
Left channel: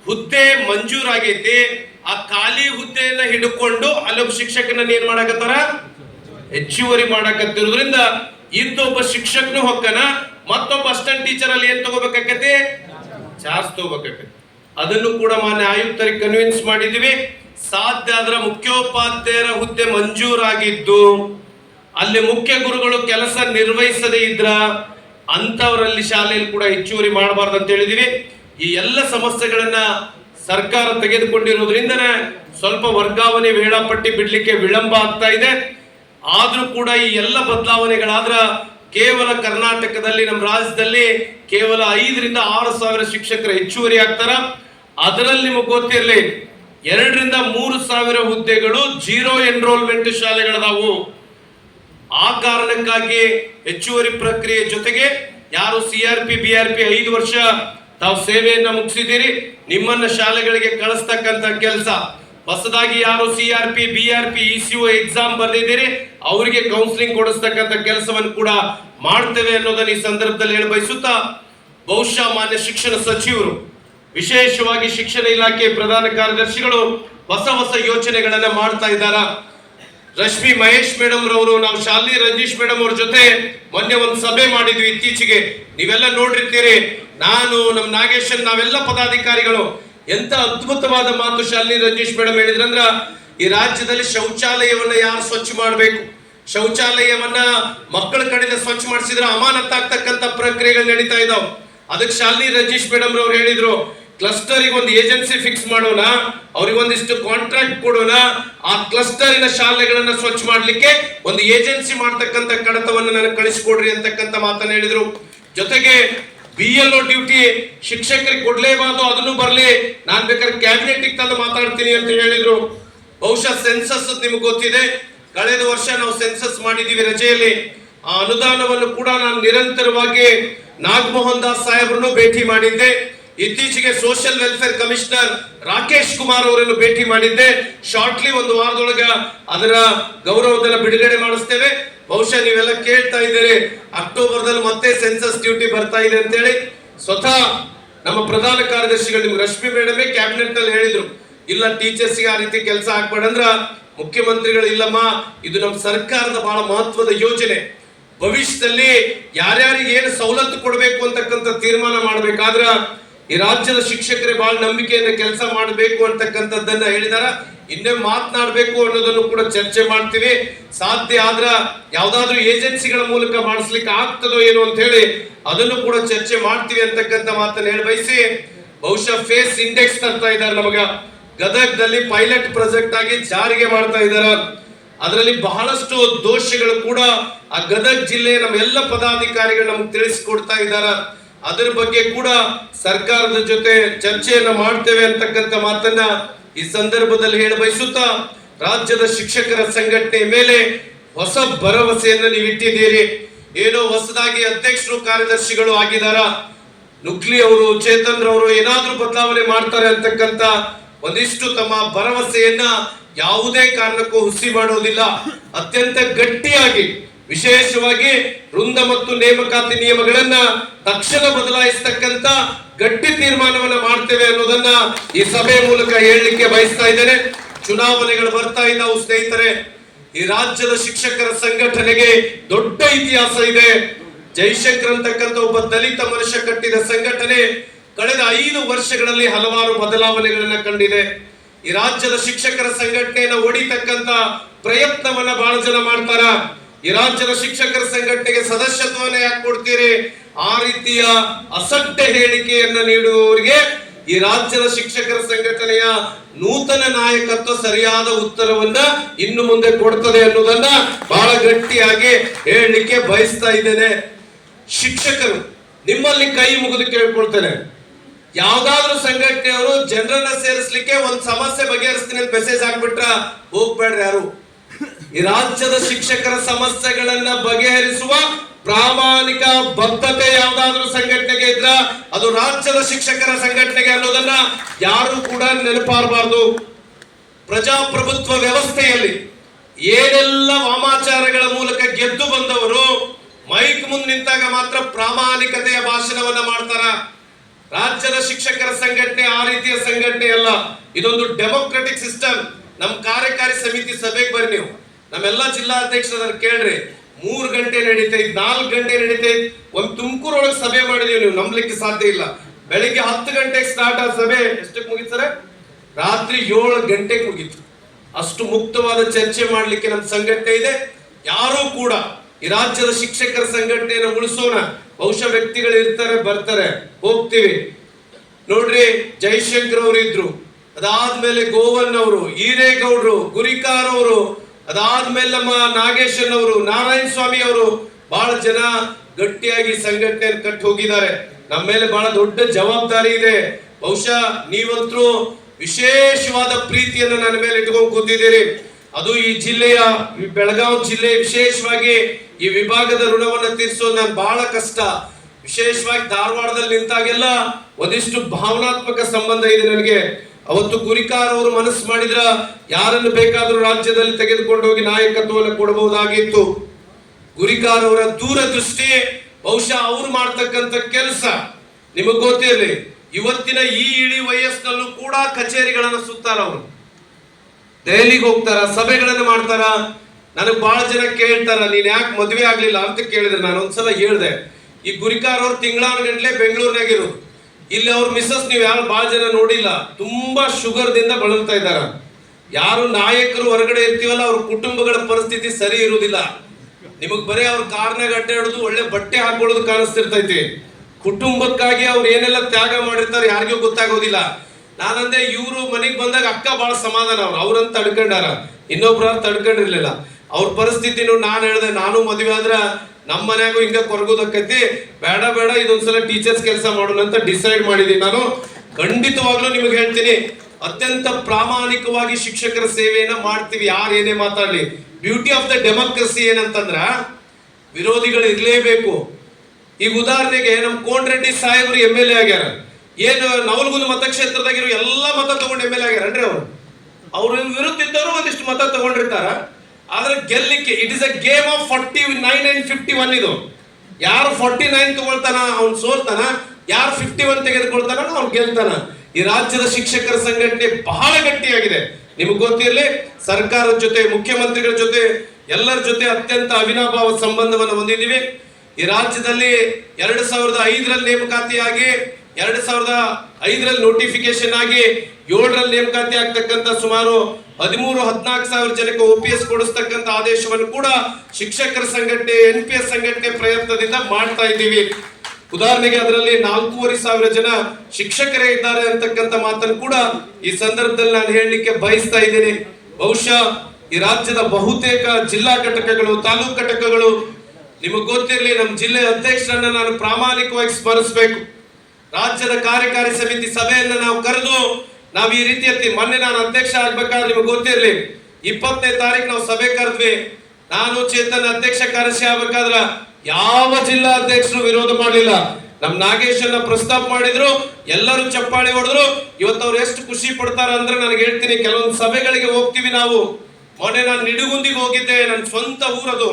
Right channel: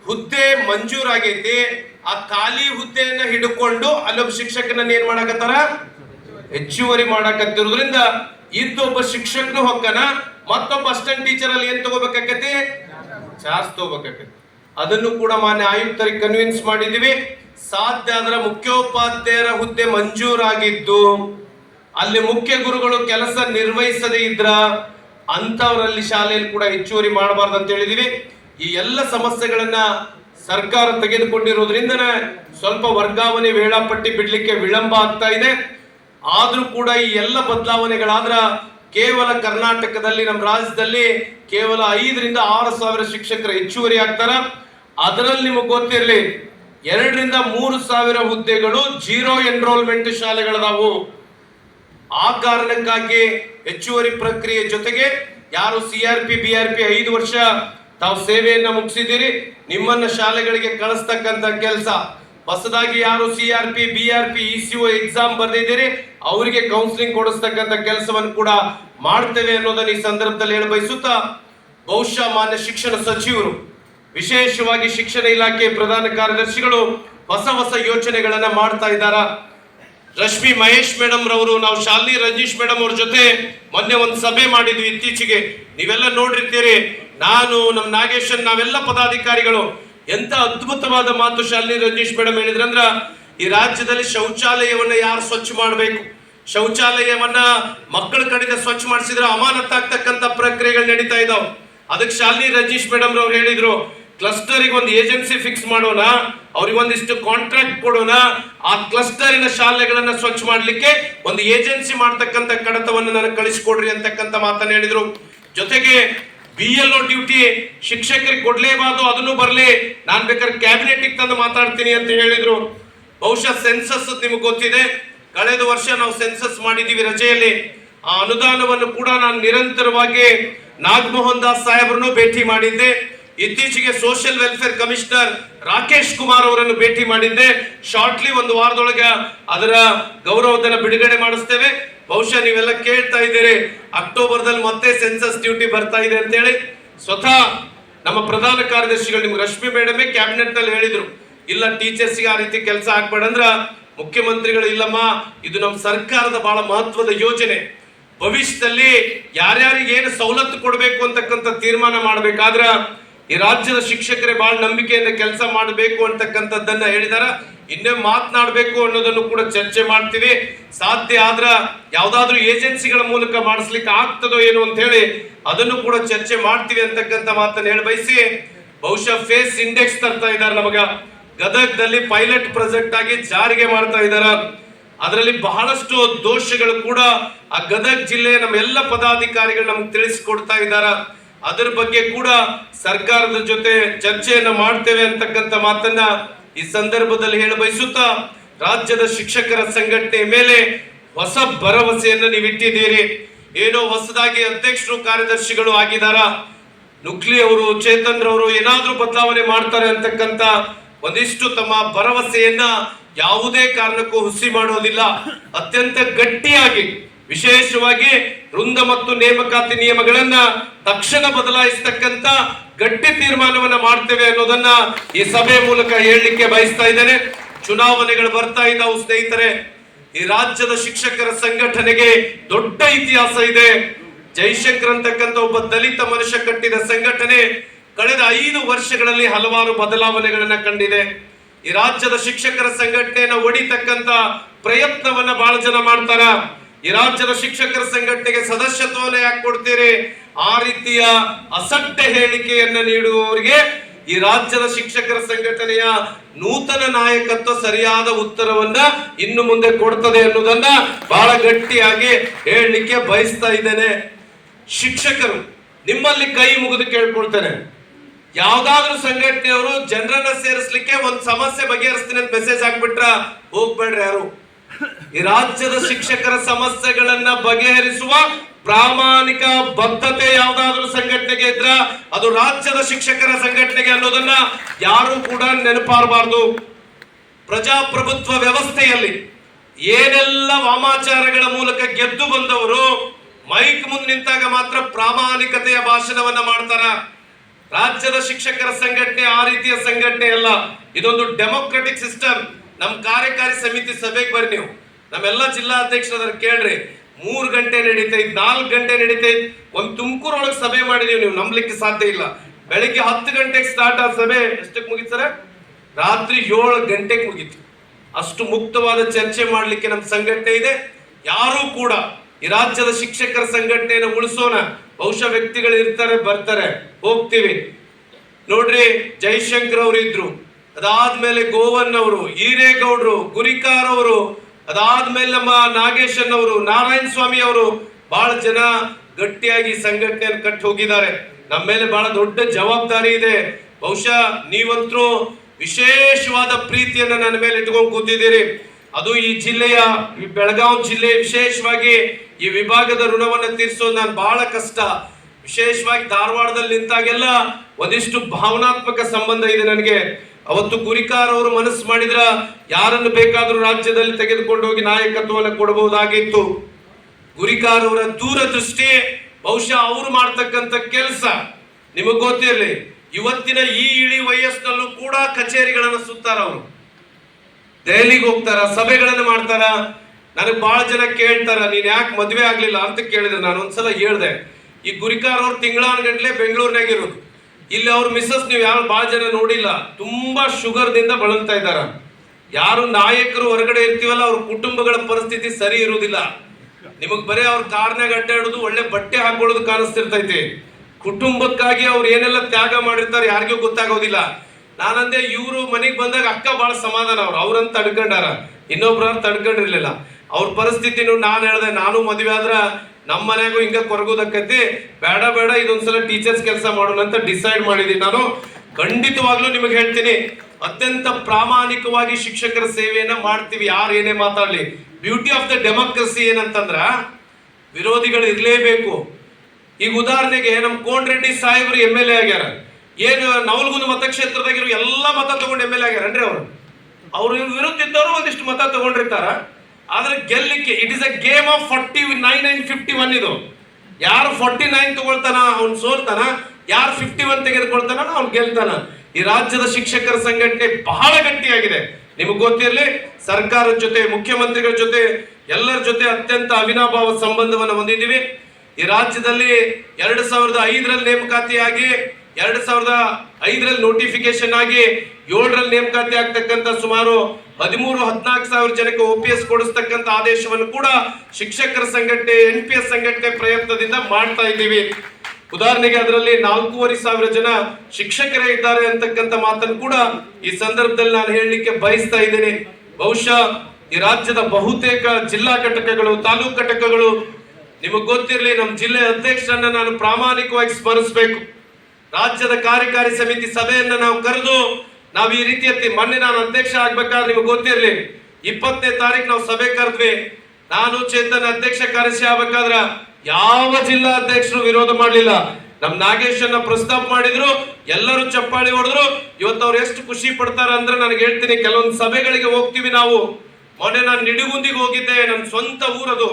ಹುದ್ದೆ ಮಂಜೂರಾಗೈತಿ. ಆ ಖಾಲಿ ಹುದ್ದೆಯನ್ನ ಹಿಡ್ಕೊಂಡು ಅಲ್ಲೊಬ್ಬ ಶಿಕ್ಷಕನ ಏನ್ ಮಾಡಕತ್ತಾರ, ಹೆಚ್ಚುವರಿ ಮಾಡಕತ್ತಿರೋದ್ರಿಂದ ಇದ್ದೊಬ್ಬ ಶಿಕ್ಷಕನು ಹೊಕ್ಕನ, ಮತ್ತೊಬ್ಬ ಅಸಿಸ್ಟೆಂಟ್ ಟೀಚರ್ ಅಲ್ಲಿ ಏನ್ ತಗೋಬೇಕಾಕತಿ, ಚಾರ್ಜ್ ತಗೋಬೇಕಾಕತಿ. ಅದನ್ನು ಕೂಡ ಮಾನ್ಯ ಆಯುಕ್ತರಿಗೆ ಕನ್ವಿನ್ಸ್ ಮಾಡಿದೀವಿ. ಸಾಧ್ಯ ಆದ್ರೆ ಮುಖ್ಯೋಪಾಧ್ಯಾಯರ ಹುದ್ದೆ ಮಂಜೂರಾಗಿದ್ದು ಅಲ್ಲಿ ಮುಖ್ಯ ಗುರುಗಳು ಕೆಲಸ ನಿರ್ವಹಿಸದೇ ಇದ್ರ ಅಂತವರಲ್ಲಿ ಶಾಲೆಯಲ್ಲಿ ಕೂಡ ಹೆಚ್ಚುವರಿ ಮಾಡಬಾರ್ದು ಅಂತ ಹೇಳಿದೀವಿ. ಈ ಎಲ್ಲ ಸಮಸ್ಯೆಗಳನ್ನ ಸರ್ಕಾರ ತೆಗೆದುಕೊಂಡಿರೋದ್ರಿಂದನೇ ಸ್ವಲ್ಪ ವರ್ಗಾವಣೆ ವೇಳಾಪಟ್ಟಿ ಬಿಡ್ಲಿಕ್ಕೆ ವಿಳಂಬ ಆಗ್ತಾ ಇದೆ. ಆದ್ರೂ ಕೂಡ ಈ ಎಲ್ಲ ಬದಲಾವಣೆಗಳಾದ್ರ ಕೇವಲ ಕರ್ನಾಟಕದಲ್ಲಿ, ನಮ್ಮ ರಾಜ್ಯದಲ್ಲಿ ಕೇವಲ 5,000 to 6,000 ಶಿಕ್ಷಕರ ಹೆಚ್ಚುವರಿ ಆಗ್ತಾರ. ಅದರಲ್ಲಿ ನಿಮಗೆ ಗೊತ್ತಿರಲಿ 2,000 to 3,000 ಹುದ್ದೆಗಳು 0 ಎನ್ರೋಲ್ಮೆಂಟ್ ಶಾಲೆಗಳದಾವು. ಆ ಕಾರಣಕ್ಕಾಗಿ ಹೆಚ್ಚುವರಿ ಪ್ರಕ್ರಿಯೆ ಜೊತೆಗೆ ಯಾರು CRP BRP 5 ವರ್ಷ ತಾವು ಸೇವೆಯನ್ನ ಮುಗಿಸಿದಿರಿ, ನಿಮ್ಮನ್ನ ಶಾಲೆಗಳಿಗೆ ಕಳಿಸ್ತಕ್ಕಂತ ಕೆಲಸ. ಹೊಸದಾಗಿ ಯಾರು CRP BRP ECO ಎಕ್ಸಾಮ್ ಬರ್ದಿದ್ದೀರಿ ಅವರಿಗೆ ಕೌನ್ಸಿಲಿಂಗ್ ಕೊಡಿಸ್ತಕ್ಕಂಥ ಕೆಲಸವನ್ನು ಕೂಡ ಮಾಡ್ತೇವೆ ಅನ್ನೋದನ್ನ ಈ ಸಂದರ್ಭದಲ್ಲಿ ಹೇಳ ಬಯಸುತ್ತಾ, ಬಹುಶಃ ಮಾನ್ಯ ಶಿಕ್ಷಣ ಸಚಿವರು, ವಿಶೇಷವಾಗಿ ಶಿಕ್ಷಣ ಇಲಾಖೆ ಪ್ರಧಾನ ಕಾರ್ಯದರ್ಶಿಗಳು ಹೊಸ ಯೋಚನೆಗಳನ್ನ ಮಾಡ್ತಾ ಇದ್ದಾರ. ರಶ್ಮಿ ಮಹೇಶ್ ಮೇಡಮ್ ರವರು, ನಾವು ಶಾಲಿನಿ ರಂಜೀಶ್ ಮೇಡಮ್ ಅವ್ರ ಜೊತೆ ಮೊನ್ನೆ ಒಂದು ಸಭೆ ಮಾಡಿದ್ವಿ ಇತ್ತೀಚೆಗೆ, ನೀವೆಲ್ಲ ನೋಡಿರ್ತೀರಿ. ನಾನು, ನಮ್ಮ ನಾಗೇಶನ್, ನಾವೆಲ್ಲ ಪದಾಧಿಕಾರಿಗಳು ಎಂತ ಅದ್ಭುತವಾದ ಮಾತು ಶಾಲಿನಿ ರಂಜೀಶ್ ಮೇಡಮ್ ಹೇಳಿದ್ರಂದ್ರ, ಈ ರಾಜ್ಯದಲ್ಲಿ ಶೌಚಾಲಯವನ್ನ ಯಾರು ಸ್ವಚ್ಛ ಮಾಡಬೇಕು, ಶೌಚಾಲಯವನ್ನ ಮಕ್ಕಳ ಕಡೆಯಿಂದ ಸ್ವಚ್ಛ ಮಾಡಿಸಿದ್ರೆ ಅಮಾನತ್ತಾಗ್ತಕ್ಕಂಥ ಪ್ರಕ್ರಿಯೆಗಳು ನಡೀತಾ ಇದಾವೆ. ಅದಕ್ಕೆ ಶಾಲಿನಿ ರಂಜೀಶ್ ಮೇಡಮ್ ರವ್ರು ಹೇಳಿದ್ರು, ಕ್ಲಸ್ಟರಿಗೆ ಒಂದು ಏಜೆನ್ಸಿ ಫಿಕ್ಸ್ ಮಾಡೋಣ, ಅವ್ರಿಗೆ ಒಂದಿಷ್ಟು ಕಾಂಟ್ರಾಕ್ಟ್ ಕೊಡೋಣ, ಆ ಕ್ಲಸ್ಟರಿನ ಶಾಲೆಗಳನ್ನ ಸ್ವಚ್ಛ ಮಾಡ್ಲಿಕ್ಕೆ ಒಂದು ಏಜೆನ್ಸಿ ಮಾಡ್ತಕ್ಕಂಥ ಕಡತವನ್ನು ನನಗೆ ಕಳಿಸ್ಕೊಡ್ರಿ ಅಂತಕ್ಕಂಥ ಮಾತನ್ನ ಹೇಳಿದ್ರು. ಜೊತೆಗೆ BLO ಡ್ಯೂಟಿ ಶಿಕ್ಷಕರಿಗೆ ಕೊಡ್ಲೇಬಾರ್ದು, ಅದನ್ನು ಬರ್ಲಿ, ನಾನ್ ಬೇಕಾದ್ರೆ ಕ್ಯಾಬಿನೆಟ್ ತಂದು ಮಾತಾಡ್ತೀನಿ ಅಂತ ಹೇಳಿದ್ರು. ಬಹುಶಃ ಸೆನ್ಸಸ್ ನಿಮ್ಗೆ ಗೊತ್ತಿದೆ, ಕಳೆದ ವರ್ಷ ನಾವು ಸೆನ್ಸಸ್ ಮಾಡಿದೀವಿ ರಜೆಯಲ್ಲಿ. ಆ ಅನುದಾನವನ್ನು ಕೂಡ ನಾನು ನಿರಂತರವಾಗಿ ನಾಗಮೋಹನ್ ದಾಸ್ ಸಾಹೇಬ್ರನ್ನು ಭೇಟಿ ಮಾಡಿದ್ದೆ. ಇತ್ತೀಚೆಗೆ social welfare commissioner Rakesh Kumar ಅವರನ್ನು ಭೇಟಿ ಮಾಡಿದ್ದೆ. ಶಾರ್ಟ್ಲಿ ಒಂದು ವಾರದೊಳಗ ಅದರ ಗೌರವಧನ ಬಿಡುಗಡೆ ಮಾಡಿಸ್ತೇವೆ. ಬಹುಶಃ ನೀವೆಲ್ಲ ಕೇಳ್ತಾ ಇದ್ದೀರಿ, ಅಕ್ಟೋಬರ್ದಲ್ಲಿ ಮತ್ತೆ ಸೆನ್ಸಸ್ ಡ್ಯೂಟಿ ಬರ್ತಾ ಇದೆ ಅಂತ ಹೇಳಿ. ಸ್ವತಃ ನಮ್ಮ ಪ್ರಧಾನ ಕಾರ್ಯದರ್ಶಿಗಳು, ನಿಮ್ಗೆ ರಶ್ಮಿ ಮೇಡಮ್ ಕ್ಯಾಬಿನೆಟ್ ನಲ್ಲಿ ಹೇಳಿದ್ರು, ಇಲ್ಲ ಟೀಚರ್ಸ್ಗೆ ಆ ರೀತಿ ಕೆಲಸ ಆಗ್ಬೇಡಂದ್ರ ಮುಖ್ಯಮಂತ್ರಿಗಳು, ಇಲ್ಲಮ್ಮ ಇದು ನಮ್ಮ ಸರ್ಕಾರದ ಬಹಳ ಮಹತ್ವದ ಯೋಜನೆ, ಭವಿಷ್ಯದಲ್ಲಿ ಯಾರ್ಯಾರಿಗೆ ಏನು ಸವಲತ್ತು ಕೊಡಬೇಕು ಅಂತಕ್ಕಂಥ ತೀರ್ಮಾನ ಮಾಡ್ಬೇಕಾದ್ರ ಈ ರಾಜ್ಯದ ಶಿಕ್ಷಕರೇ ಬಹಳ ನಂಬಿಕೆಯಿಂದ ಕೆಲಸ ಮಾಡಬೇಕು ಅಂತಕ್ಕಂಥದ್ದನ್ನ ಹೇಳಿದಾರ. ಇನ್ನೇ ಮಾತನಾಡಬೇಕು ಅನ್ನೋದನ್ನು ಕೂಡ ಚರ್ಚೆ ಮಾಡ್ತೀವಿ. ಸಾಧ್ಯ ಆದ್ರ ಯಾವ್ದಾದ್ರು ಏಜೆನ್ಸಿಗಳ ಮೂಲಕ ಮಾಡಿಸ್ಲಿಕ್ಕೆ ಆಗ್ತದೋ ಏನೋ ಅಂತ ಹೇಳಿ ಅದನ್ನು ಕೂಡ ಚರ್ಚೆ ಮಾಡ್ತೀವಿ ಅಂತಕ್ಕಂಥ ಮಾತನ್ನ ಹೇಳಿ ಬಯಸಿ, ಬಹುಶಃ ಫೇಸ್ ಇಂಡೆಕ್ಸ್ ತರ್ತಾ ಇದ್ದಾರೆ ನಮಗ ಗದಗದಲ್ಲಿ ಪೈಲಟ್ ಪ್ರಾಜೆಕ್ಟ್ ಆಗಿ ಜಾರಿಗೆ ಮಾಡ್ತಾ ಇದ್ದಾರ. ಅದರಲ್ಲಿ ಬಹಳಷ್ಟು ದೋಷಗಳು ಕೂಡ ಆ ಗದಗ ಜಿಲ್ಲೆ ನಮ್ಮ ಎಲ್ಲ ಪದಾಧಿಕಾರಿಗಳು ನಮ್ಗೆ ತಿಳಿಸಿಕೊಡ್ತಾ ಇದ್ದಾರ. ಅದರ ಬಗ್ಗೆ ಕೂಡ ಸರ್ಕಾರದ ಜೊತೆ ಚರ್ಚೆಯನ್ನ ಮಾಡ್ತೇವೆ ಅಂತಕ್ಕಂಥ ಮಾತನ್ನ ಈ ಸಂದರ್ಭದಲ್ಲಿ ಹೇಳ ಬಯಸುತ್ತಾ, ರಾಜ್ಯದ ಶಿಕ್ಷಕರ ಸಂಘಟನೆ ಮೇಲೆ ಹೊಸ ಭರವಸೆಯನ್ನು ನೀವು ಇಟ್ಟಿದ್ದೀರಿ. ಏನೋ ಹೊಸದಾಗಿ ಅಧ್ಯಕ್ಷರು ಕಾರ್ಯದರ್ಶಿಗಳು ಆಗಿದಾರ, ನುಕ್ಲಿ ಅವರು ಚೇತನ್ ರವರು ಏನಾದ್ರೂ ಬದಲಾವಣೆ ಮಾಡ್ತಾರೆ ಅಂತಕ್ಕಂಥ ಒಂದಿಷ್ಟು ತಮ್ಮ ಭರವಸೆಯನ್ನ ಯಾವುದೇ ಕಾರಣಕ್ಕೂ ಹುಸಿ ಮಾಡೋದಿಲ್ಲ. ಅತ್ಯಂತ ಗಟ್ಟಿಯಾಗಿ, ವಿಶೇಷವಾಗಿ ವೃಂದ ಮತ್ತು ನೇಮಕಾತಿ ನಿಯಮಗಳನ್ನ ತಕ್ಷಣ ಬದಲಾಯಿಸತಕ್ಕಂತ ಗಟ್ಟಿ ತೀರ್ಮಾನವನ್ನ ಮಾಡ್ತೇವೆ ಅನ್ನೋದನ್ನ ಈ ಸಭೆ ಮೂಲಕ ಹೇಳಲಿಕ್ಕೆ ಬಯಸ್ತಾ ಇದ್ದೇನೆ. ಚುನಾವಣೆಗಳು ಬರ್ತಾ ಇದ್ದಾವು ಸ್ನೇಹಿತರೆ. ಈ ರಾಜ್ಯದ ಶಿಕ್ಷಕರ ಸಂಘಟನೆಗೆ ದೊಡ್ಡ ಇತಿಹಾಸ ಇದೆ. ಜೈಶಂಕರ್ ಅಂತಕ್ಕಂಥ ಒಬ್ಬ ದಲಿತ ಮನುಷ್ಯ ಕಟ್ಟಿದ ಸಂಘಟನೆ ಕಳೆದ 5 ವರ್ಷಗಳಲ್ಲಿ ಹಲವಾರು ಬದಲಾವಣೆಗಳನ್ನ ಕಂಡಿದೆ. ಈ ರಾಜ್ಯದ ಶಿಕ್ಷಕರ ಸಂಘಟನೆಯನ್ನ ಒಡಿತಕ್ಕಂತ ಪ್ರಯತ್ನವನ್ನ ಬಹಳ ಜನ ಮಾಡ್ತಾರ. ಈ ರಾಜ್ಯದ ಶಿಕ್ಷಕರ ಸಂಘಟನೆಗೆ ಸದಸ್ಯತ್ವವನ್ನು ಯಾಕೆ ಕೊಡ್ತೀರಿ? ಆ ರೀತಿಯ ಅಸಡ್ಡ ಹೇಳಿಕೆಯನ್ನ ನೀಡುವವರಿಗೆ ಈ ರಾಜ್ಯದ ಶಿಕ್ಷಕರ ಸಂಘಟನೆಯ ನೂತನ ನಾಯಕತ್ವ ಸರಿಯಾದ ಉತ್ತರವನ್ನ ಇನ್ನು ಮುಂದೆ ಕೊಡ್ತದೆ ಅನ್ನೋದನ್ನ ಬಹಳ ಗಟ್ಟಿಯಾಗಿ ಹೇಳಲಿಕ್ಕೆ ಬಯಸ್ತಾ ಇದ್ದೇನೆ. ಶಿಕ್ಷಕರು ನಿಮ್ಮಲ್ಲಿ ಕೈ ಮುಗಿದು ಕೇಳ್ಕೊಳ್ತೇನೆ, ಯಾವ್ದಾದ್ರು ಸಂಘಟನೆಯವರು ಜನರನ್ನ ಸೇರಿಸ್ಲಿಕ್ಕೆ ಒಂದ್ ಸಮಸ್ಯೆ ಬಗೆಹರಿಸ್ತೀನಿ ಅಂತ ಮೆಸೇಜ್ ಹಾಕ್ಬಿಟ್ರ ಹೋಗ್ಬೇಡ್ರಿ ಯಾರು. ಈ ರಾಜ್ಯದ ಶಿಕ್ಷಕರ ಸಮಸ್ಯೆಗಳನ್ನ ಬಗೆಹರಿಸುವ ಪ್ರಾಮಾಣಿಕ ಬದ್ಧತೆ ಯಾವ್ದಾದ್ರು ಸಂಘಟನೆಗೆ ಇದ್ರ ಅದು ರಾಜ್ಯದ ಶಿಕ್ಷಕರ ಸಂಘಟನೆಗೆ ಅನ್ನೋದನ್ನ ಯಾರು ಕೂಡ ನೆನಪಾರಬಾರ್ದು. ಪ್ರಜಾಪ್ರಭುತ್ವ ವ್ಯವಸ್ಥೆಯಲ್ಲಿ ಏನೆಲ್ಲ ವಾಮಾಚಾರಗಳ ಮೂಲಕ ಗೆದ್ದು ಬಂದವರು ಮೈಕ್ ಮುಂದೆ ನಿಂತಾಗ ಮಾತ್ರ ಪ್ರಾಮಾಣಿಕತೆಯ ಭಾಷಣವನ್ನ ಮಾಡ್ತಾರ. ರಾಜ್ಯದ ಶಿಕ್ಷಕರ ಸಂಘಟನೆ ಆ ರೀತಿಯ ಸಂಘಟನೆ ಅಲ್ಲ. ಇದೊಂದು ಡೆಮೋಕ್ರೆಟಿಕ್ ಸಿಸ್ಟಮ್. ನಮ್ ಕಾರ್ಯಕಾರಿ ಸಮಿತಿ ಸಭೆಗೆ ಬರ್ರಿ, ನೀವು ನಮ್ಮೆಲ್ಲ ಜಿಲ್ಲಾಧ್ಯಕ್ಷರ ಕೇಳ್ರಿ. 3 ಗಂಟೆ ನಡೀತೈತೆ, 4 ಗಂಟೆ ನಡೀತೈತೆ. ಒಂದು ತುಮಕೂರೊಳಗೆ ಸಭೆ ಮಾಡಿದೀವಿ, ನೀವು ನಂಬಲಿಕ್ಕೆ ಸಾಧ್ಯ ಇಲ್ಲ. ಬೆಳಿಗ್ಗೆ 10 ಗಂಟೆಗೆ ಸ್ಟಾರ್ಟ್ ಆದ ಸಭೆ ಎಷ್ಟಕ್ಕೆ ಮುಗೀತು ಸರ್? ರಾತ್ರಿ 7 ಗಂಟೆಗೆ ಮುಗೀತು. ಅಷ್ಟು ಮುಕ್ತವಾದ ಚರ್ಚೆ ಮಾಡ್ಲಿಕ್ಕೆ ನಮ್ಮ ಸಂಘಟನೆ ಇದೆ. ಯಾರು ಕೂಡ ಈ ರಾಜ್ಯದ ಶಿಕ್ಷಕರ ಸಂಘಟನೆಯನ್ನು ಉಳಿಸೋಣ. ಬಹುಶಃ ವ್ಯಕ್ತಿಗಳು ಇರ್ತಾರೆ, ಬರ್ತಾರೆ, ಹೋಗ್ತೀವಿ. ನೋಡ್ರಿ, ಜೈಶಂಕರ್ ಅವರು ಇದ್ರು, ಅದಾದ್ಮೇಲೆ ಗೋವನ್ ಅವರು, ಈರೇಗೌಡರು, ಗುರಿಕಾರ್ ಅವರು, ಅದಾದ್ಮೇಲೆ ನಮ್ಮ ನಾಗೇಶನ್ ಅವರು, ನಾರಾಯಣ ಸ್ವಾಮಿ ಅವರು, ಬಹಳ ಜನ ಗಟ್ಟಿಯಾಗಿ ಸಂಘಟನೆಯನ್ನು ಕಟ್ಟಿ ಹೋಗಿದ್ದಾರೆ. ನಮ್ಮ ಮೇಲೆ ಬಹಳ ದೊಡ್ಡ ಜವಾಬ್ದಾರಿ ಇದೆ. ಬಹುಶಃ ನೀವಂತರೂ ವಿಶೇಷವಾದ ಪ್ರೀತಿಯನ್ನು ನನ್ನ ಮೇಲೆ ಇಟ್ಕೊಂಡು ಕೂತಿದ್ದೀರಿ. ಅದು ಈ ಜಿಲ್ಲೆಯ, ಈ ಬೆಳಗಾವಿ ಜಿಲ್ಲೆ, ವಿಶೇಷವಾಗಿ ಈ ವಿಭಾಗದ ಋಣವನ್ನು ತೀರಿಸೋದು ನಾನು ಬಹಳ ಕಷ್ಟ. ವಿಶೇಷವಾಗಿ ಧಾರವಾಡದಲ್ಲಿ ನಿಂತಾಗೆಲ್ಲ ಒಂದಿಷ್ಟು ಭಾವನಾತ್ಮಕ ಸಂಬಂಧ ಇದೆ ನನಗೆ. ಅವತ್ತು ಗುರಿಕಾರ್ ಅವರು ಮನಸ್ಸು ಮಾಡಿದ್ರ ಯಾರನ್ನು ಬೇಕಾದರೂ ರಾಜ್ಯದಲ್ಲಿ ತೆಗೆದುಕೊಂಡು ಹೋಗಿ ನಾಯಕತ್ವವನ್ನು ಕೊಡಬಹುದಾಗಿತ್ತು. ಗುರಿಕಾರ್ ಅವರ ದೂರದೃಷ್ಟಿ, ಬಹುಶಃ ಅವರು ಮಾಡ್ತಕ್ಕಂಥ ಕೆಲಸ ನಿಮಗ್ ಗೊತ್ತಿರಲಿ. ಇವತ್ತಿನ ಈ ಇಡೀ ವಯಸ್ಸಿನಲ್ಲೂ ಕೂಡ ಕಚೇರಿಗಳನ್ನು ಸುತ್ತಾರ, ಅವರು ದೆಹಲಿಗೆ ಹೋಗ್ತಾರ, ಸಭೆಗಳನ್ನು ಮಾಡ್ತಾರ. ನನಗೆ ಬಹಳ ಜನ ಕೇಳ್ತಾರ, ನೀನ್ ಯಾಕೆ ಮದ್ವೆ ಆಗ್ಲಿಲ್ಲ ಅಂತ ಕೇಳಿದ್ರೆ ನಾನು ಒಂದ್ಸಲ ಹೇಳ್ದೆ, ಈ ಗುರಿಕಾರ್ ಅವ್ರು ತಿಂಗಳಾನುಗಂಟ್ಲೆ ಬೆಂಗಳೂರಿನಾಗಿರೋದು. ಇಲ್ಲಿ ಅವ್ರ ಮಿಸಸ್ ನೀವು ಯಾರು ಬಹಳ ಜನ ನೋಡಿಲ್ಲ, ತುಂಬಾ ಶುಗರ್ ದಿಂದ ಬಳಲ್ತಾ ಇದ್ದಾರ. ಯಾರು ನಾಯಕರು ಹೊರಗಡೆ ಇರ್ತೀವಲ್ಲ, ಅವ್ರ ಕುಟುಂಬಗಳ ಪರಿಸ್ಥಿತಿ ಸರಿ ಇರುವುದಿಲ್ಲ. ನಿಮಗ್ ಬರೀ ಅವ್ರ ಕಾರ್ನಾಗ ಅಡ್ಡಾಡೋದು, ಒಳ್ಳೆ ಬಟ್ಟೆ ಹಾಕೊಳ್ಳೋದು ಕಾಣಿಸ್ತಿರ್ತೈತಿ. ಕುಟುಂಬಕ್ಕಾಗಿ ಅವ್ರು ಏನೆಲ್ಲ ತ್ಯಾಗ ಮಾಡಿರ್ತಾರೆ ಯಾರಿಗೂ ಗೊತ್ತಾಗೋದಿಲ್ಲ. ನಾನಂದೆ, ಇವ್ರು ಮನೆಗ್ ಬಂದಾಗ ಅಕ್ಕ ಬಹಳ ಸಮಾಧಾನ, ಅವ್ರಂತ ತಡ್ಕೊಂಡಾರ, ಇನ್ನೊಬ್ರ ತಡ್ಕೊಂಡಿರ್ಲಿಲ್ಲ. ಅವ್ರ ಪರಿಸ್ಥಿತಿ ನಾನು ಹೇಳ್ದೆ, ನಾನು ಮದುವೆ ಆದ್ರ ನಮ್ಮ ಮನ್ಯಾಗೂ ಹಿಂಗ ಕೊರಗೋದಕ್ಕೈತಿ, ಬೇಡ ಬೇಡ ಇದೊಂದ್ಸಲ ಟೀಚರ್ಸ್ ಕೆಲಸ ಮಾಡೋಣ ಅಂತ ಡಿಸೈಡ್ ಮಾಡಿದೀನಿ. ನಾನು ಖಂಡಿತವಾಗ್ಲೂ ನಿಮಗೆ ಹೇಳ್ತೀನಿ, ಅತ್ಯಂತ ಪ್ರಾಮಾಣಿಕವಾಗಿ ಶಿಕ್ಷಕರ ಸೇವೆಯನ್ನ ಮಾಡ್ತೀವಿ, ಯಾರು ಏನೇ ಮಾತಾಡ್ಲಿ. ಬ್ಯೂಟಿ ಆಫ್ ದ ಡೆಮೋಕ್ರಸಿ ಏನಂತಂದ್ರ ವಿರೋಧಿಗಳು ಇರ್ಲೇಬೇಕು. ಈಗ ಉದಾಹರಣೆಗೆ ನಮ್ಮ ಕೋನರೆಡ್ಡಿ ಸಾಹೇಬ್ರು MLA ಆಗ್ಯಾರ. ಏನು ನವಲಗುಂದ ಮತಕ್ಷೇತ್ರದಾಗಿರೋ ಎಲ್ಲಾ ಮತ ತಗೊಂಡು MLA ಆಗ್ಯಾರನ್ರಿ ಅವರು. ಅವ್ರ ವಿರುದ್ಧ ಇದ್ದವರು ಒಂದಿಷ್ಟು ಮತ ತಗೊಂಡಿರ್ತಾರ. ಆದ್ರೆ ಗೆಲ್ಲಿಕ್ಕೆ it is a game of 49 and 51. ಇದು ಯಾರು 49 ತಗೊಳ್ತಾನ ಅವ್ನು ಸೋಲ್ತಾನ, ಯಾರು 51 ತೆಗೆದುಕೊಳ್ತಾನ ಅವ್ನು ಗೆಲ್ತಾನ. ಈ ರಾಜ್ಯದ ಶಿಕ್ಷಕರ ಸಂಘಟನೆ ಬಹಳ ಗಟ್ಟಿಯಾಗಿದೆ. ನಿಮಗೆ ಗೊತ್ತಿರಲಿ, ಸರ್ಕಾರದ ಜೊತೆ, ಮುಖ್ಯಮಂತ್ರಿಗಳ ಜೊತೆ, ಎಲ್ಲರ ಜೊತೆ ಅತ್ಯಂತ ಅವಿನಾಭಾವ ಸಂಬಂಧವನ್ನು ಹೊಂದಿದ್ದೀವಿ. ಈ ರಾಜ್ಯದಲ್ಲಿ 2005ರಲ್ಲಿ ನೇಮಕಾತಿಯಾಗಿ, 2005ರಲ್ಲಿ ನೋಟಿಫಿಕೇಶನ್ ಆಗಿ, 7ರಲ್ಲಿ ನೇಮಕಾತಿ ಆಗ್ತಕ್ಕಂಥ ಸುಮಾರು 13-14 ಸಾವಿರ ಜನಕ್ಕೆ OPS ಕೊಡಿಸ್ತಕ್ಕಂಥ ಆದೇಶವನ್ನು ಕೂಡ ಶಿಕ್ಷಕರ ಸಂಘಟನೆ, NPS ಸಂಘಟನೆ ಪ್ರಯತ್ನದಿಂದ ಮಾಡ್ತಾ ಇದ್ದೀವಿ. ಉದಾಹರಣೆಗೆ ಅದರಲ್ಲಿ 4,500 ಜನ ಶಿಕ್ಷಕರೇ ಇದ್ದಾರೆ ಅಂತಕ್ಕಂಥ ಮಾತನ್ನು ಕೂಡ ಈ ಸಂದರ್ಭದಲ್ಲಿ ನಾನು ಹೇಳಲಿಕ್ಕೆ ಬಯಸ್ತಾ ಇದ್ದೇನೆ. ಬಹುಶಃ ಈ ರಾಜ್ಯದ ಬಹುತೇಕ ಜಿಲ್ಲಾ ಘಟಕಗಳು, ತಾಲೂಕು ಘಟಕಗಳು ನಿಮಗೆ ಗೊತ್ತಿರಲಿ, ನಮ್ಮ ಜಿಲ್ಲೆ ಅಧ್ಯಕ್ಷರನ್ನ ನಾನು ಪ್ರಾಮಾಣಿಕವಾಗಿ ಸ್ಮರಿಸಬೇಕು. ರಾಜ್ಯದ ಕಾರ್ಯಕಾರಿ ಸಮಿತಿ ಸಭೆಯನ್ನ ನಾವು ಕರೆದು ನಾವು ಈ ರೀತಿಯ ಮೊನ್ನೆ ನಾನು ಅಧ್ಯಕ್ಷ ಆಗ್ಬೇಕಾದ್ರೆ ನಿಮಗೆ ಗೊತ್ತಿರಲಿ 20ನೇ ತಾರೀಕು ನಾವು ಸಭೆ ಕರೆದ್ವಿ. ನಾನು ಚೇತನ್ ಅಧ್ಯಕ್ಷ ಕಾರ್ಯದರ್ಶಿ ಆಗ್ಬೇಕಾದ್ರ ಯಾವ ಜಿಲ್ಲಾ ಅಧ್ಯಕ್ಷರು ವಿರೋಧ ಮಾಡಲಿಲ್ಲ. ನಮ್ ನಾಗೇಶನ್ನ ಪ್ರಸ್ತಾಪ ಮಾಡಿದ್ರು, ಎಲ್ಲರೂ ಚಪ್ಪಾಳಿ ಹೊಡೆದ್ರು. ಇವತ್ತು ಅವ್ರು ಎಷ್ಟು ಖುಷಿ ಪಡ್ತಾರ ಅಂದ್ರೆ ನನಗೆ ಹೇಳ್ತೀನಿ, ಕೆಲವೊಂದು ಸಭೆಗಳಿಗೆ ಹೋಗ್ತೀವಿ ನಾವು. ಮೊನ್ನೆ ನಾನು ನಿಡುಗುಂದಿಗೆ ಹೋಗಿದ್ದೆ, ನನ್ನ ಸ್ವಂತ ಊರದು.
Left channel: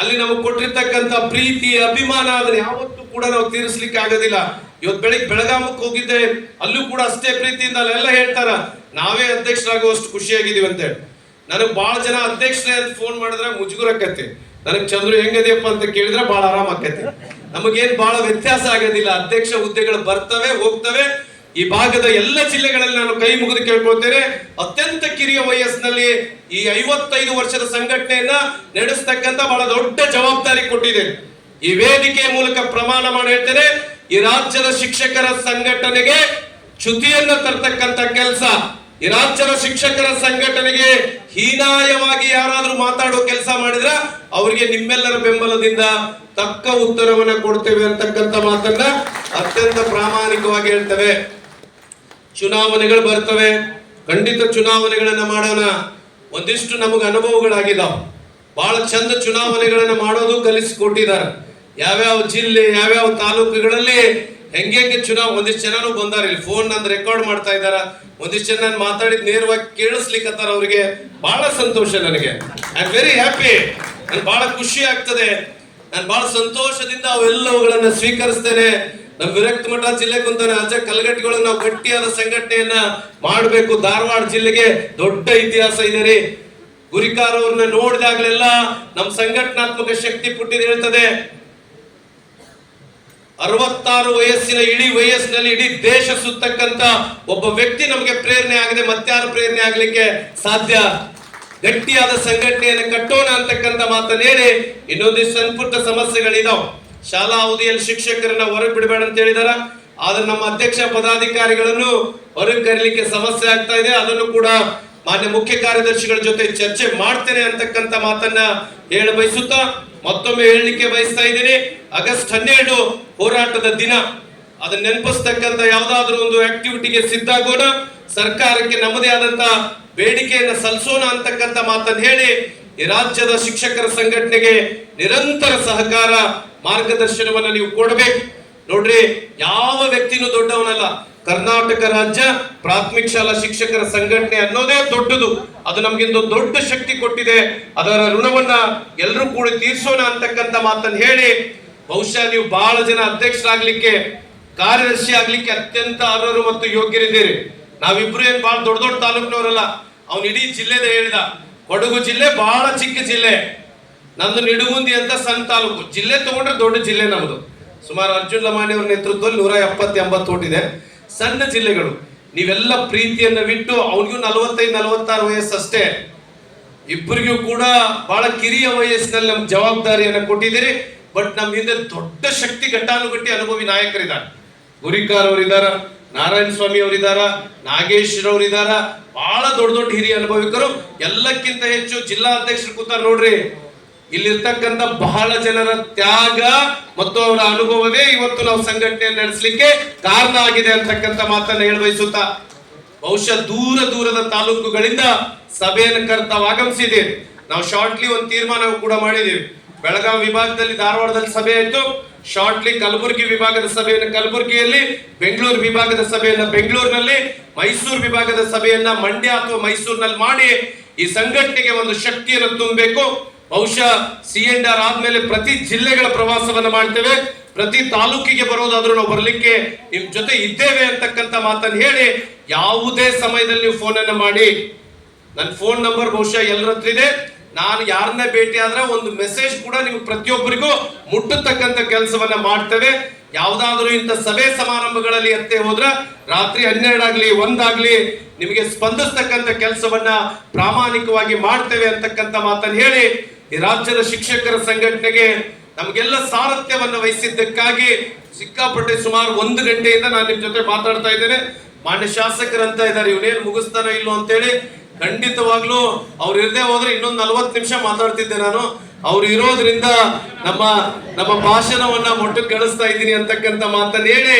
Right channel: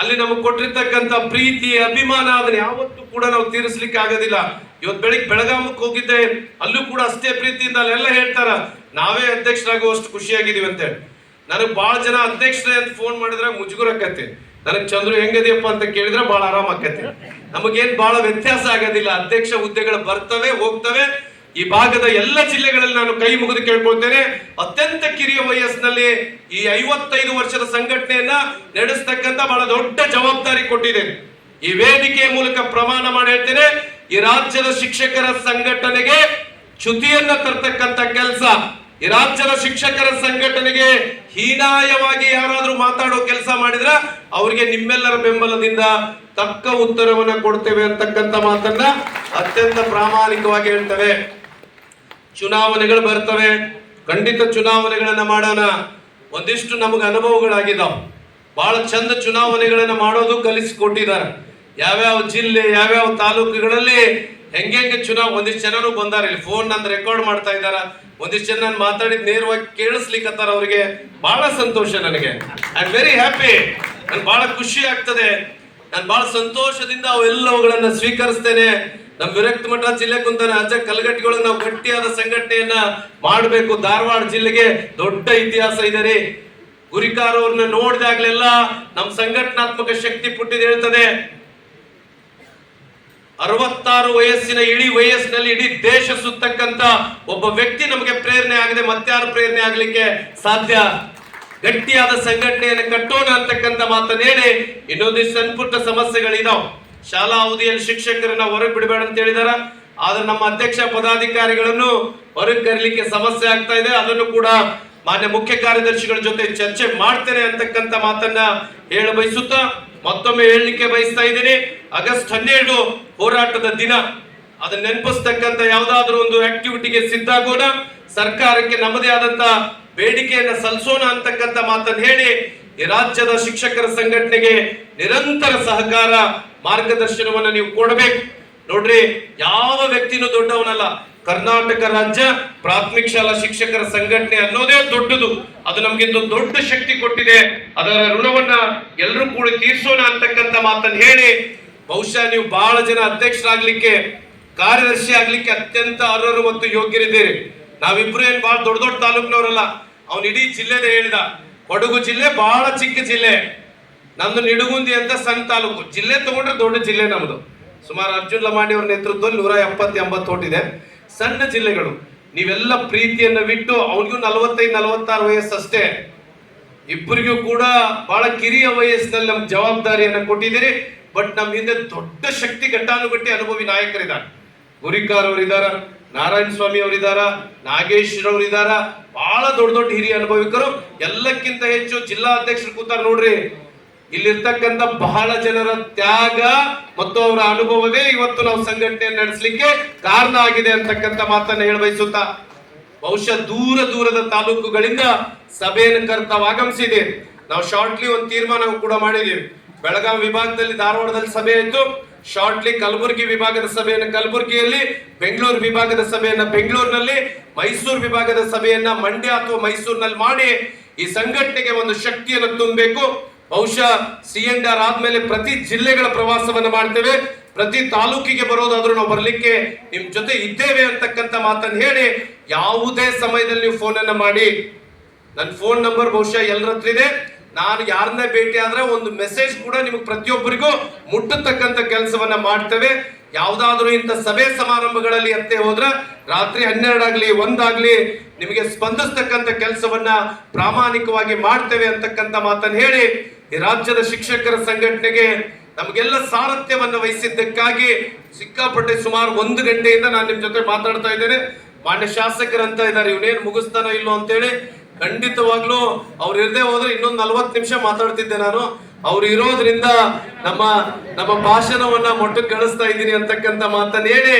ಅಲ್ಲಿ ನಮಗೆ ಕೊಟ್ಟಿರ್ತಕ್ಕಂಥ ಪ್ರೀತಿ ಅಭಿಮಾನ ಅದನ್ನ ಯಾವತ್ತೂ ಕೂಡ ನಾವು ತೀರಿಸ್ಲಿಕ್ಕೆ ಆಗೋದಿಲ್ಲ. ಇವತ್ತು ಬೆಳಿಗ್ಗೆ ಬೆಳಗಾಮಕ್ಕೆ ಹೋಗಿದ್ದೆ, ಅಲ್ಲೂ ಕೂಡ ಅಷ್ಟೇ ಪ್ರೀತಿಯಿಂದ ಅಲ್ಲೆಲ್ಲ ಹೇಳ್ತಾರ ನಾವೇ ಅಧ್ಯಕ್ಷರಾಗುವಷ್ಟು ಖುಷಿಯಾಗಿದ್ದೀವಿ ಅಂತೇಳಿ. ನನಗೆ ಬಹಳ ಜನ ಅಧ್ಯಕ್ಷರೇ ಅಂತ ಫೋನ್ ಮಾಡಿದ್ರೆ ಮುಜುಗುರಕ್ಕತ್ತೆ. ನನಗೆ ಚಂದ್ರು ಹೆಂಗದಿಯಪ್ಪ ಅಂತ ಕೇಳಿದ್ರೆ ಬಹಳ ಆರಾಮ ಆಕತ್ತೆ. ನಮಗೇನ್ ಬಹಳ ವ್ಯತ್ಯಾಸ ಆಗೋದಿಲ್ಲ. ಅಧ್ಯಕ್ಷ ಹುದ್ದೆಗಳು ಬರ್ತವೆ ಹೋಗ್ತವೆ. ಈ ಭಾಗದ ಎಲ್ಲ ಜಿಲ್ಲೆಗಳಲ್ಲಿ ನಾನು ಕೈ ಮುಗಿದು ಕೇಳ್ಕೊಳ್ತೇನೆ, ಅತ್ಯಂತ ಕಿರಿಯ ವಯಸ್ಸಿನಲ್ಲಿ ಈ 55 ವರ್ಷದ ಸಂಘಟನೆಯನ್ನ ನಡೆಸ್ತಕ್ಕಂಥ ಬಹಳ ದೊಡ್ಡ ಜವಾಬ್ದಾರಿ ಕೊಟ್ಟಿದೆ. ಈ ವೇದಿಕೆಯ ಮೂಲಕ ಪ್ರಮಾಣ ಮಾಡಿ ಹೇಳ್ತೇನೆ, ಈ ರಾಜ್ಯದ ಶಿಕ್ಷಕರ ಸಂಘಟನೆಗೆ ಚ್ಯುತಿಯನ್ನ ತರ್ತಕ್ಕಂಥ ಕೆಲಸ, ಈ ರಾಜ್ಯದ ಶಿಕ್ಷಕರ ಸಂಘಟನೆಗೆ ಹೀನಾಯವಾಗಿ ಯಾರಾದ್ರೂ ಮಾತಾಡೋ ಕೆಲಸ ಮಾಡಿದ್ರೆ ಅವರಿಗೆ ನಿಮ್ಮೆಲ್ಲರ ಬೆಂಬಲದಿಂದ ತಕ್ಕ ಉತ್ತರವನ್ನ ಕೊಡ್ತೇವೆ ಅಂತಕ್ಕಂಥ ಮಾತನ್ನ ಅತ್ಯಂತ ಪ್ರಾಮಾಣಿಕವಾಗಿ ಹೇಳ್ತೇವೆ. ಚುನಾವಣೆಗಳು ಬರ್ತವೆ, ಖಂಡಿತ ಚುನಾವಣೆಗಳನ್ನ ಮಾಡೋಣ. ಒಂದಿಷ್ಟು ನಮಗೆ ಅನುಭವಗಳಾಗಿದ್ದಾವ. ಬಹಳ ಚಂದ ಚುನಾವಣೆಗಳನ್ನ ಮಾಡೋದು ಕಲಿಸಿಕೊಟ್ಟಿದ್ದಾರೆ. ಯಾವ್ಯಾವ ಜಿಲ್ಲೆ ಯಾವ್ಯಾವ ತಾಲೂಕುಗಳಲ್ಲಿ ಹೆಂಗೆ ಒಂದಿಷ್ಟು ಜನರು ಬಂದಾರ. ಇಲ್ಲಿ ಫೋನ್ ನಂದು ರೆಕಾರ್ಡ್ ಮಾಡ್ತಾ ಇದ್ದಾರ. ಒಂದಿಷ್ಟು ಜನ ನಾನು ಮಾತಾಡಿದ್ ನೇರವಾಗಿ ಕೇಳಿಸ್ಲಿಕ್ಕತ್ತಾರ. ಅವ್ರಿಗೆ ಬಹಳ ಸಂತೋಷ. ನನಗೆ ಐ ಆಮ್ ವೆರಿ ಹ್ಯಾಪಿ. ನನ್ಗೆ ಬಹಳ ಖುಷಿ ಆಗ್ತದೆ. ನಾನು ಬಹಳ ಸಂತೋಷದಿಂದ ಅವೆಲ್ಲವುಗಳನ್ನ ಸ್ವೀಕರಿಸ್ತೇನೆ. ನಮ್ ವಿರಕ್ತ ಮಠ ಜಿಲ್ಲೆ ಕುಂತಾನೆ ಅಜ್ಜ ಕಲ್ಗಟ್ಟಿಗಳು ನಾವು ಗಟ್ಟಿಯಾದ ಸಂಘಟನೆಯನ್ನ ಮಾಡಬೇಕು. ಧಾರವಾಡ ಜಿಲ್ಲೆಗೆ ದೊಡ್ಡ ಇತಿಹಾಸ ಇದೆ ರೀ. ಗುರಿಕಾರ ಅವ್ರನ್ನ ನೋಡಿದಾಗ್ಲೆಲ್ಲ ನಮ್ ಸಂಘಟನಾತ್ಮಕ ಶಕ್ತಿ ಪುಟ್ಟಿದ್ ಹೇಳ್ತದೆ. 66 ವಯಸ್ಸಿನ ಇಡೀ ವಯಸ್ಸಿನಲ್ಲಿ ಇಡೀ ದೇಶ ಸುತ್ತಕ್ಕಂತ ಒಬ್ಬ ವ್ಯಕ್ತಿ ನಮಗೆ ಪ್ರೇರಣೆ ಆಗಿದೆ. ಮತ್ತಾರು ಪ್ರೇರಣೆ ಆಗ್ಲಿಕ್ಕೆ ಸಾಧ್ಯ? ಗಟ್ಟಿಯಾದ ಸಂಘಟನೆಯನ್ನು ಕಟ್ಟೋಣ ಅಂತಕ್ಕಂಥ ಮಾತನ್ನ ಹೇಳಿ ಇನ್ನೊಂದಿಷ್ಟು ಸಣ್ಣ ಸಮಸ್ಯೆಗಳಿದಾವ್. ಶಾಲಾ ಅವಧಿಯಲ್ಲಿ ಶಿಕ್ಷಕರನ್ನ ಹೊರಗೆ ಬಿಡಬೇಡ ಅಂತ ಹೇಳಿದಾರ. ಆದ್ರೆ ನಮ್ಮ ಅಧ್ಯಕ್ಷ ಪದಾಧಿಕಾರಿಗಳನ್ನು ಹೊರಗೆ ಕರೀಲಿಕ್ಕೆ ಸಮಸ್ಯೆ ಆಗ್ತಾ ಇದೆ. ಅದನ್ನು ಕೂಡ ಮಾನ್ಯ ಮುಖ್ಯ ಕಾರ್ಯದರ್ಶಿಗಳ ಜೊತೆ ಚರ್ಚೆ ಮಾಡ್ತೇನೆ ಅಂತಕ್ಕಂಥ ಮಾತನ್ನ ಹೇಳ ಬಯಸುತ್ತಾ ಮತ್ತೊಮ್ಮೆ ಹೇಳಲಿಕ್ಕೆ ಬಯಸ್ತಾ ಇದ್ದೀನಿ. ಆಗಸ್ಟ್ 12 ಹೋರಾಟದ ದಿನ. ಅದನ್ನ ನೆನಪಿಸ್ತಕ್ಕಂಥ ಯಾವ್ದಾದ್ರು ಒಂದು ಆಕ್ಟಿವಿಟಿಗೆ ಸಿದ್ಧಾಗೋಣ. ಸರ್ಕಾರಕ್ಕೆ ನಮ್ಮದೇ ಆದಂತ ಬೇಡಿಕೆಯನ್ನ ಸಲ್ಲಿಸೋಣ ಅಂತಕ್ಕಂಥ ಮಾತನ್ನು ಹೇಳಿ ಈ ರಾಜ್ಯದ ಶಿಕ್ಷಕರ ಸಂಘಟನೆಗೆ ನಿರಂತರ ಸಹಕಾರ ಮಾರ್ಗದರ್ಶನವನ್ನ ನೀವು ಕೊಡಬೇಕು. ನೋಡ್ರಿ, ಯಾವ ವ್ಯಕ್ತಿನೂ ದೊಡ್ಡವನಲ್ಲ. ಕರ್ನಾಟಕ ರಾಜ್ಯ ಪ್ರಾಥಮಿಕ ಶಾಲಾ ಶಿಕ್ಷಕರ ಸಂಘಟನೆ ಅನ್ನೋದೇ ದೊಡ್ಡದು. ಅದು ನಮ್ಗಿಂದು ದೊಡ್ಡ ಶಕ್ತಿ ಕೊಟ್ಟಿದೆ. ಅದರ ಋಣವನ್ನ ಎಲ್ಲರೂ ಕೂಡ ತೀರ್ಸೋಣ ಅಂತಕ್ಕಂಥ ಮಾತನ್ನು ಹೇಳಿ, ಬಹುಶಃ ನೀವು ಬಹಳ ಜನ ಅಧ್ಯಕ್ಷರಾಗ್ಲಿಕ್ಕೆ ಕಾರ್ಯದರ್ಶಿ ಆಗ್ಲಿಕ್ಕೆ ಅತ್ಯಂತ ಅರ್ಹರು ಮತ್ತು ಯೋಗ್ಯರಿದ್ದೀರಿ. ನಾವಿಬ್ರು ಏನ್ ಬಹಳ ದೊಡ್ಡ ದೊಡ್ಡ ತಾಲೂಕಿನವರಲ್ಲ. ಅವನು ಇಡೀ ಜಿಲ್ಲೆದ ಹೇಳಿದ. ಕೊಡಗು ಜಿಲ್ಲೆ ಬಹಳ ಚಿಕ್ಕ ಜಿಲ್ಲೆ, ನಂದು ನಿಡುಗುಂದಿ ಅಂತ ಸಣ್ಣ ತಾಲೂಕು. ಜಿಲ್ಲೆ ತಗೊಂಡ್ರೆ ದೊಡ್ಡ ಜಿಲ್ಲೆ ನಮ್ದು. ಸುಮಾರು ಅರ್ಜುನ್ ಲಮಾಣಿ ಅವರ ನೇತೃತ್ವದಲ್ಲಿ 170-80 ಓಟಿದೆ. ಸಣ್ಣ ಜಿಲ್ಲೆಗಳು. ನೀವೆಲ್ಲ ಪ್ರೀತಿಯನ್ನ ಬಿಟ್ಟು ಅವನಿಗೂ 45-46 ವಯಸ್ಸಷ್ಟೇ. ಇಬ್ಬರಿಗೂ ಕೂಡ ಬಹಳ ಕಿರಿಯ ವಯಸ್ಸಿನಲ್ಲಿ ನಮ್ಗೆ ಜವಾಬ್ದಾರಿಯನ್ನ ಕೊಟ್ಟಿದ್ದೀರಿ. ಬಟ್ ನಮ್ಮ ಹಿಂದೆ ದೊಡ್ಡ ಶಕ್ತಿ ಘಟ್ಟಾನುಘಟ್ಟಿ ಅನುಭವಿ ನಾಯಕರಿದ್ದಾರೆ. ಗುರಿಕಾರ್ ಅವರಿದ್ದಾರ, ನಾರಾಯಣ ಸ್ವಾಮಿ ಅವರಿದ್ದಾರ, ನಾಗೇಶ್ ರವರಿದ್ದಾರ. ಬಹಳ ದೊಡ್ಡ ದೊಡ್ಡ ಹಿರಿಯ ಅನುಭವಿಕರು. ಎಲ್ಲಕ್ಕಿಂತ ಹೆಚ್ಚು ಜಿಲ್ಲಾ ಅಧ್ಯಕ್ಷರು ಕೂತಾರ. ನೋಡ್ರಿ, ಇಲ್ಲಿರ್ತಕ್ಕಂಥ ಬಹಳ ಜನರ ತ್ಯಾಗ ಮತ್ತು ಅವರ ಅನುಭವವೇ ಇವತ್ತು ನಾವು ಸಂಘಟನೆ ನಡೆಸಲಿಕ್ಕೆ ಕಾರಣ ಆಗಿದೆ ಅಂತಕ್ಕಂಥ ಮಾತನ್ನ ಹೇಳ ಬಯಸುತ್ತಾ, ಬಹುಶಃ ದೂರ ದೂರದ ತಾಲೂಕುಗಳಿಂದ ಸಭೆಯನ್ನು ಕರೆತಾವ್ ಆಗಮಿಸಿದೆ. ನಾವು ಶಾರ್ಟ್ಲಿ ಒಂದು ತೀರ್ಮಾನ ಕೂಡ ಮಾಡಿದ್ದೀವಿ. ಬೆಳಗಾವಿ ವಿಭಾಗದಲ್ಲಿ ಧಾರವಾಡದಲ್ಲಿ ಸಭೆ ಆಯ್ತು. ಶಾರ್ಟ್ಲಿ ಕಲಬುರಗಿ ವಿಭಾಗದ ಸಭೆಯನ್ನು ಕಲಬುರಗಿಯಲ್ಲಿ, ಬೆಂಗಳೂರು ವಿಭಾಗದ ಸಭೆಯನ್ನ ಬೆಂಗಳೂರಿನಲ್ಲಿ, ಮೈಸೂರು ವಿಭಾಗದ ಸಭೆಯನ್ನ ಮಂಡ್ಯ ಅಥವಾ ಮೈಸೂರಿನಲ್ಲಿ ಮಾಡಿ ಈ ಸಂಘಟನೆಗೆ ಒಂದು ಶಕ್ತಿಯನ್ನು ತುಂಬಬೇಕು. ಬಹುಶಃ CNR ಆದ್ಮೇಲೆ ಪ್ರತಿ ಜಿಲ್ಲೆಗಳ ಪ್ರವಾಸವನ್ನು ಮಾಡ್ತೇವೆ. ಪ್ರತಿ ತಾಲೂಕಿಗೆ ಬರೋದಾದ್ರೂ ನಾವು ಬರ್ಲಿಕ್ಕೆ ನಿಮ್ ಜೊತೆ ಇದ್ದೇವೆ ಅಂತಕ್ಕಂಥ ಮಾತನ್ನು ಹೇಳಿ, ಯಾವುದೇ ಸಮಯದಲ್ಲಿ ನೀವು ಫೋನ್ ಅನ್ನ ಮಾಡಿ. ನನ್ನ ಫೋನ್ ನಂಬರ್ ಬಹುಶಃ ಎಲ್ಲರ ಹತ್ರ ಇದೆ. ನಾನು ಯಾರನ್ನೇ ಭೇಟಿ ಆದ್ರೆ ಒಂದು ಮೆಸೇಜ್ ಕೂಡ ನಿಮ್ಗೆ ಪ್ರತಿಯೊಬ್ಬರಿಗೂ ಮುಟ್ಟತಕ್ಕಂಥ ಕೆಲಸವನ್ನ ಮಾಡ್ತೇವೆ. ಯಾವ್ದಾದ್ರು ಇಂಥ ಸಭೆ ಸಮಾರಂಭಗಳಲ್ಲಿ ಎತ್ತೆ ಹೋದ್ರ ರಾತ್ರಿ 12 ಆಗ್ಲಿ 1 ಆಗ್ಲಿ ನಿಮಗೆ ಸ್ಪಂದಿಸ್ತಕ್ಕಂಥ ಕೆಲಸವನ್ನ ಪ್ರಾಮಾಣಿಕವಾಗಿ ಮಾಡ್ತೇವೆ ಅಂತಕ್ಕಂಥ ಮಾತನ್ನು ಹೇಳಿ, ಈ ರಾಜ್ಯದ ಶಿಕ್ಷಕರ ಸಂಘಟನೆಗೆ ನಮಗೆಲ್ಲ ಸಾರಥ್ಯವನ್ನ ವಹಿಸಿದ್ದಕ್ಕಾಗಿ ಸಿಕ್ಕಾಪಟ್ಟೆ ಸುಮಾರು 1 ಗಂಟೆಯಿಂದ ನಾನು ನಿಮ್ ಜೊತೆ ಮಾತಾಡ್ತಾ ಇದ್ದೇನೆ. ಮಾನ್ಯ ಶಾಸಕರಂತ ಇದ್ದಾರೆ, ಇವನೇನು ಮುಗಿಸ್ತಾನೋ ಇಲ್ಲೋ ಅಂತೇಳಿ. ಖಂಡಿತವಾಗ್ಲೂ ಅವ್ರು ಇರದೆ ಹೋದ್ರೆ ಇನ್ನೊಂದು 40 ನಿಮಿಷ ಮಾತಾಡ್ತಿದ್ದೆ ನಾನು. ಅವ್ರು ಇರೋದ್ರಿಂದ ನಮ್ಮ ನಮ್ಮ ಭಾಷಣವನ್ನ ಮೊಟ್ಟಕ್ಕೆ ಕಳಿಸ್ತಾ ಇದ್ದೀನಿ ಅಂತಕ್ಕಂಥ ಮಾತನ್ನ ಹೇಳಿ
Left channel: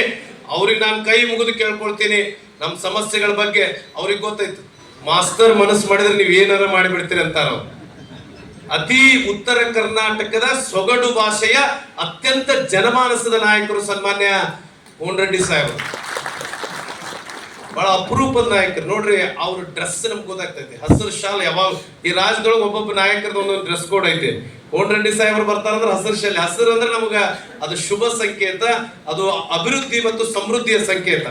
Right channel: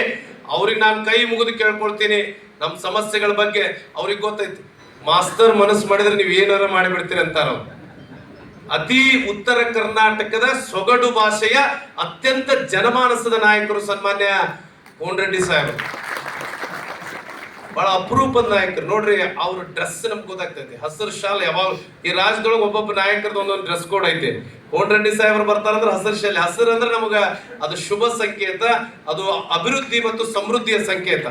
ಅವ್ರಿಗೆ ನಾನು ಕೈ ಮುಗಿದು ಕೇಳ್ಕೊಳ್ತೀನಿ. ನಮ್ಮ ಸಮಸ್ಯೆಗಳ ಬಗ್ಗೆ ಅವ್ರಿಗೆ ಗೊತ್ತಾಯ್ತು. ಮಾಸ್ತರ್ ಮನಸ್ಸು ಮಾಡಿದ್ರೆ ನೀವು ಏನಾರ ಮಾಡಿಬಿಡ್ತೀರಿ ಅಂತಾರ. ಅತಿ ಉತ್ತರ ಕರ್ನಾಟಕದ ಸೊಗಡು ಭಾಷೆಯ ಅತ್ಯಂತ ಜನಮಾನಸದ ನಾಯಕರು ಸನ್ಮಾನ್ಯ ಕೋನರೆಡ್ಡಿ ಸಾಹೇಬರು. ಬಹಳ ಅಪರೂಪದ ನಾಯಕರು ನೋಡ್ರಿ. ಅವ್ರ ಡ್ರೆಸ್ ನಮ್ಗೆ ಗೊತ್ತಾಗ್ತೈತಿ. ಹಸಿರು ಶಾಲೆ ಯಾವಾಗ ಈ ರಾಜ್ಯದೊಳಗೆ ಒಬ್ಬೊಬ್ಬ ನಾಯಕರದ ಒಂದೊಂದು ಡ್ರೆಸ್ ಕೋಡ್ ಐತೆ. ಕೋನರೆಡ್ಡಿ ಸಾಹೇಬರು ಬರ್ತಾರಂದ್ರೆ ಹಸಿರು ಶಾಲೆ. ಹಸಿರು ಅಂದ್ರೆ ನಮಗ ಅದು ಶುಭ ಸಂಕೇತ, ಅದು ಅಭಿವೃದ್ಧಿ ಮತ್ತು ಸಮೃದ್ಧಿಯ ಸಂಕೇತ.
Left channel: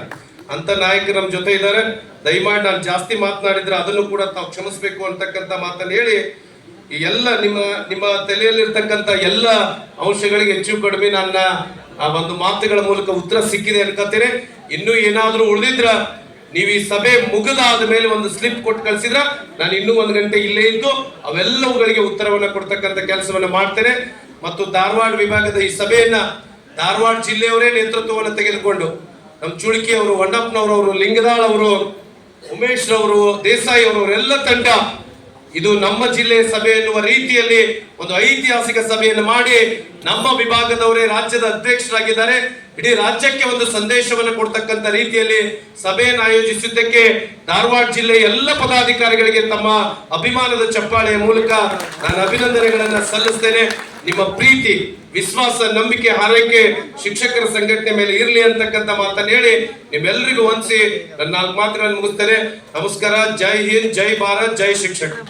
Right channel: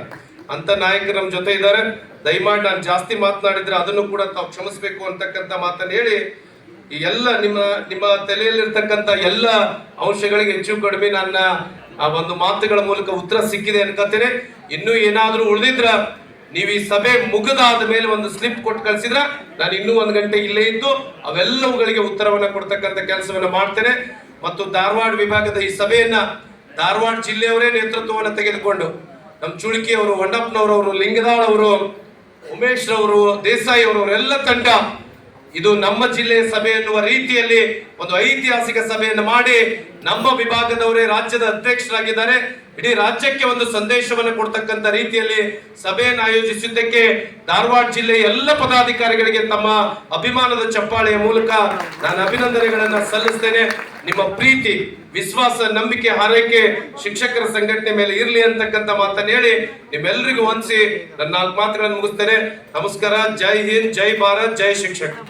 ಅಂತ ನಾಯಕರು ನಮ್ಮ ಜೊತೆ ಇದ್ದಾರೆ. ದಯಮಾಡಿ ನಾನು ಜಾಸ್ತಿ ಮಾತನಾಡಿದ್ರೆ ಅದನ್ನು ಕೂಡ ತಾವು ಕ್ಷಮಿಸಬೇಕು ಅಂತಕ್ಕಂಥ ಮಾತನ್ನು ಹೇಳಿ, ಈ ಎಲ್ಲ ನಿಮ್ಮ ತಲೆಯಲ್ಲಿರ್ತಕ್ಕಂಥ ಎಲ್ಲ ಅಂಶಗಳಿಗೆ ಹೆಚ್ಚು ಕಡಿಮೆ ನನ್ನ ಆ ಒಂದು ಮಾತುಗಳ ಮೂಲಕ ಉತ್ತರ ಸಿಕ್ಕಿದೆ ಅನ್ಕೋತೇನೆ. ಇನ್ನೂ ಏನಾದ್ರೂ ಉಳಿದಿದ್ರ ನೀವು ಈ ಸಭೆ ಮುಗಿದಾದ ಮೇಲೆ ಒಂದು ಸ್ಲಿಪ್ ಕೊಟ್ಟು ಕಳಿಸಿದ್ರ ನಾನು ಇನ್ನೂ 1 ಗಂಟೆ ಇಲ್ಲೇ ಇದ್ದು ಅವೆಲ್ಲವುಗಳಿಗೆ ಉತ್ತರವನ್ನ ಕೊಡ್ತಕ್ಕಂಥ ಕೆಲಸವನ್ನ ಮಾಡ್ತೇನೆ. ಮತ್ತು ಧಾರವಾಡ ವಿಭಾಗದ ಈ ಸಭೆಯನ್ನ ಧಾರವಾಡ ಜಿಲ್ಲೆಯವರೇ ನೇತೃತ್ವವನ್ನು ತೆಗೆದುಕೊಂಡು ನಮ್ಮ ಚುಳುಕಿ ಅವರು, ಹೊಂಡಪ್ಪನವರು, ಲಿಂಗದಾಳ್ ಅವರು, ಉಮೇಶ್ ರವರು, ದೇಸಾಯಿ ಅವರು ಎಲ್ಲ ತಂಡ ಇದು ನಮ್ಮ ಜಿಲ್ಲೆಯ ಸಭೆ ಎನ್ನುವ ರೀತಿಯಲ್ಲಿ ಒಂದು ಐತಿಹಾಸಿಕ ಸಭೆಯನ್ನು ಮಾಡಿ ನಮ್ಮ ವಿಭಾಗದವರೇ ರಾಜ್ಯದ ಅಧ್ಯಕ್ಷರಾಗಿದ್ದಾರೆ. ಇಡೀ ರಾಜ್ಯಕ್ಕೆ ಒಂದು ಸಂದೇಶವನ್ನು ಕೊಡ್ತಕ್ಕಂಥ ರೀತಿಯಲ್ಲಿ ಸಭೆಯನ್ನು ಆಯೋಜಿಸಿದ್ದಕ್ಕೆ ಧಾರವಾಡ ಜಿಲ್ಲೆಯ ಎಲ್ಲ ಪದಾಧಿಕಾರಿಗಳಿಗೆ ತಮ್ಮ ಅಭಿಮಾನದ ಚಪ್ಪಾಳೆಯ ಮೂಲಕ ನಾನು ಅಭಿನಂದನೆಗಳನ್ನ ಸಲ್ಲಿಸ್ತೇನೆ. ನಿಮ್ಮ ಪ್ರೀತಿ, ವಿಶ್ವಾಸ, ನಂಬಿಕೆ, ಹಾರೈಕೆ ಶಿಕ್ಷಕರ ಸಂಘಟನೆ ಮೇಲೆ ಇರಲಿ ಅಂತಕ್ಕಂಥ ಮಾತನ್ನು ಹೇಳಿ ನಿಮ್ಮೆಲ್ಲರಿಗೂ ವಂದಿಸಿ ನನ್ನ 4 ಮಾತುಗಳನ್ನು ಮುಗಿಸ್ತೇನೆ. ನಮಸ್ಕಾರ. ಜೈ ಹಿಂದ್, ಜೈ ಭಾರತ್, ಜೈ ಶಿಕ್ಷಕ.